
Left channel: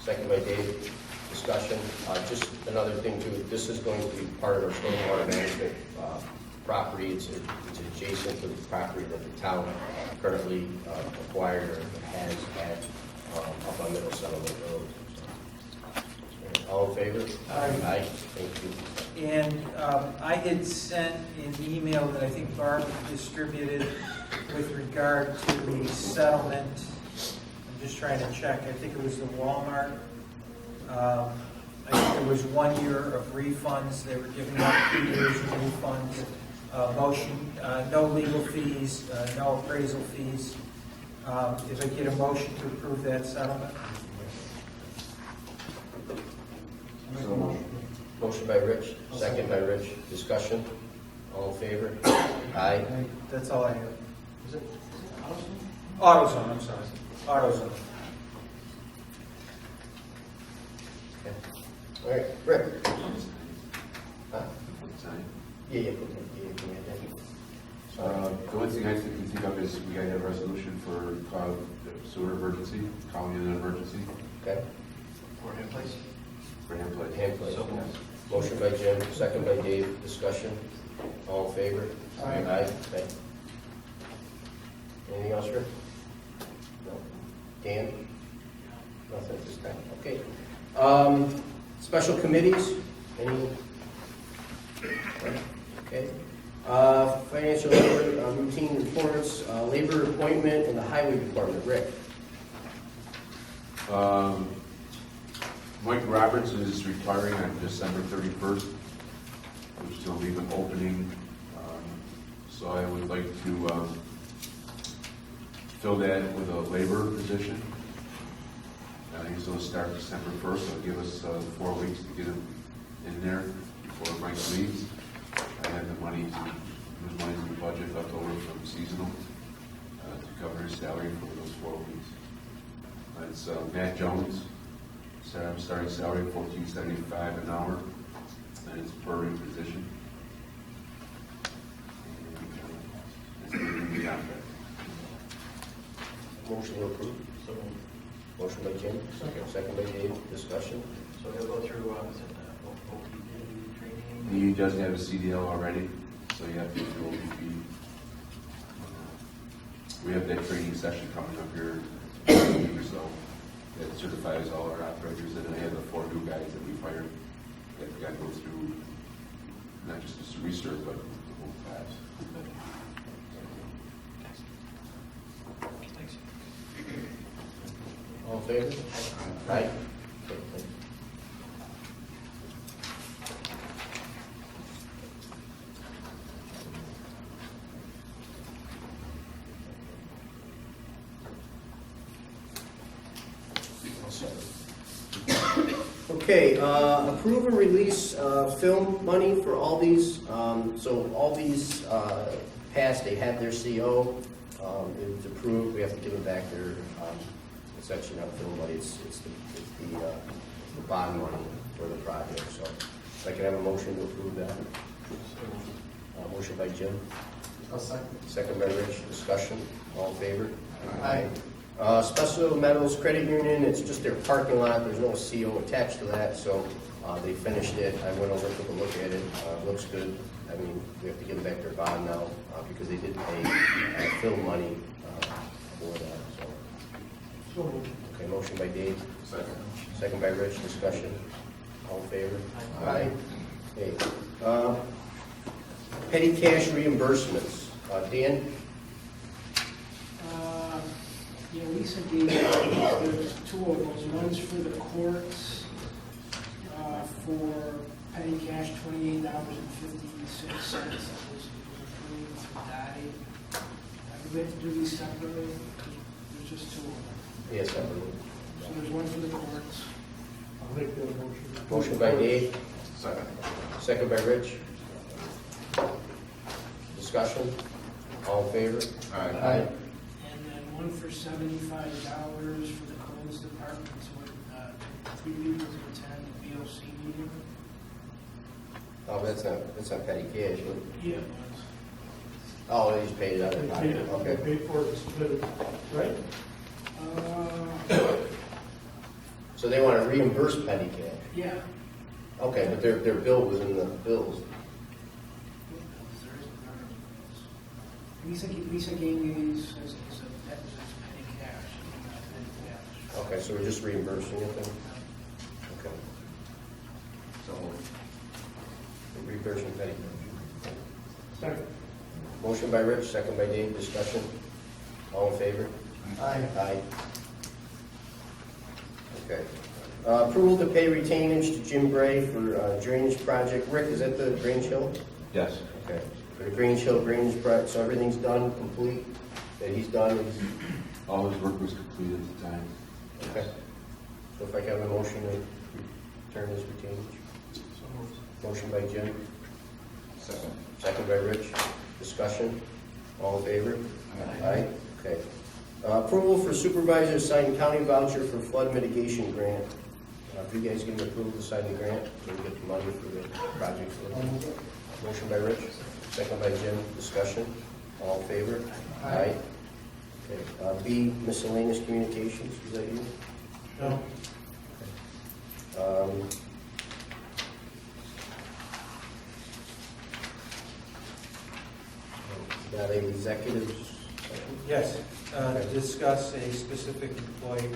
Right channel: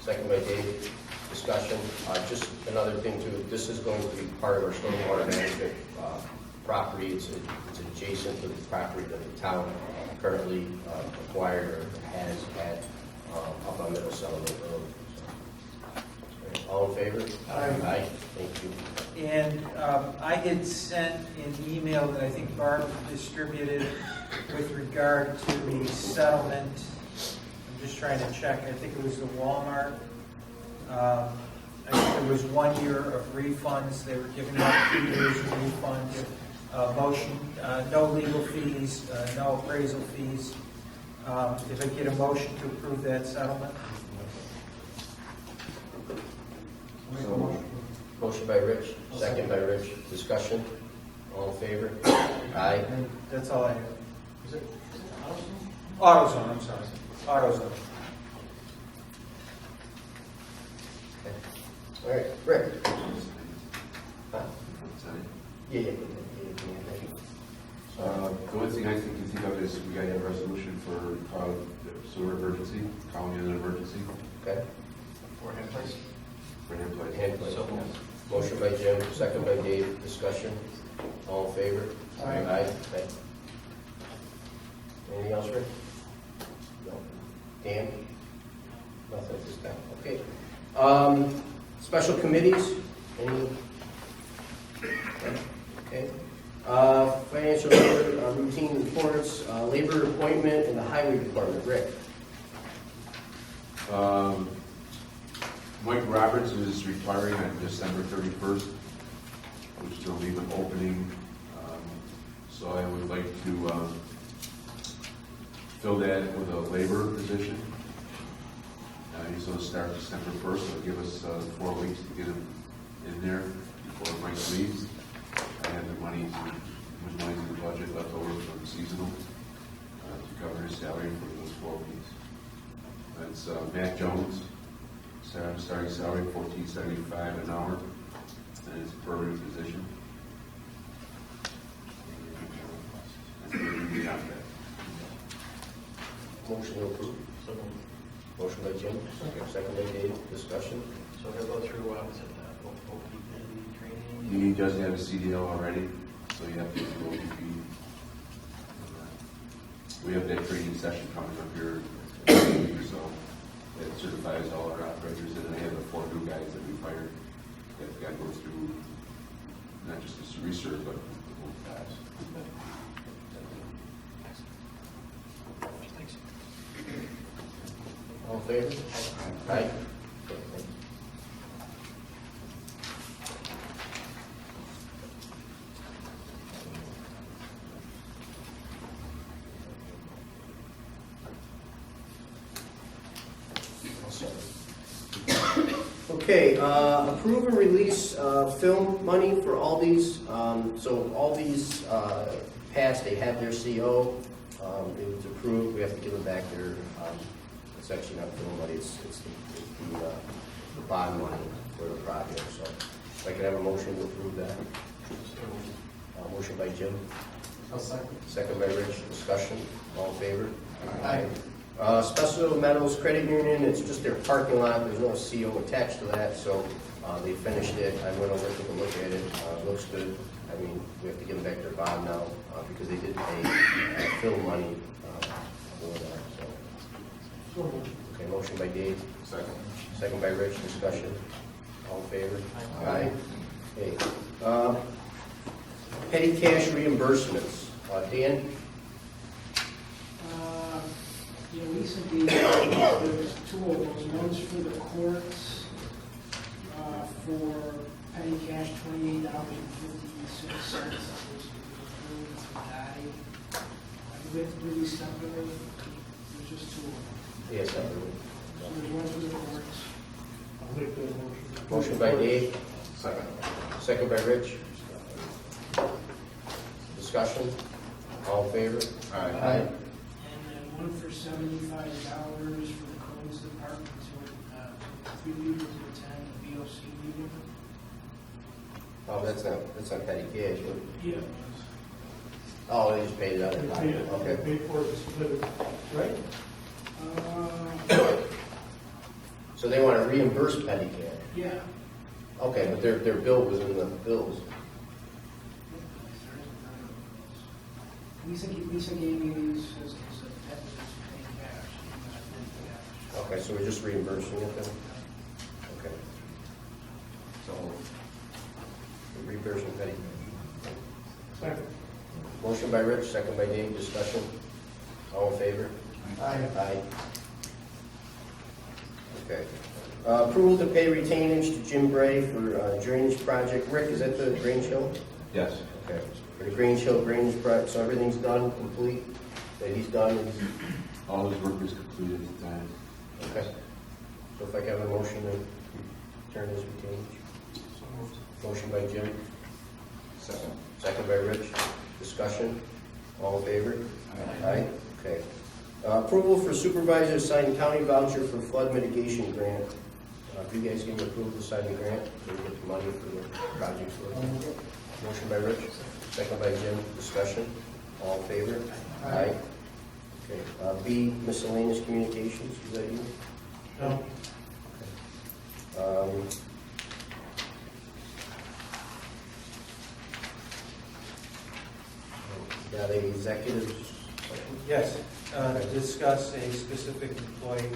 Second by Dave. Discussion. Just another thing too, this is going to be part of our stormwater management property. It's adjacent to the property that the town currently acquired or has had up on Middle Settlement Road. So, all in favor? Aye. Thank you. And I had sent an email that I think Barb distributed with regard to the settlement. I'm just trying to check. I think it was the Walmart. I think there was 1 year of refunds. They were giving out 2 years of refunds. Motion, no legal fees, no appraisal fees. If I get a motion to approve that settlement? Motion by Rich, second by Rich. Discussion. All in favor? Aye. That's all I have. Is it AutoZone, I'm sorry. AutoZone. Okay. All right, Rick. Huh? Yeah. The only thing I can think of is we gotta have a resolution for the sewer emergency, calling in an emergency. Okay. For him, please. For hand play. Hand play. So moved. Motion by Jim, second by Dave. Discussion. All in favor? Aye. Okay. Anything else, Rick? No. Dan? Nothing at this time. Okay. Special committees? Any? Okay. Financial routine reports, labor appointment in the highway department. Rick? Mike Roberts is retiring on December 31st, which will leave an opening. So I would like to fill that with a labor position. He's going to start December 1st. It'll give us 4 weeks to get him in there before Mike leaves. I have the money, there's money in the budget left over from seasonal to cover his salary for those 4 weeks. It's Matt Jones. Starting salary $14.75 an hour, and it's a permanent position. And that's the contract. Motion to approve. So moved. Motion by Jim. Second by Dave. Discussion. So he'll go through, is it the OPP training? He does have a CDL already, so you have to do OPP. We have that training session coming up here in a week or so. That certifies all our operators, and I have the 4 new guys that we've hired that got to go through not just this research, but the whole class. Thanks. All in favor? Aye. Okay, thanks. Okay, approve and release film money for all these. So all these passed, they have their CO. It was approved, we have to give them back their, it's actually not film money, it's the bond money for the project. So if I can have a motion to approve that. Motion by Jim. I'll second. Second by Rich. Discussion. All in favor? Aye. Special Metals Credit Union, it's just their parking lot, there's no CO attached to that, so they finished it. I went over, took a look at it, looks good. I mean, we have to give them back their bond now, because they did pay film money for that, so. Okay, motion by Dave. Second. Second by Rich. Discussion. All in favor? Aye. Okay. Petty cash reimbursements. Dan? Yeah, Lisa gave, there's 2 of those. One's for the courts, for petty cash, $28.56. That was approved for Dottie. Do we have to do these separately? There's just 2 of them. Yes, separately. So there's one for the courts. I'll make that motion. Motion by Dave. Second. Second by Rich. Discussion. All in favor? Aye. And then one for $75 for the codes department to 3 people to attend the BOC meeting. Oh, that's not petty cash. What? Yeah, it was. Oh, they just paid it out of They pocket. paid it, they Okay. paid for it, split it, right? So they want to reimburse petty cash. Yeah. Okay, but their bill was in the bills. Lisa gave me these as a deficit petty cash, not petty cash. Okay, so we're just reimbursing it then? Okay. So, reimbursing petty cash. Second. Motion by Rich, second by Dave, discussion. All in favor? Aye. Aye. Okay. Approval to pay retainage to Jim Bray for drainage project. Rick, is that the Grange Hill? Yes. Okay. For the Grange Hill drainage project, so everything's done, complete? That he's done? All his work was completed at the time. Okay. So if I can have a motion to return his retainage? So moved. Motion by Jim, Second. second by Rich. Discussion? All in favor? Aye. Okay. Approval for supervisor to sign county voucher for flood mitigation grant. If you guys give me approval to sign the grant, so we get the money for the project. Motion by Rich, second by Jim. Discussion? All in favor? Aye. Okay. B, miscellaneous communications. Is that you? No. Okay. Got a executive session? Yes, discuss a specific employee.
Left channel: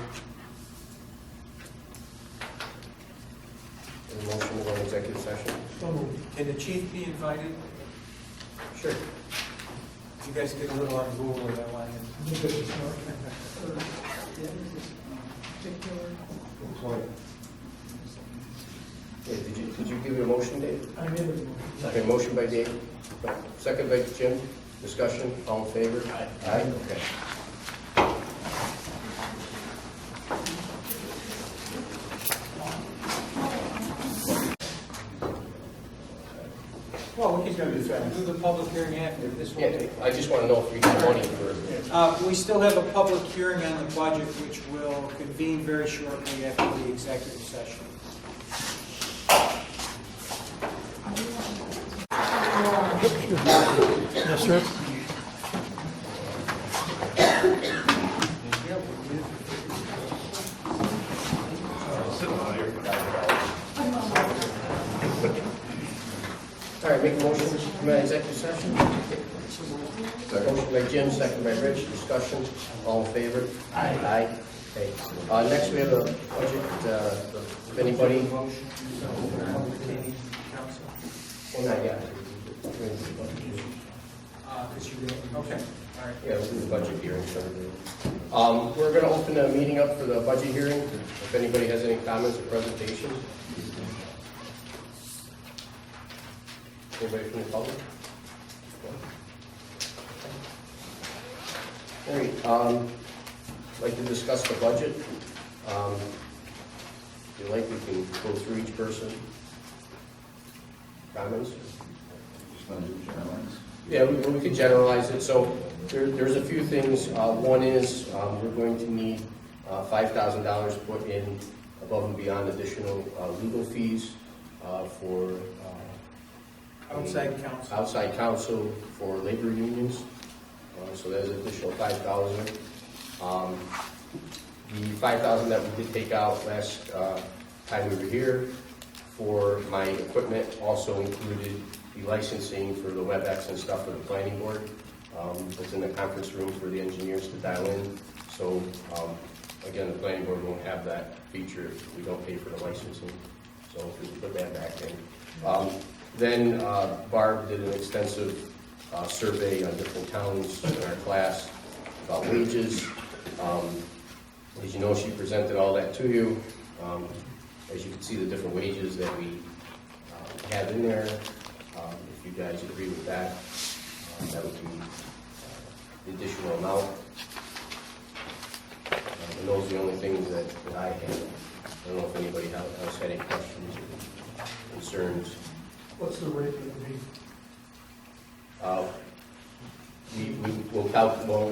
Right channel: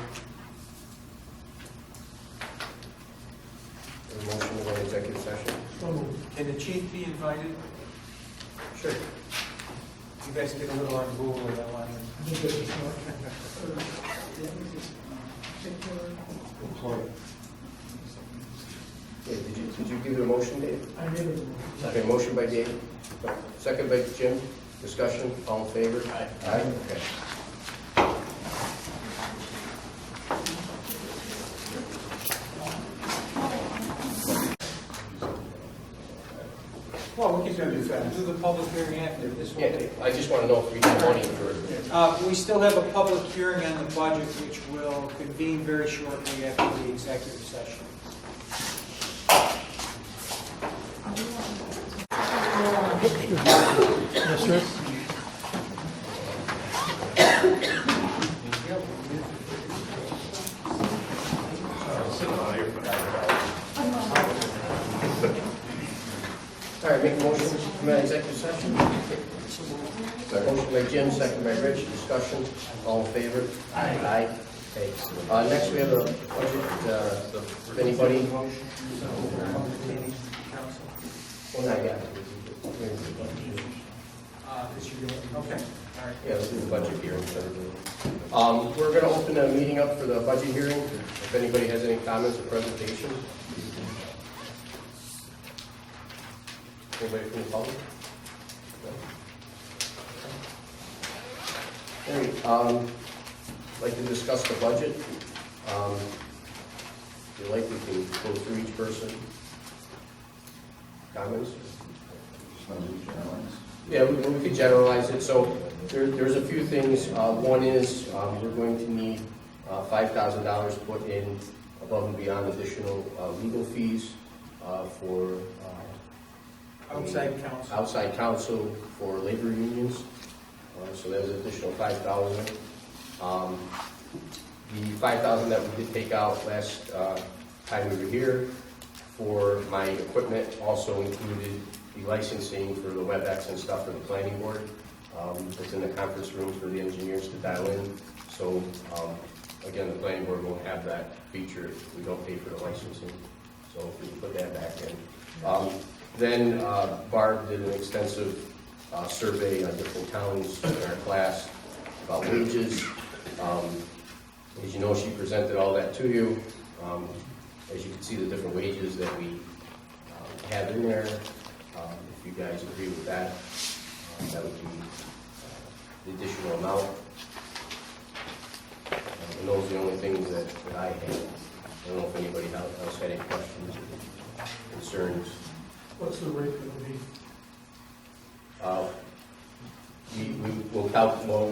A motion to go into executive session? So moved. Can the chief be invited? Sure. You guys get a little on Google with that one. Yeah, did you give it a motion, Dave? I made it. Okay, motion by Dave, second by Jim. Discussion, all in favor? Aye. Aye, okay. Well, we can do the public hearing after this one. Yeah, I just want to know if we get money for, We still have a public hearing on the budget, which will convene very shortly after the executive session. Yes, sir. all right, make a motion to come out of executive session. Motion by Jim, second by Rich. Discussion, all in favor? Aye. Aye. Okay. Next we have a budget, if anybody. Well, not yet. Okay, all right. Yeah, we'll do the budget hearing. We're going to open the meeting up for the budget hearing. If anybody has any comments or presentations. Anybody from the public? No? All right, I'd like to discuss the budget. If you like, we can go through each person. Comments? Yeah, we could generalize it. So there's a few things. One is we're going to need $5,000 put in above and beyond additional legal fees for outside counsel for labor unions. So there's an additional $5,000. The $5,000 that we did take out last time we were here for my equipment also included the licensing for the WebEx and stuff for the planning board. It's in the conference room for the engineers to dial in. So again, the planning board won't have that feature if we don't pay for the licensing. So if we can put that back in. Then Barb did an extensive survey on different towns in our class about wages. As you know, she presented all that to you. As you can see, the different wages that we have in there. If you guys agree with that, that would be the additional amount. And those are the only things that I have. I don't know if anybody else had any questions or concerns. What's the rate going to be? We will calculate, well,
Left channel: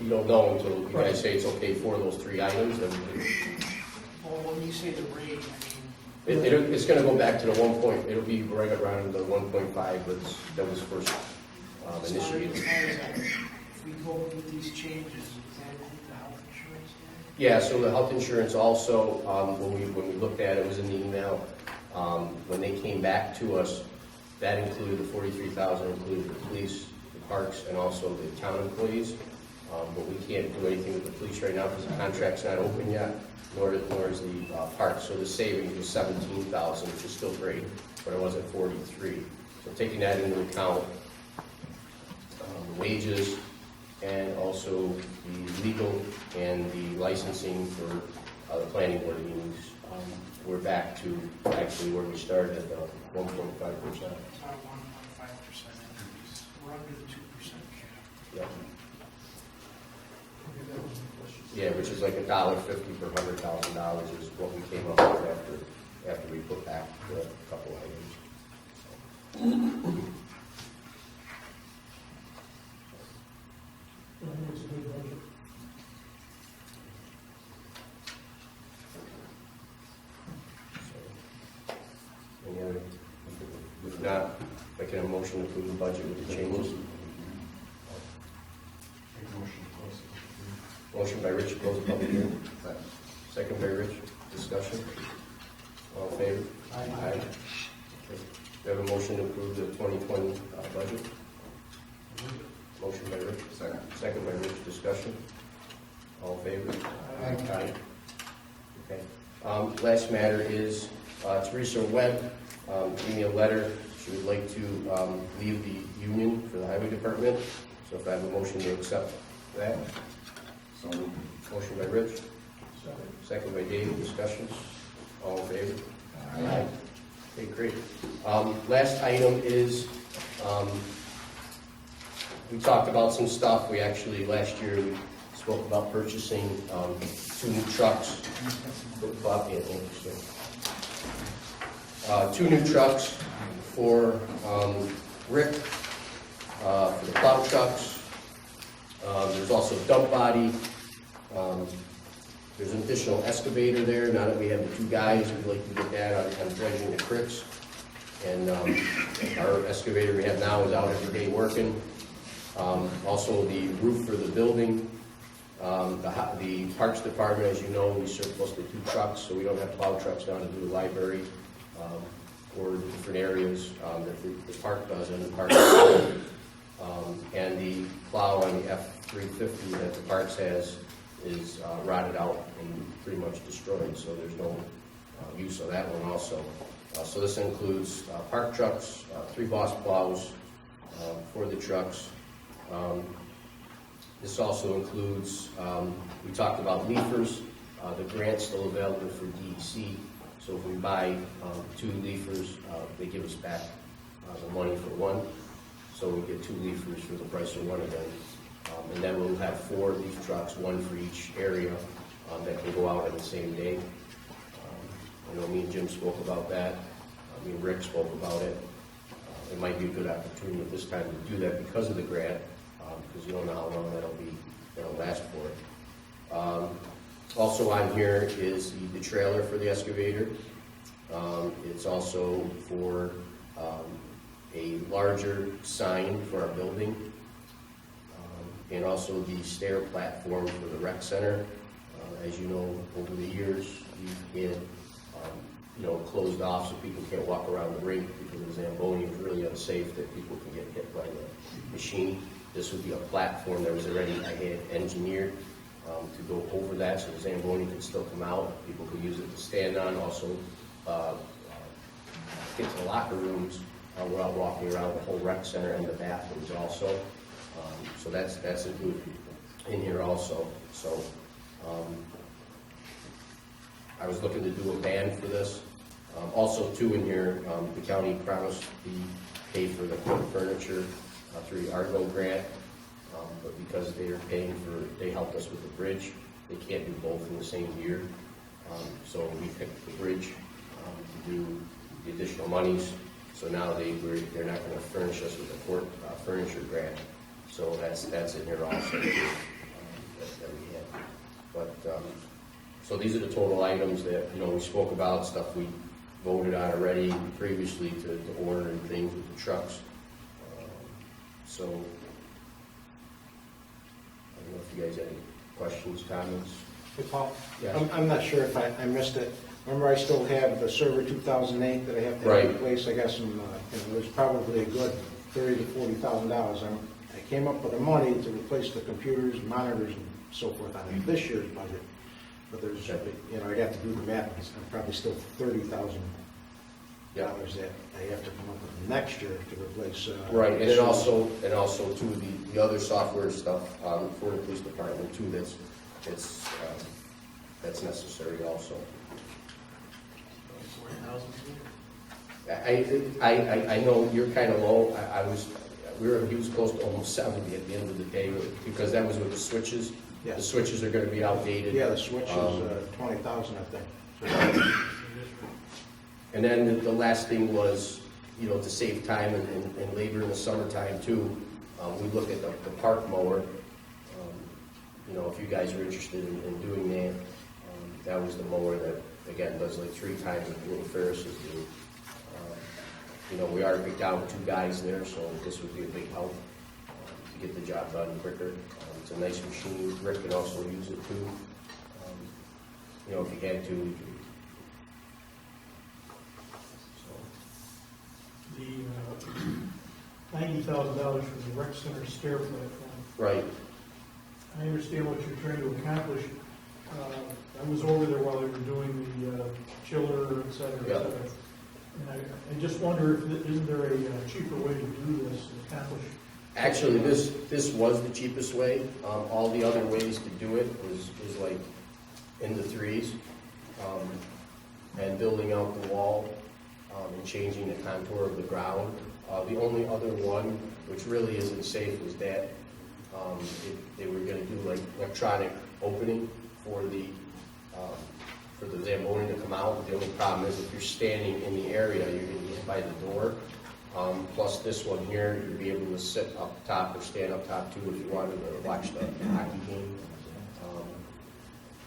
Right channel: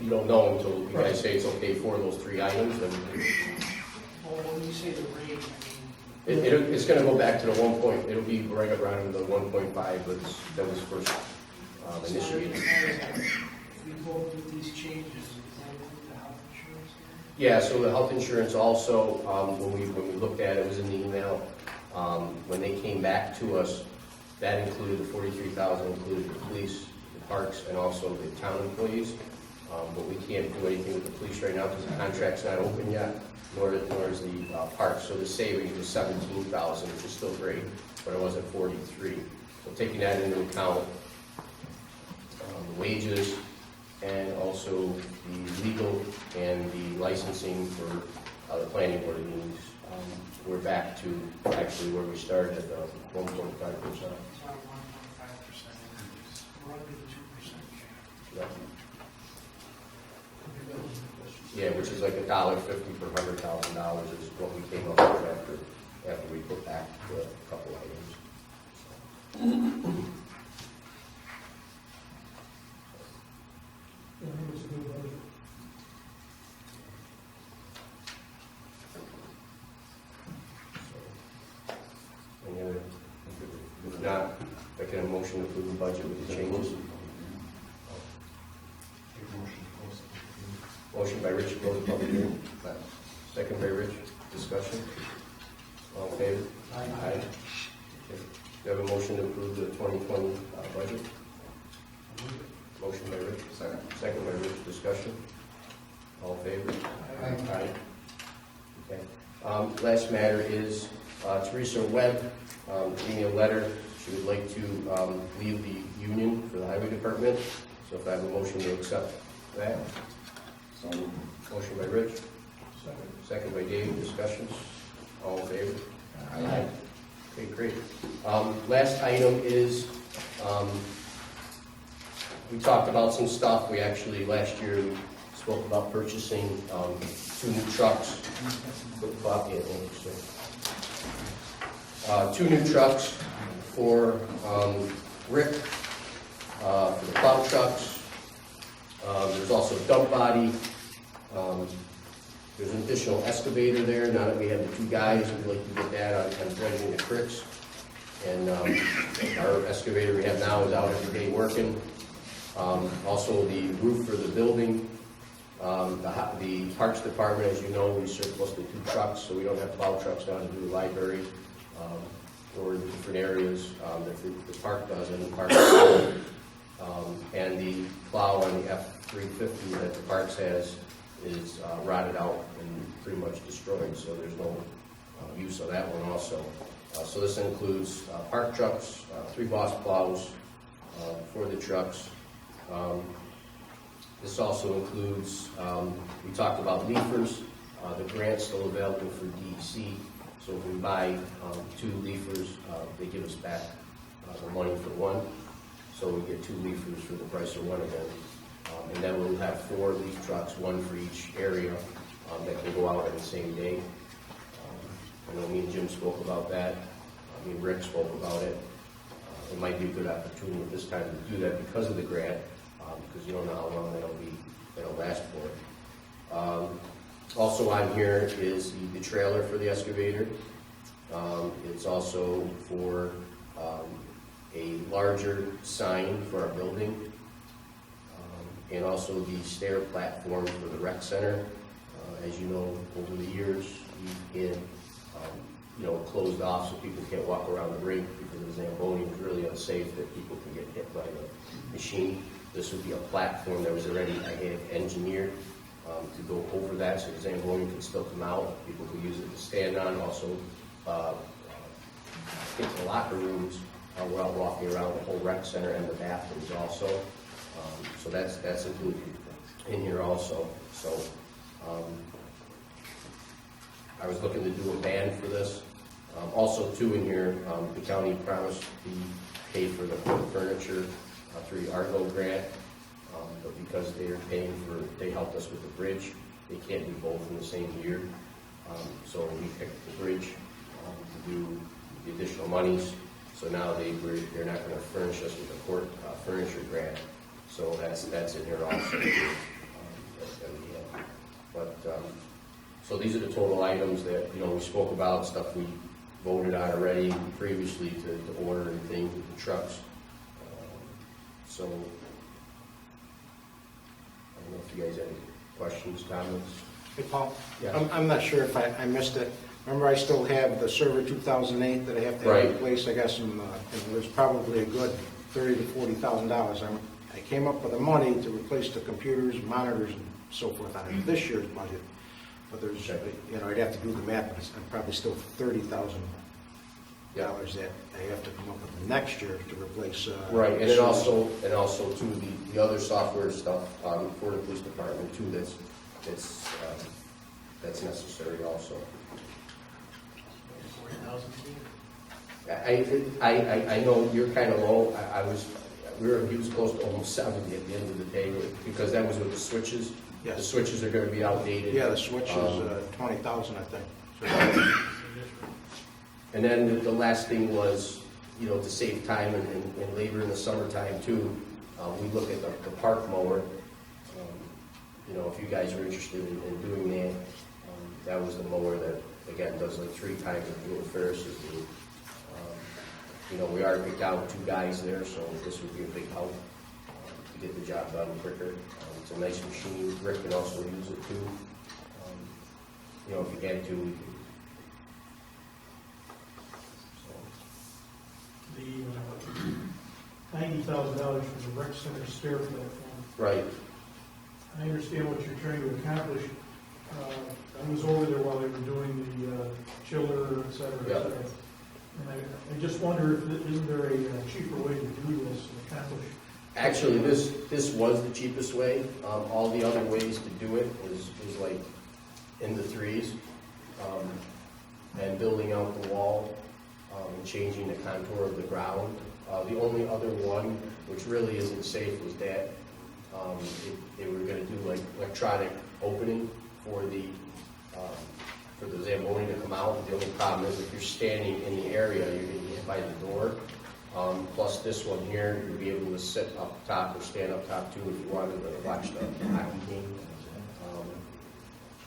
we don't know until you guys say it's okay for those three items. Then Well, when you say the rate, I mean, it's going to go back to the 1 point. It'll be right around the 1.5 that was first initiated. if we go with these changes, does that include the health insurance? Yeah, so the health insurance also, when we looked at it, it was in the email. When they came back to us, that included the 43,000, included the police, the parks, and also the town employees. But we can't do anything with the police right now because the contract's not open yet, nor is the park. So the savings was 17,000, which is still great, but it wasn't 43. So taking that into account, the wages, and also the legal and the licensing for the planning board meetings, we're back to actually where we started at the 1.5%. About a 1.5% increase. We're under the 2% cap. Yep. Okay, that was the question. Yeah, which is like $1.50 per $100,000 is what we came up with after we put back the couple items. I think it's a good budget. So, any other, if not, I can have a motion to approve the budget with the changes. Motion by Rich to close the public hearing. Second by Rich. Discussion. All in favor? Aye. Okay. We have a motion to approve the 2020 budget. Motion by Rich. Second. Second by Rich. Discussion. All in favor? Aye. Okay. Last matter is Teresa Webb gave me a letter. She would like to leave the union for the highway department. So if I have a motion to accept that. Motion by Rich. Second. Second by Dave. Discussion. All in favor? Aye. Okay, great. Last item is, we talked about some stuff. We actually, last year, we spoke about purchasing 2 new trucks. Two new trucks for Rick, for the plow trucks. There's also a dump body. There's an additional excavator there. Now that we have the 2 guys, we'd like to get that on dredging the creeks. And our excavator we have now is out every day working. Also the roof for the building. The Parks Department, as you know, we surplus the 2 trucks, so we don't have plow trucks now to do the library or the different areas that the park does in the park. And the plow on the F-350 that the parks has is rotted out and pretty much destroyed, so there's no use of that one also. So this includes park trucks, 3 Boss plows for the trucks. This also includes, we talked about leafers. The grant's still available for DEC, so if we buy 2 leafers, they give us back the money for 1. So we get 2 leafers for the price of 1 again. And then we'll have 4 leaf trucks, 1 for each area, that can go out on the same day. I know me and Jim spoke about that. Me and Rick spoke about it. It might be a good opportunity at this time to do that because of the grant, because you don't know how long that'll last for. Also on here is the trailer for the excavator. It's also for a larger sign for our building. And also the stair platform for the rec center. As you know, over the years, we've had, closed off so people can't walk around the rink because the Zamboni was really unsafe that people can get hit by the machine. This would be a platform that was already, I had engineered to go over that so the Zamboni could still come out. People could use it to stand on, also get to the locker rooms while walking around the whole rec center and the bathrooms also. So that's included in here also. So I was looking to do a ban for this. Also too in here, the county promised to pay for the furniture through the Argo grant, but because they helped us with the bridge, they can't do both in the same year. So we picked the bridge to do the additional monies. So now they're not going to furnish us with a court furniture grant. So that's in here also that we have. But so these are the total items that we spoke about, stuff we voted on already previously to order and things with the trucks. So I don't know if you guys have any questions, comments. Hey, Paul? Yes. I'm not sure if I missed it. Remember, I still have the server 2008 that I have to Right. have replaced. I got some, there's probably a good $30,000 to $40,000. I came up with the money to replace the computers, monitors, and so forth on this year's budget. But there's, I'd have to do the math, but I'm probably still $30,000 that I have to come up with next year to replace. Right, and also too, the other software stuff for the police department too, that's necessary also. 40,000 I know you're kind of low, he was close to almost 70 at the end of the day, because that was with the switches. Yes. The switches are gonna be outdated. Yeah, the switch is 20,000, I think. And then the last thing was, to save time and labor in the summertime too, we look at the park mower. If you guys are interested in doing that, that was the mower that, again, does like 3 times what Ferris's do. We are down 2 guys there, so this would be a big help to get the job done quicker. It's a nice machine. Rick can also use it too. If you had to, we could. The $90,000 for the rec center stair platform. Right. I understand what you're trying to accomplish. I was over there while they were doing the chiller, et cetera, et cetera. And I just wonder if, isn't there a cheaper way to do this and accomplish? Actually, this was the cheapest way. All the other ways to do it was like in the 3s, and building out the wall, and changing the contour of the ground. The only other one, which really isn't safe, was that they were gonna do like electronic opening for the Zamboni to come out. The only problem is if you're standing in the area, you're gonna be hit by the door. Plus this one here, you'll be able to sit up top or stand up top too if you wanted to watch the hockey game.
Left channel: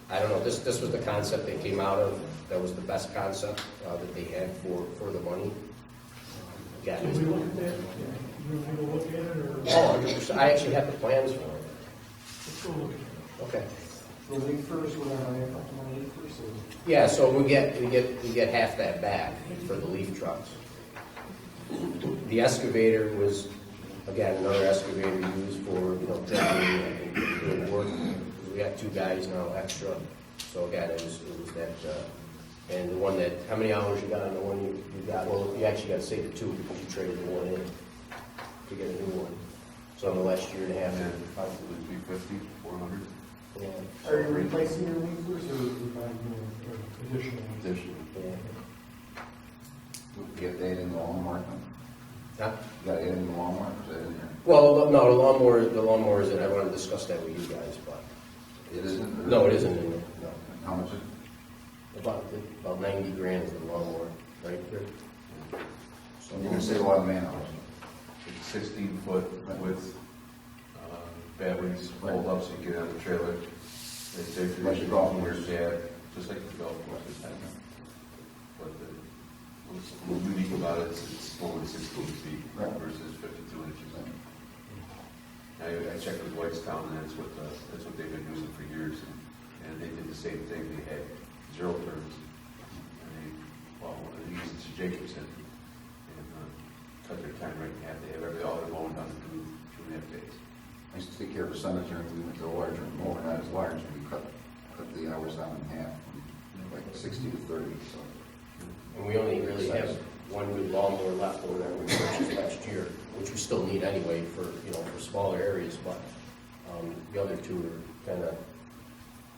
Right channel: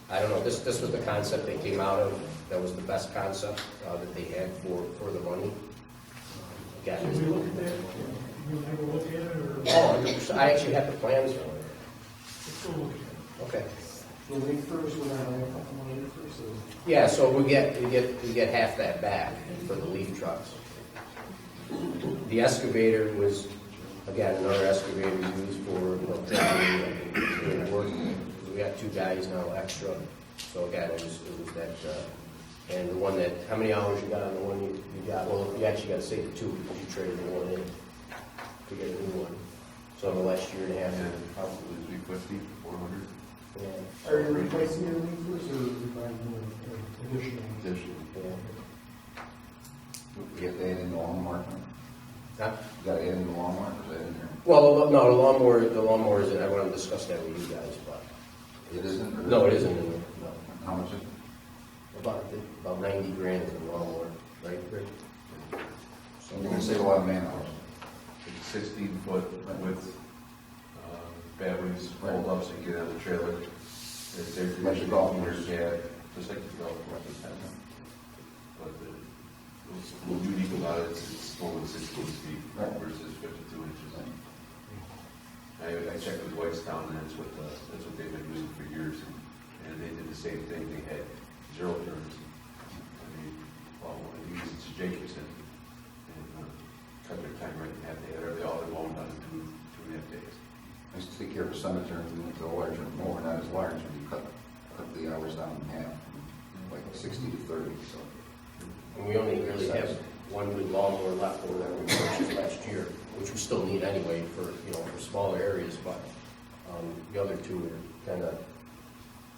I don't know, this was the concept they came out of. That was the best concept that they had for the money. Can we look at that? You want to go look at it, or? Oh, 100%. I actually have the plans for it. Let's go look at it. Okay. The leaf first, we're gonna hire a couple money first, or? Yeah, so we get half that back for the leaf trucks. The excavator was, again, another excavator used for, dredging and doing work. We got 2 guys now extra. So again, it was that, and the one that, how many hours you got on the one you got? Well, you actually got to save 2 because you traded the one in to get a new one. So in the last year and a half. Probably 350, 400. Yeah. Are you replacing your leaf first, or are you buying new, or additional? Additional. Yeah. You have to add in the lawnmower? Huh? You gotta add in the lawnmower, is that in there? Well, no, the lawnmower isn't. I want to discuss that with you guys, but. It isn't? Or? No, it isn't in there, no. How much is it? About 90 grand is the lawnmower, right, Rick? So you're gonna save a lot of man hours. It's 16-foot width, batteries, fold ups, and get on the trailer. It's there for your golf course, yeah, just like the golf course. But what's a little unique about it is it's only 16 feet versus 52 inches. I checked with Whitestown, and that's what they've been using for years, and they did the same thing. They had 0 turns, and they used it to Jacobson, and cut their time right in half. They had all their mowing done in 2.5 days. I used to take care of a cemetery, we went to a larger mower, not as large, and we cut the hours down in half, from like 60 to 30, so. And we only really have one good lawnmower left over that we purchased last year, which we still need anyway for smaller areas, but the other 2 are kind of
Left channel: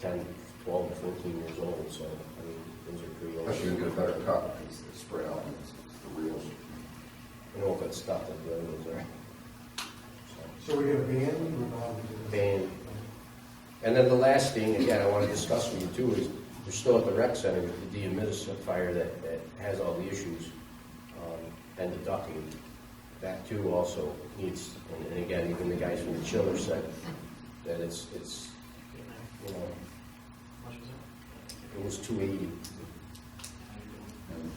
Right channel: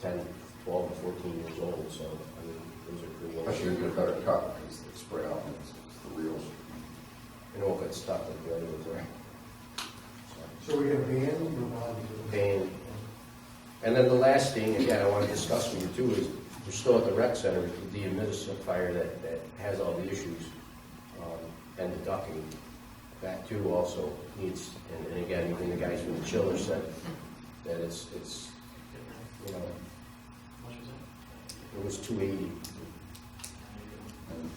10, 12, and 14 years old, so I mean, those are pretty old. Especially a better cut, because they spread out, and it's the reels. And it won't get stuck like the other ones are. So we're gonna ban? Ban. And then the last thing, again, I want to discuss with you too, is we're still at the rec center, the dehumidifier that has all the issues, and the ducting. That too also needs, and again, even the guys from the chiller said that it's How much was that? it was 280. And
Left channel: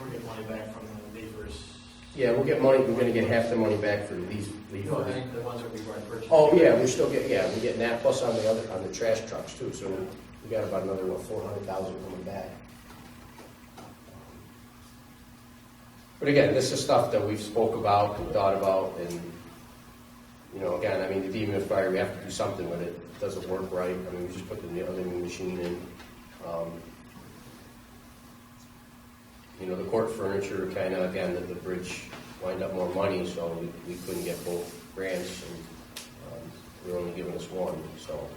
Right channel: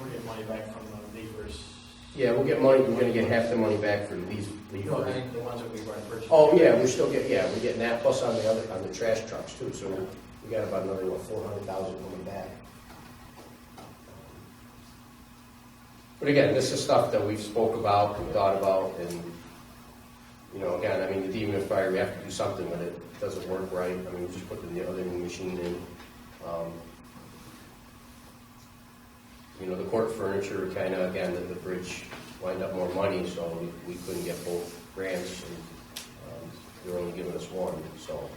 we're getting money back from the leafers Yeah, we'll get money, we're gonna get half the money back for leaf. No, I think the ones that we've already purchased. Oh, yeah, we're still getting, yeah, we're getting that, plus on the trash trucks too, so we got about another, 400,000 coming back. But again, this is stuff that we've spoke about and thought about, and, you know, again, I mean, the dehumidifier, we have to do something with it. It doesn't work right, I mean, we just put the other new machine in. You know, the court furniture, kind of, again, the bridge wind up more money, so we couldn't get both grants, and they were only giving us one, so.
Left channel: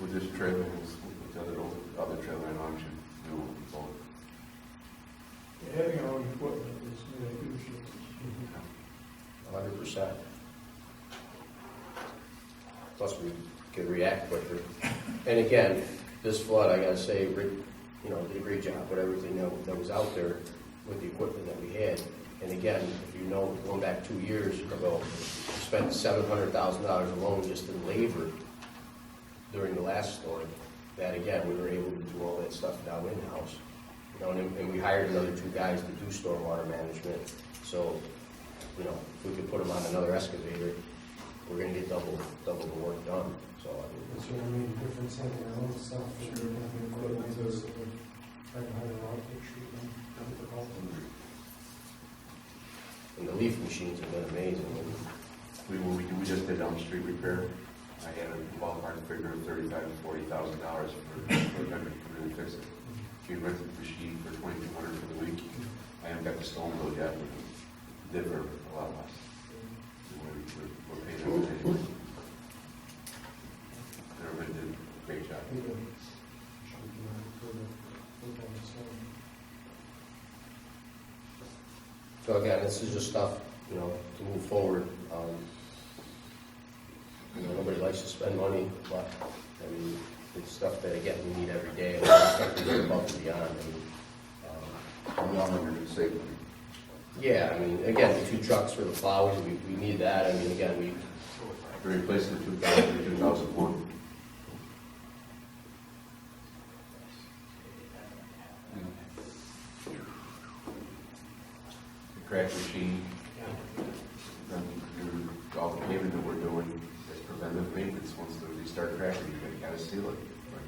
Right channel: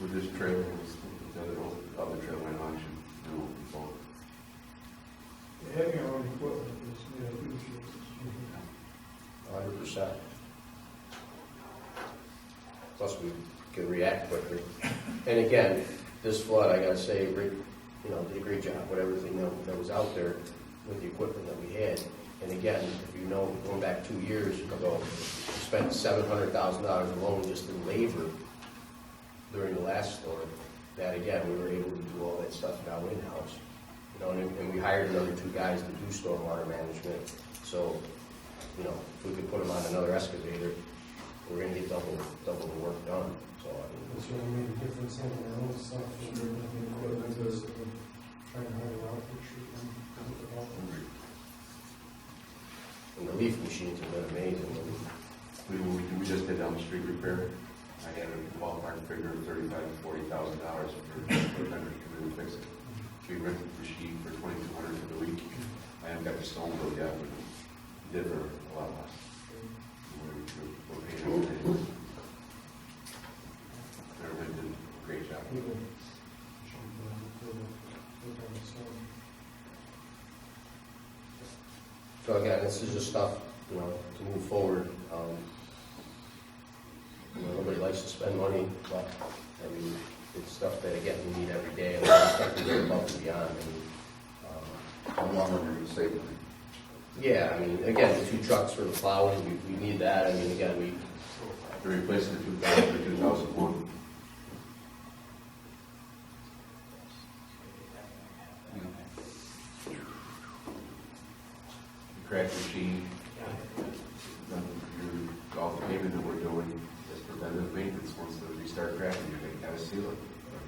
With this trailer, with the other trailer in auction, we won't be both. Yeah, having our own equipment is made a huge difference. 100%. Plus, we can react quicker. And again, this flood, I gotta say, Rick, you know, did a great job with everything that was out there with the equipment that we had. And again, if you know, going back 2 years ago, we spent $700,000 alone just in labor during the last storm. That again, we were able to do all that stuff now in-house. You know, and we hired another 2 guys to do stormwater management. So, you know, if we could put them on another excavator, we're gonna get double the work done. So, I mean. It's really made a difference having our own stuff. Equipment is trying to hire out, which should be difficult. And the leaf machines have been amazing. We just did street repair. I had a ballpark figure of $35,000 to $40,000 for a vendor to come in and fix it. We rented the machine for $2,200 for the week. I haven't got the stone bill yet, but we did for a lot less. We're paying everything. Everybody did a great job. We did. Should be doing it for the work on the storm. So again, this is just stuff, you know, to move forward. You know, nobody likes to spend money, but, I mean, it's stuff that, again, we need every day, and it's stuff we do above and beyond. I mean, How long are you going to save money? yeah, I mean, again, the 2 trucks for the plowing, we need that. I mean, again, we, They're replacing the 2000 or 2001. The crack machine, all the pavement that we're doing is preventive maintenance. Once they start cracking, you're gonna gotta seal it. Or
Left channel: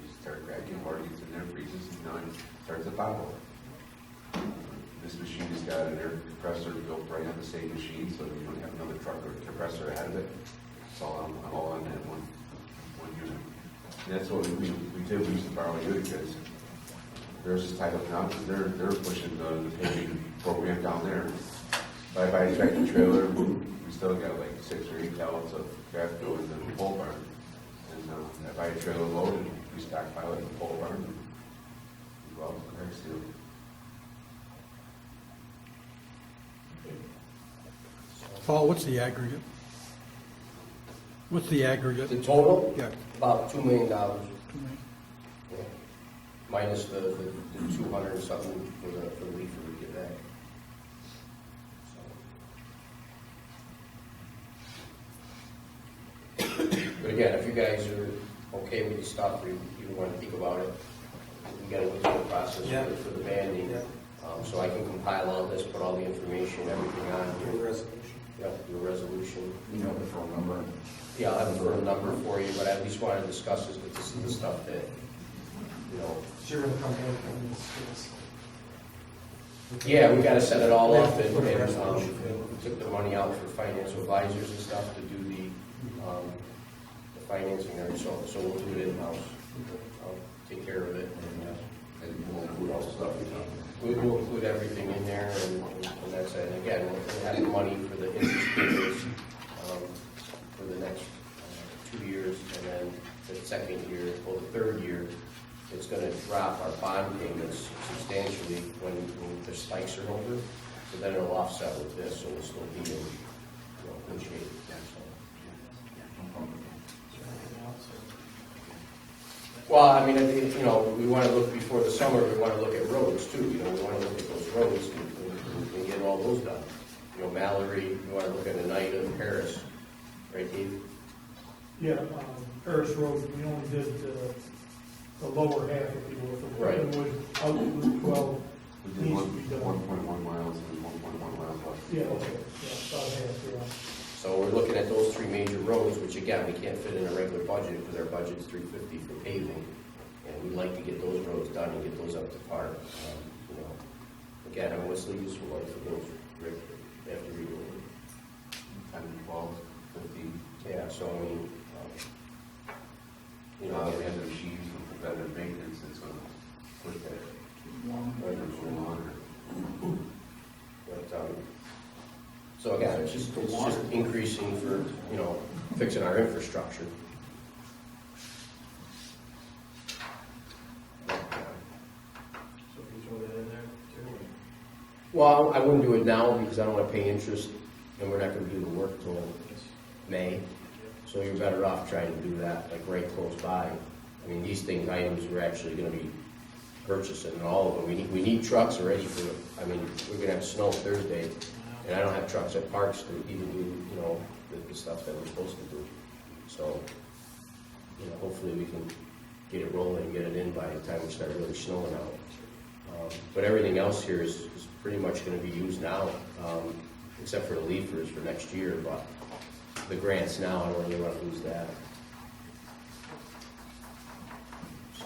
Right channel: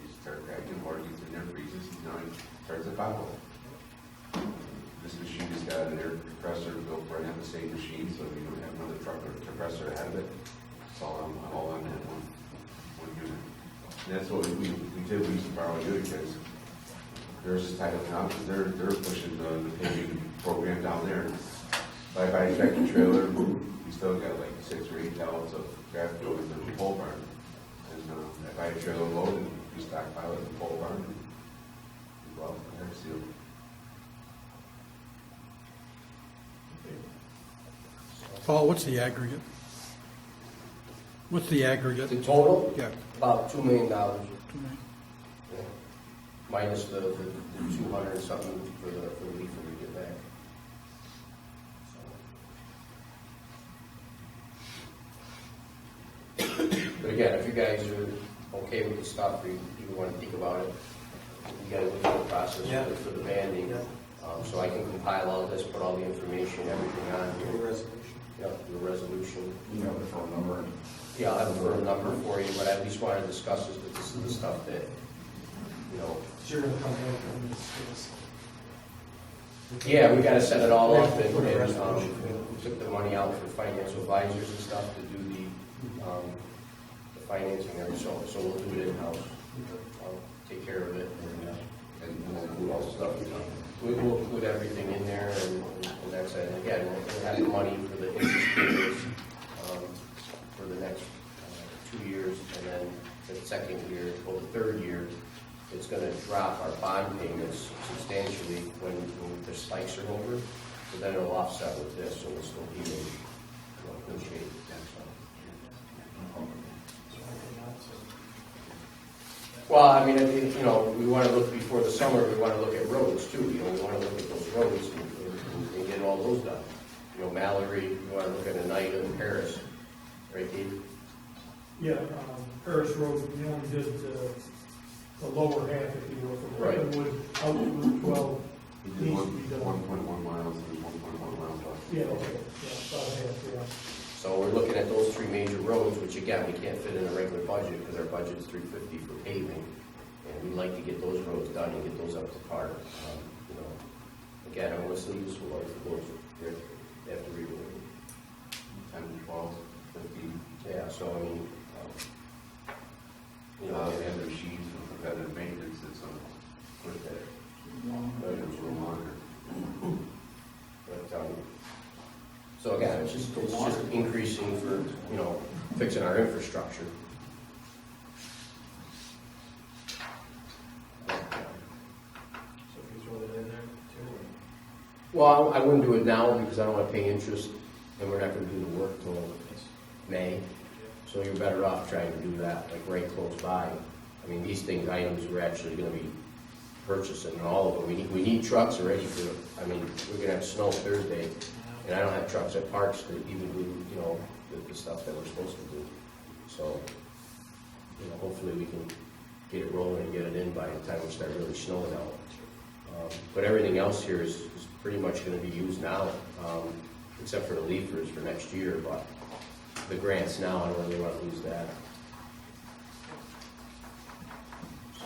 they start cracking, water gets in there, freezes, and now it starts to pothole. This machine has got an air compressor built right on the same machine, so you don't have another truck or compressor ahead of it. It's all on that one unit. And that's what we did. We used to borrow a unit because theirs is tied up now because they're pushing the paving program down there. If I buy a tractor trailer, we still got like 6 or 8 pallets of craft going to the pole barn. And I buy a trailer load and we stockpile it in the pole barn and we go out and crack seal. Paul, what's the aggregate? What's the aggregate? the total, Yeah, about $2 million. 2 million. Yeah. Minus the 200 and something for the leafer we get back. So. But again, if you guys are okay with the stuff, or you want to think about it, we got to go through the process for the banding. Yeah. So I can compile all this, put all the information, everything on Do a here. resolution. Yeah, do a resolution. You know the phone number? Yeah, I'll have a firm number for you, but I at least want to discuss this, because this is the stuff that, you know. So you're gonna come back and discuss. Yeah, we gotta set it all We up, have to and put a we resolution. took the money out for financial advisors and stuff to do the financing there, so we'll do it in-house. I'll take care of it, And we'll include all the stuff you talked we'll include everything in there, and that's it. And again, we'll have the money for the interest payments, for the next 2 years, and then the second year, well, the third year, it's gonna drop our bond payments substantially when the spikes are over, so then it'll offset with this, so we'll still be in, good shape. Well, I mean, you know, we want to look before the summer, we want to look at roads too, you know, we want to look at those roads and get all those done. You know, Mallory, we want to look at Oneida and Paris, right, Dave? Yeah, Paris Road, we only did the lower half, if you will, from Right. Clintonwood out to Route 12 We did needs to be done. 1.1 miles and 1.1 miles left. Yeah, okay, yeah, about half, yeah. So we're looking at those three major roads, which again, we can't fit in a regular budget because our budget's $350 for paving. And we'd like to get those roads done and get those up to par. You know, again, I mean, what's the useful life of those, Rick, after redoing? 10 to 12, 15. Yeah, so I mean, you know, And the machines for preventative maintenance, it's going to push that items for longer. but, so again, it's just increasing for, you know, fixing our infrastructure. So if you throw that in there too? Well, I wouldn't do it now because I don't want to pay interest and we're not going to do the work till May. So you're better off trying to do that like right close by. I mean, these items we're actually going to be purchasing, and all of them. We need trucks already for, I mean, we're going to have snow Thursday, and I don't have trucks at parks to even do, you know, the stuff that we're supposed to do. So, you know, hopefully we can get it rolling and get it in by the time we start really snowing out. But everything else here is pretty much going to be used now, except for the leafers for next year, but the grants now, I don't really want to lose that. So,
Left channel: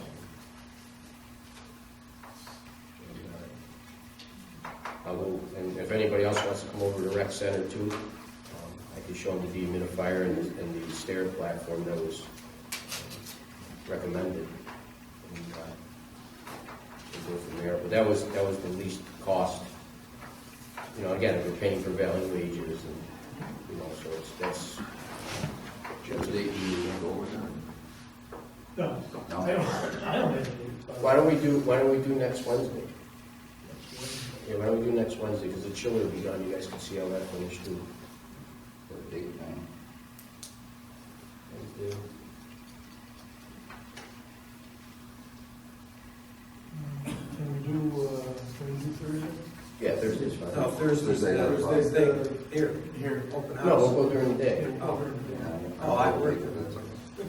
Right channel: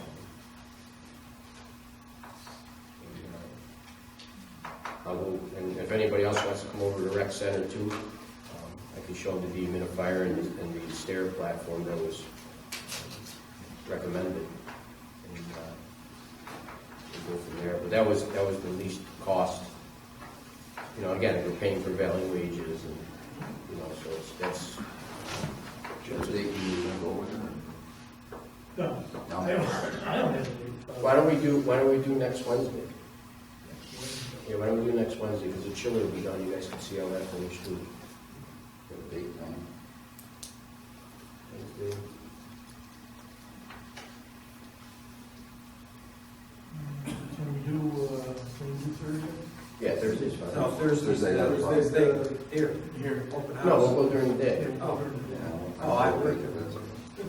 I'll go, and if anybody else wants to come over to the rec center too, I can show them the dehumidifier and the stair platform that was recommended. And we'll go from there. But that was the least cost. You know, again, we're paying for valley wages and, you know, so that's Jim, today you go with them? No, I don't have to do. Why don't we do next Wednesday? Yeah, why don't we do next Wednesday, because the chiller will be done, you guys can see how that finished too. Got a date time. Wednesday. Can we do Thursday? Yeah, Thursday's fine. No, Thursday, here, open house. No, we'll go during the day. Oh, Oh, I work.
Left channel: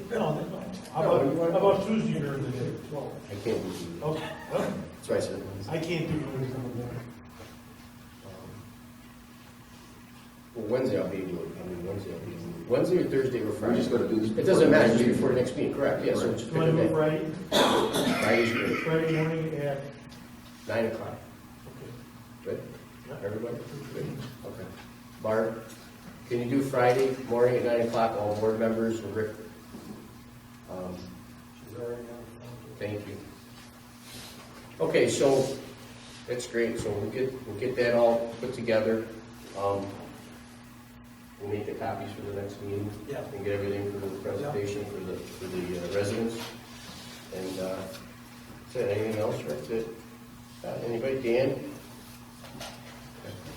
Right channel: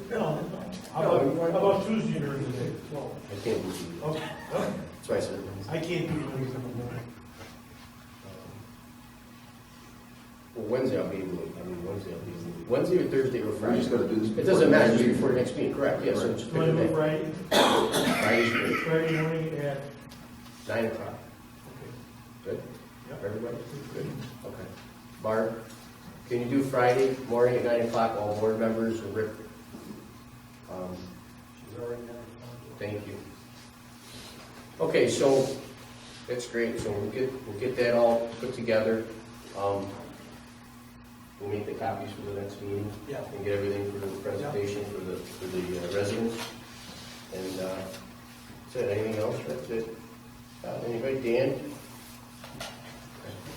No. How about Tuesday during the day? Well, I can't do Tuesday. okay. That's why I said Wednesday. I can't do Tuesday in the morning. Well, Wednesday I'll be able to, Wednesday or Thursday or Friday? We're just gonna do this It before doesn't the matter, next just meeting. before the next meeting, correct, yeah, so Right. just You pick a want to do day. Friday? Friday's good, Friday morning at, 9 o'clock, okay. good? Yep. Everybody? Good, okay. Barb, can you do Friday morning at 9 o'clock, all board members, and Rick? She's already done. Thank you. Okay, so, that's great, so we'll get that all put together. We'll make the copies for the next meeting. Yeah. And get everything for the presentation for the residents. And, is there anything else, Rick, that, anybody, Dan?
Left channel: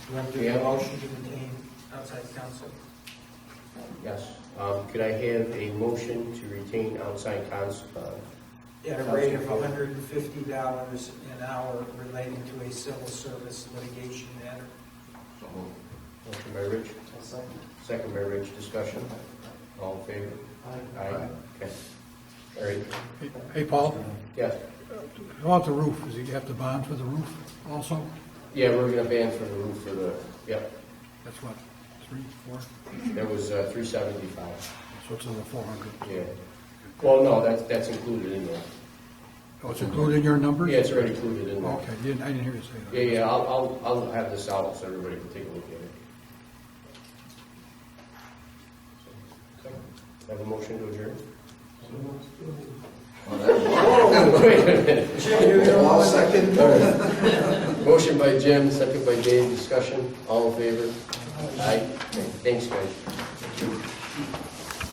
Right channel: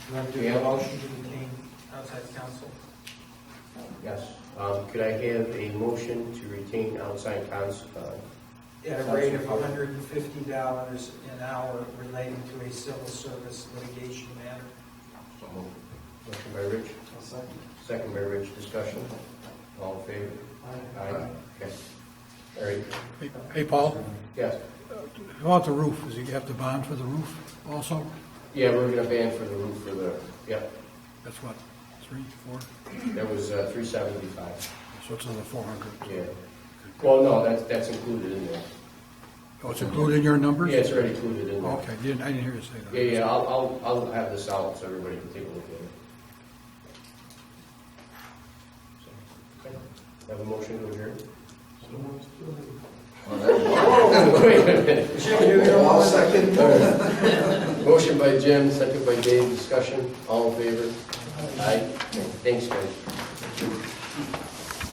You want to do Yeah. a motion to retain outside counsel? Yes. Could I have a motion to retain outside At a rate of $150 an hour relating to a civil service litigation matter. So moved. Motion by Rich, I'll second. second by Rich, discussion. All in favor? Aye. Okay. All right. Hey, Paul, Yes. how about the roof? Does he have to bond for the roof also? Yeah, we're gonna ban for the roof for the, yep, That's what, 3, 4? that was $375. So it's another 400. Yeah. Well, no, that's included in there. Oh, it's included in your numbers? Yeah, it's already included in there. Okay, I didn't hear you say that. Yeah, I'll have this out so everybody can take a look at it. So, okay. Have a motion to adjourn? Well, that- Oh, wait a minute. I'll second. Motion by Jim, second by Dave, discussion, all in favor? Aye. Okay, thanks, guys.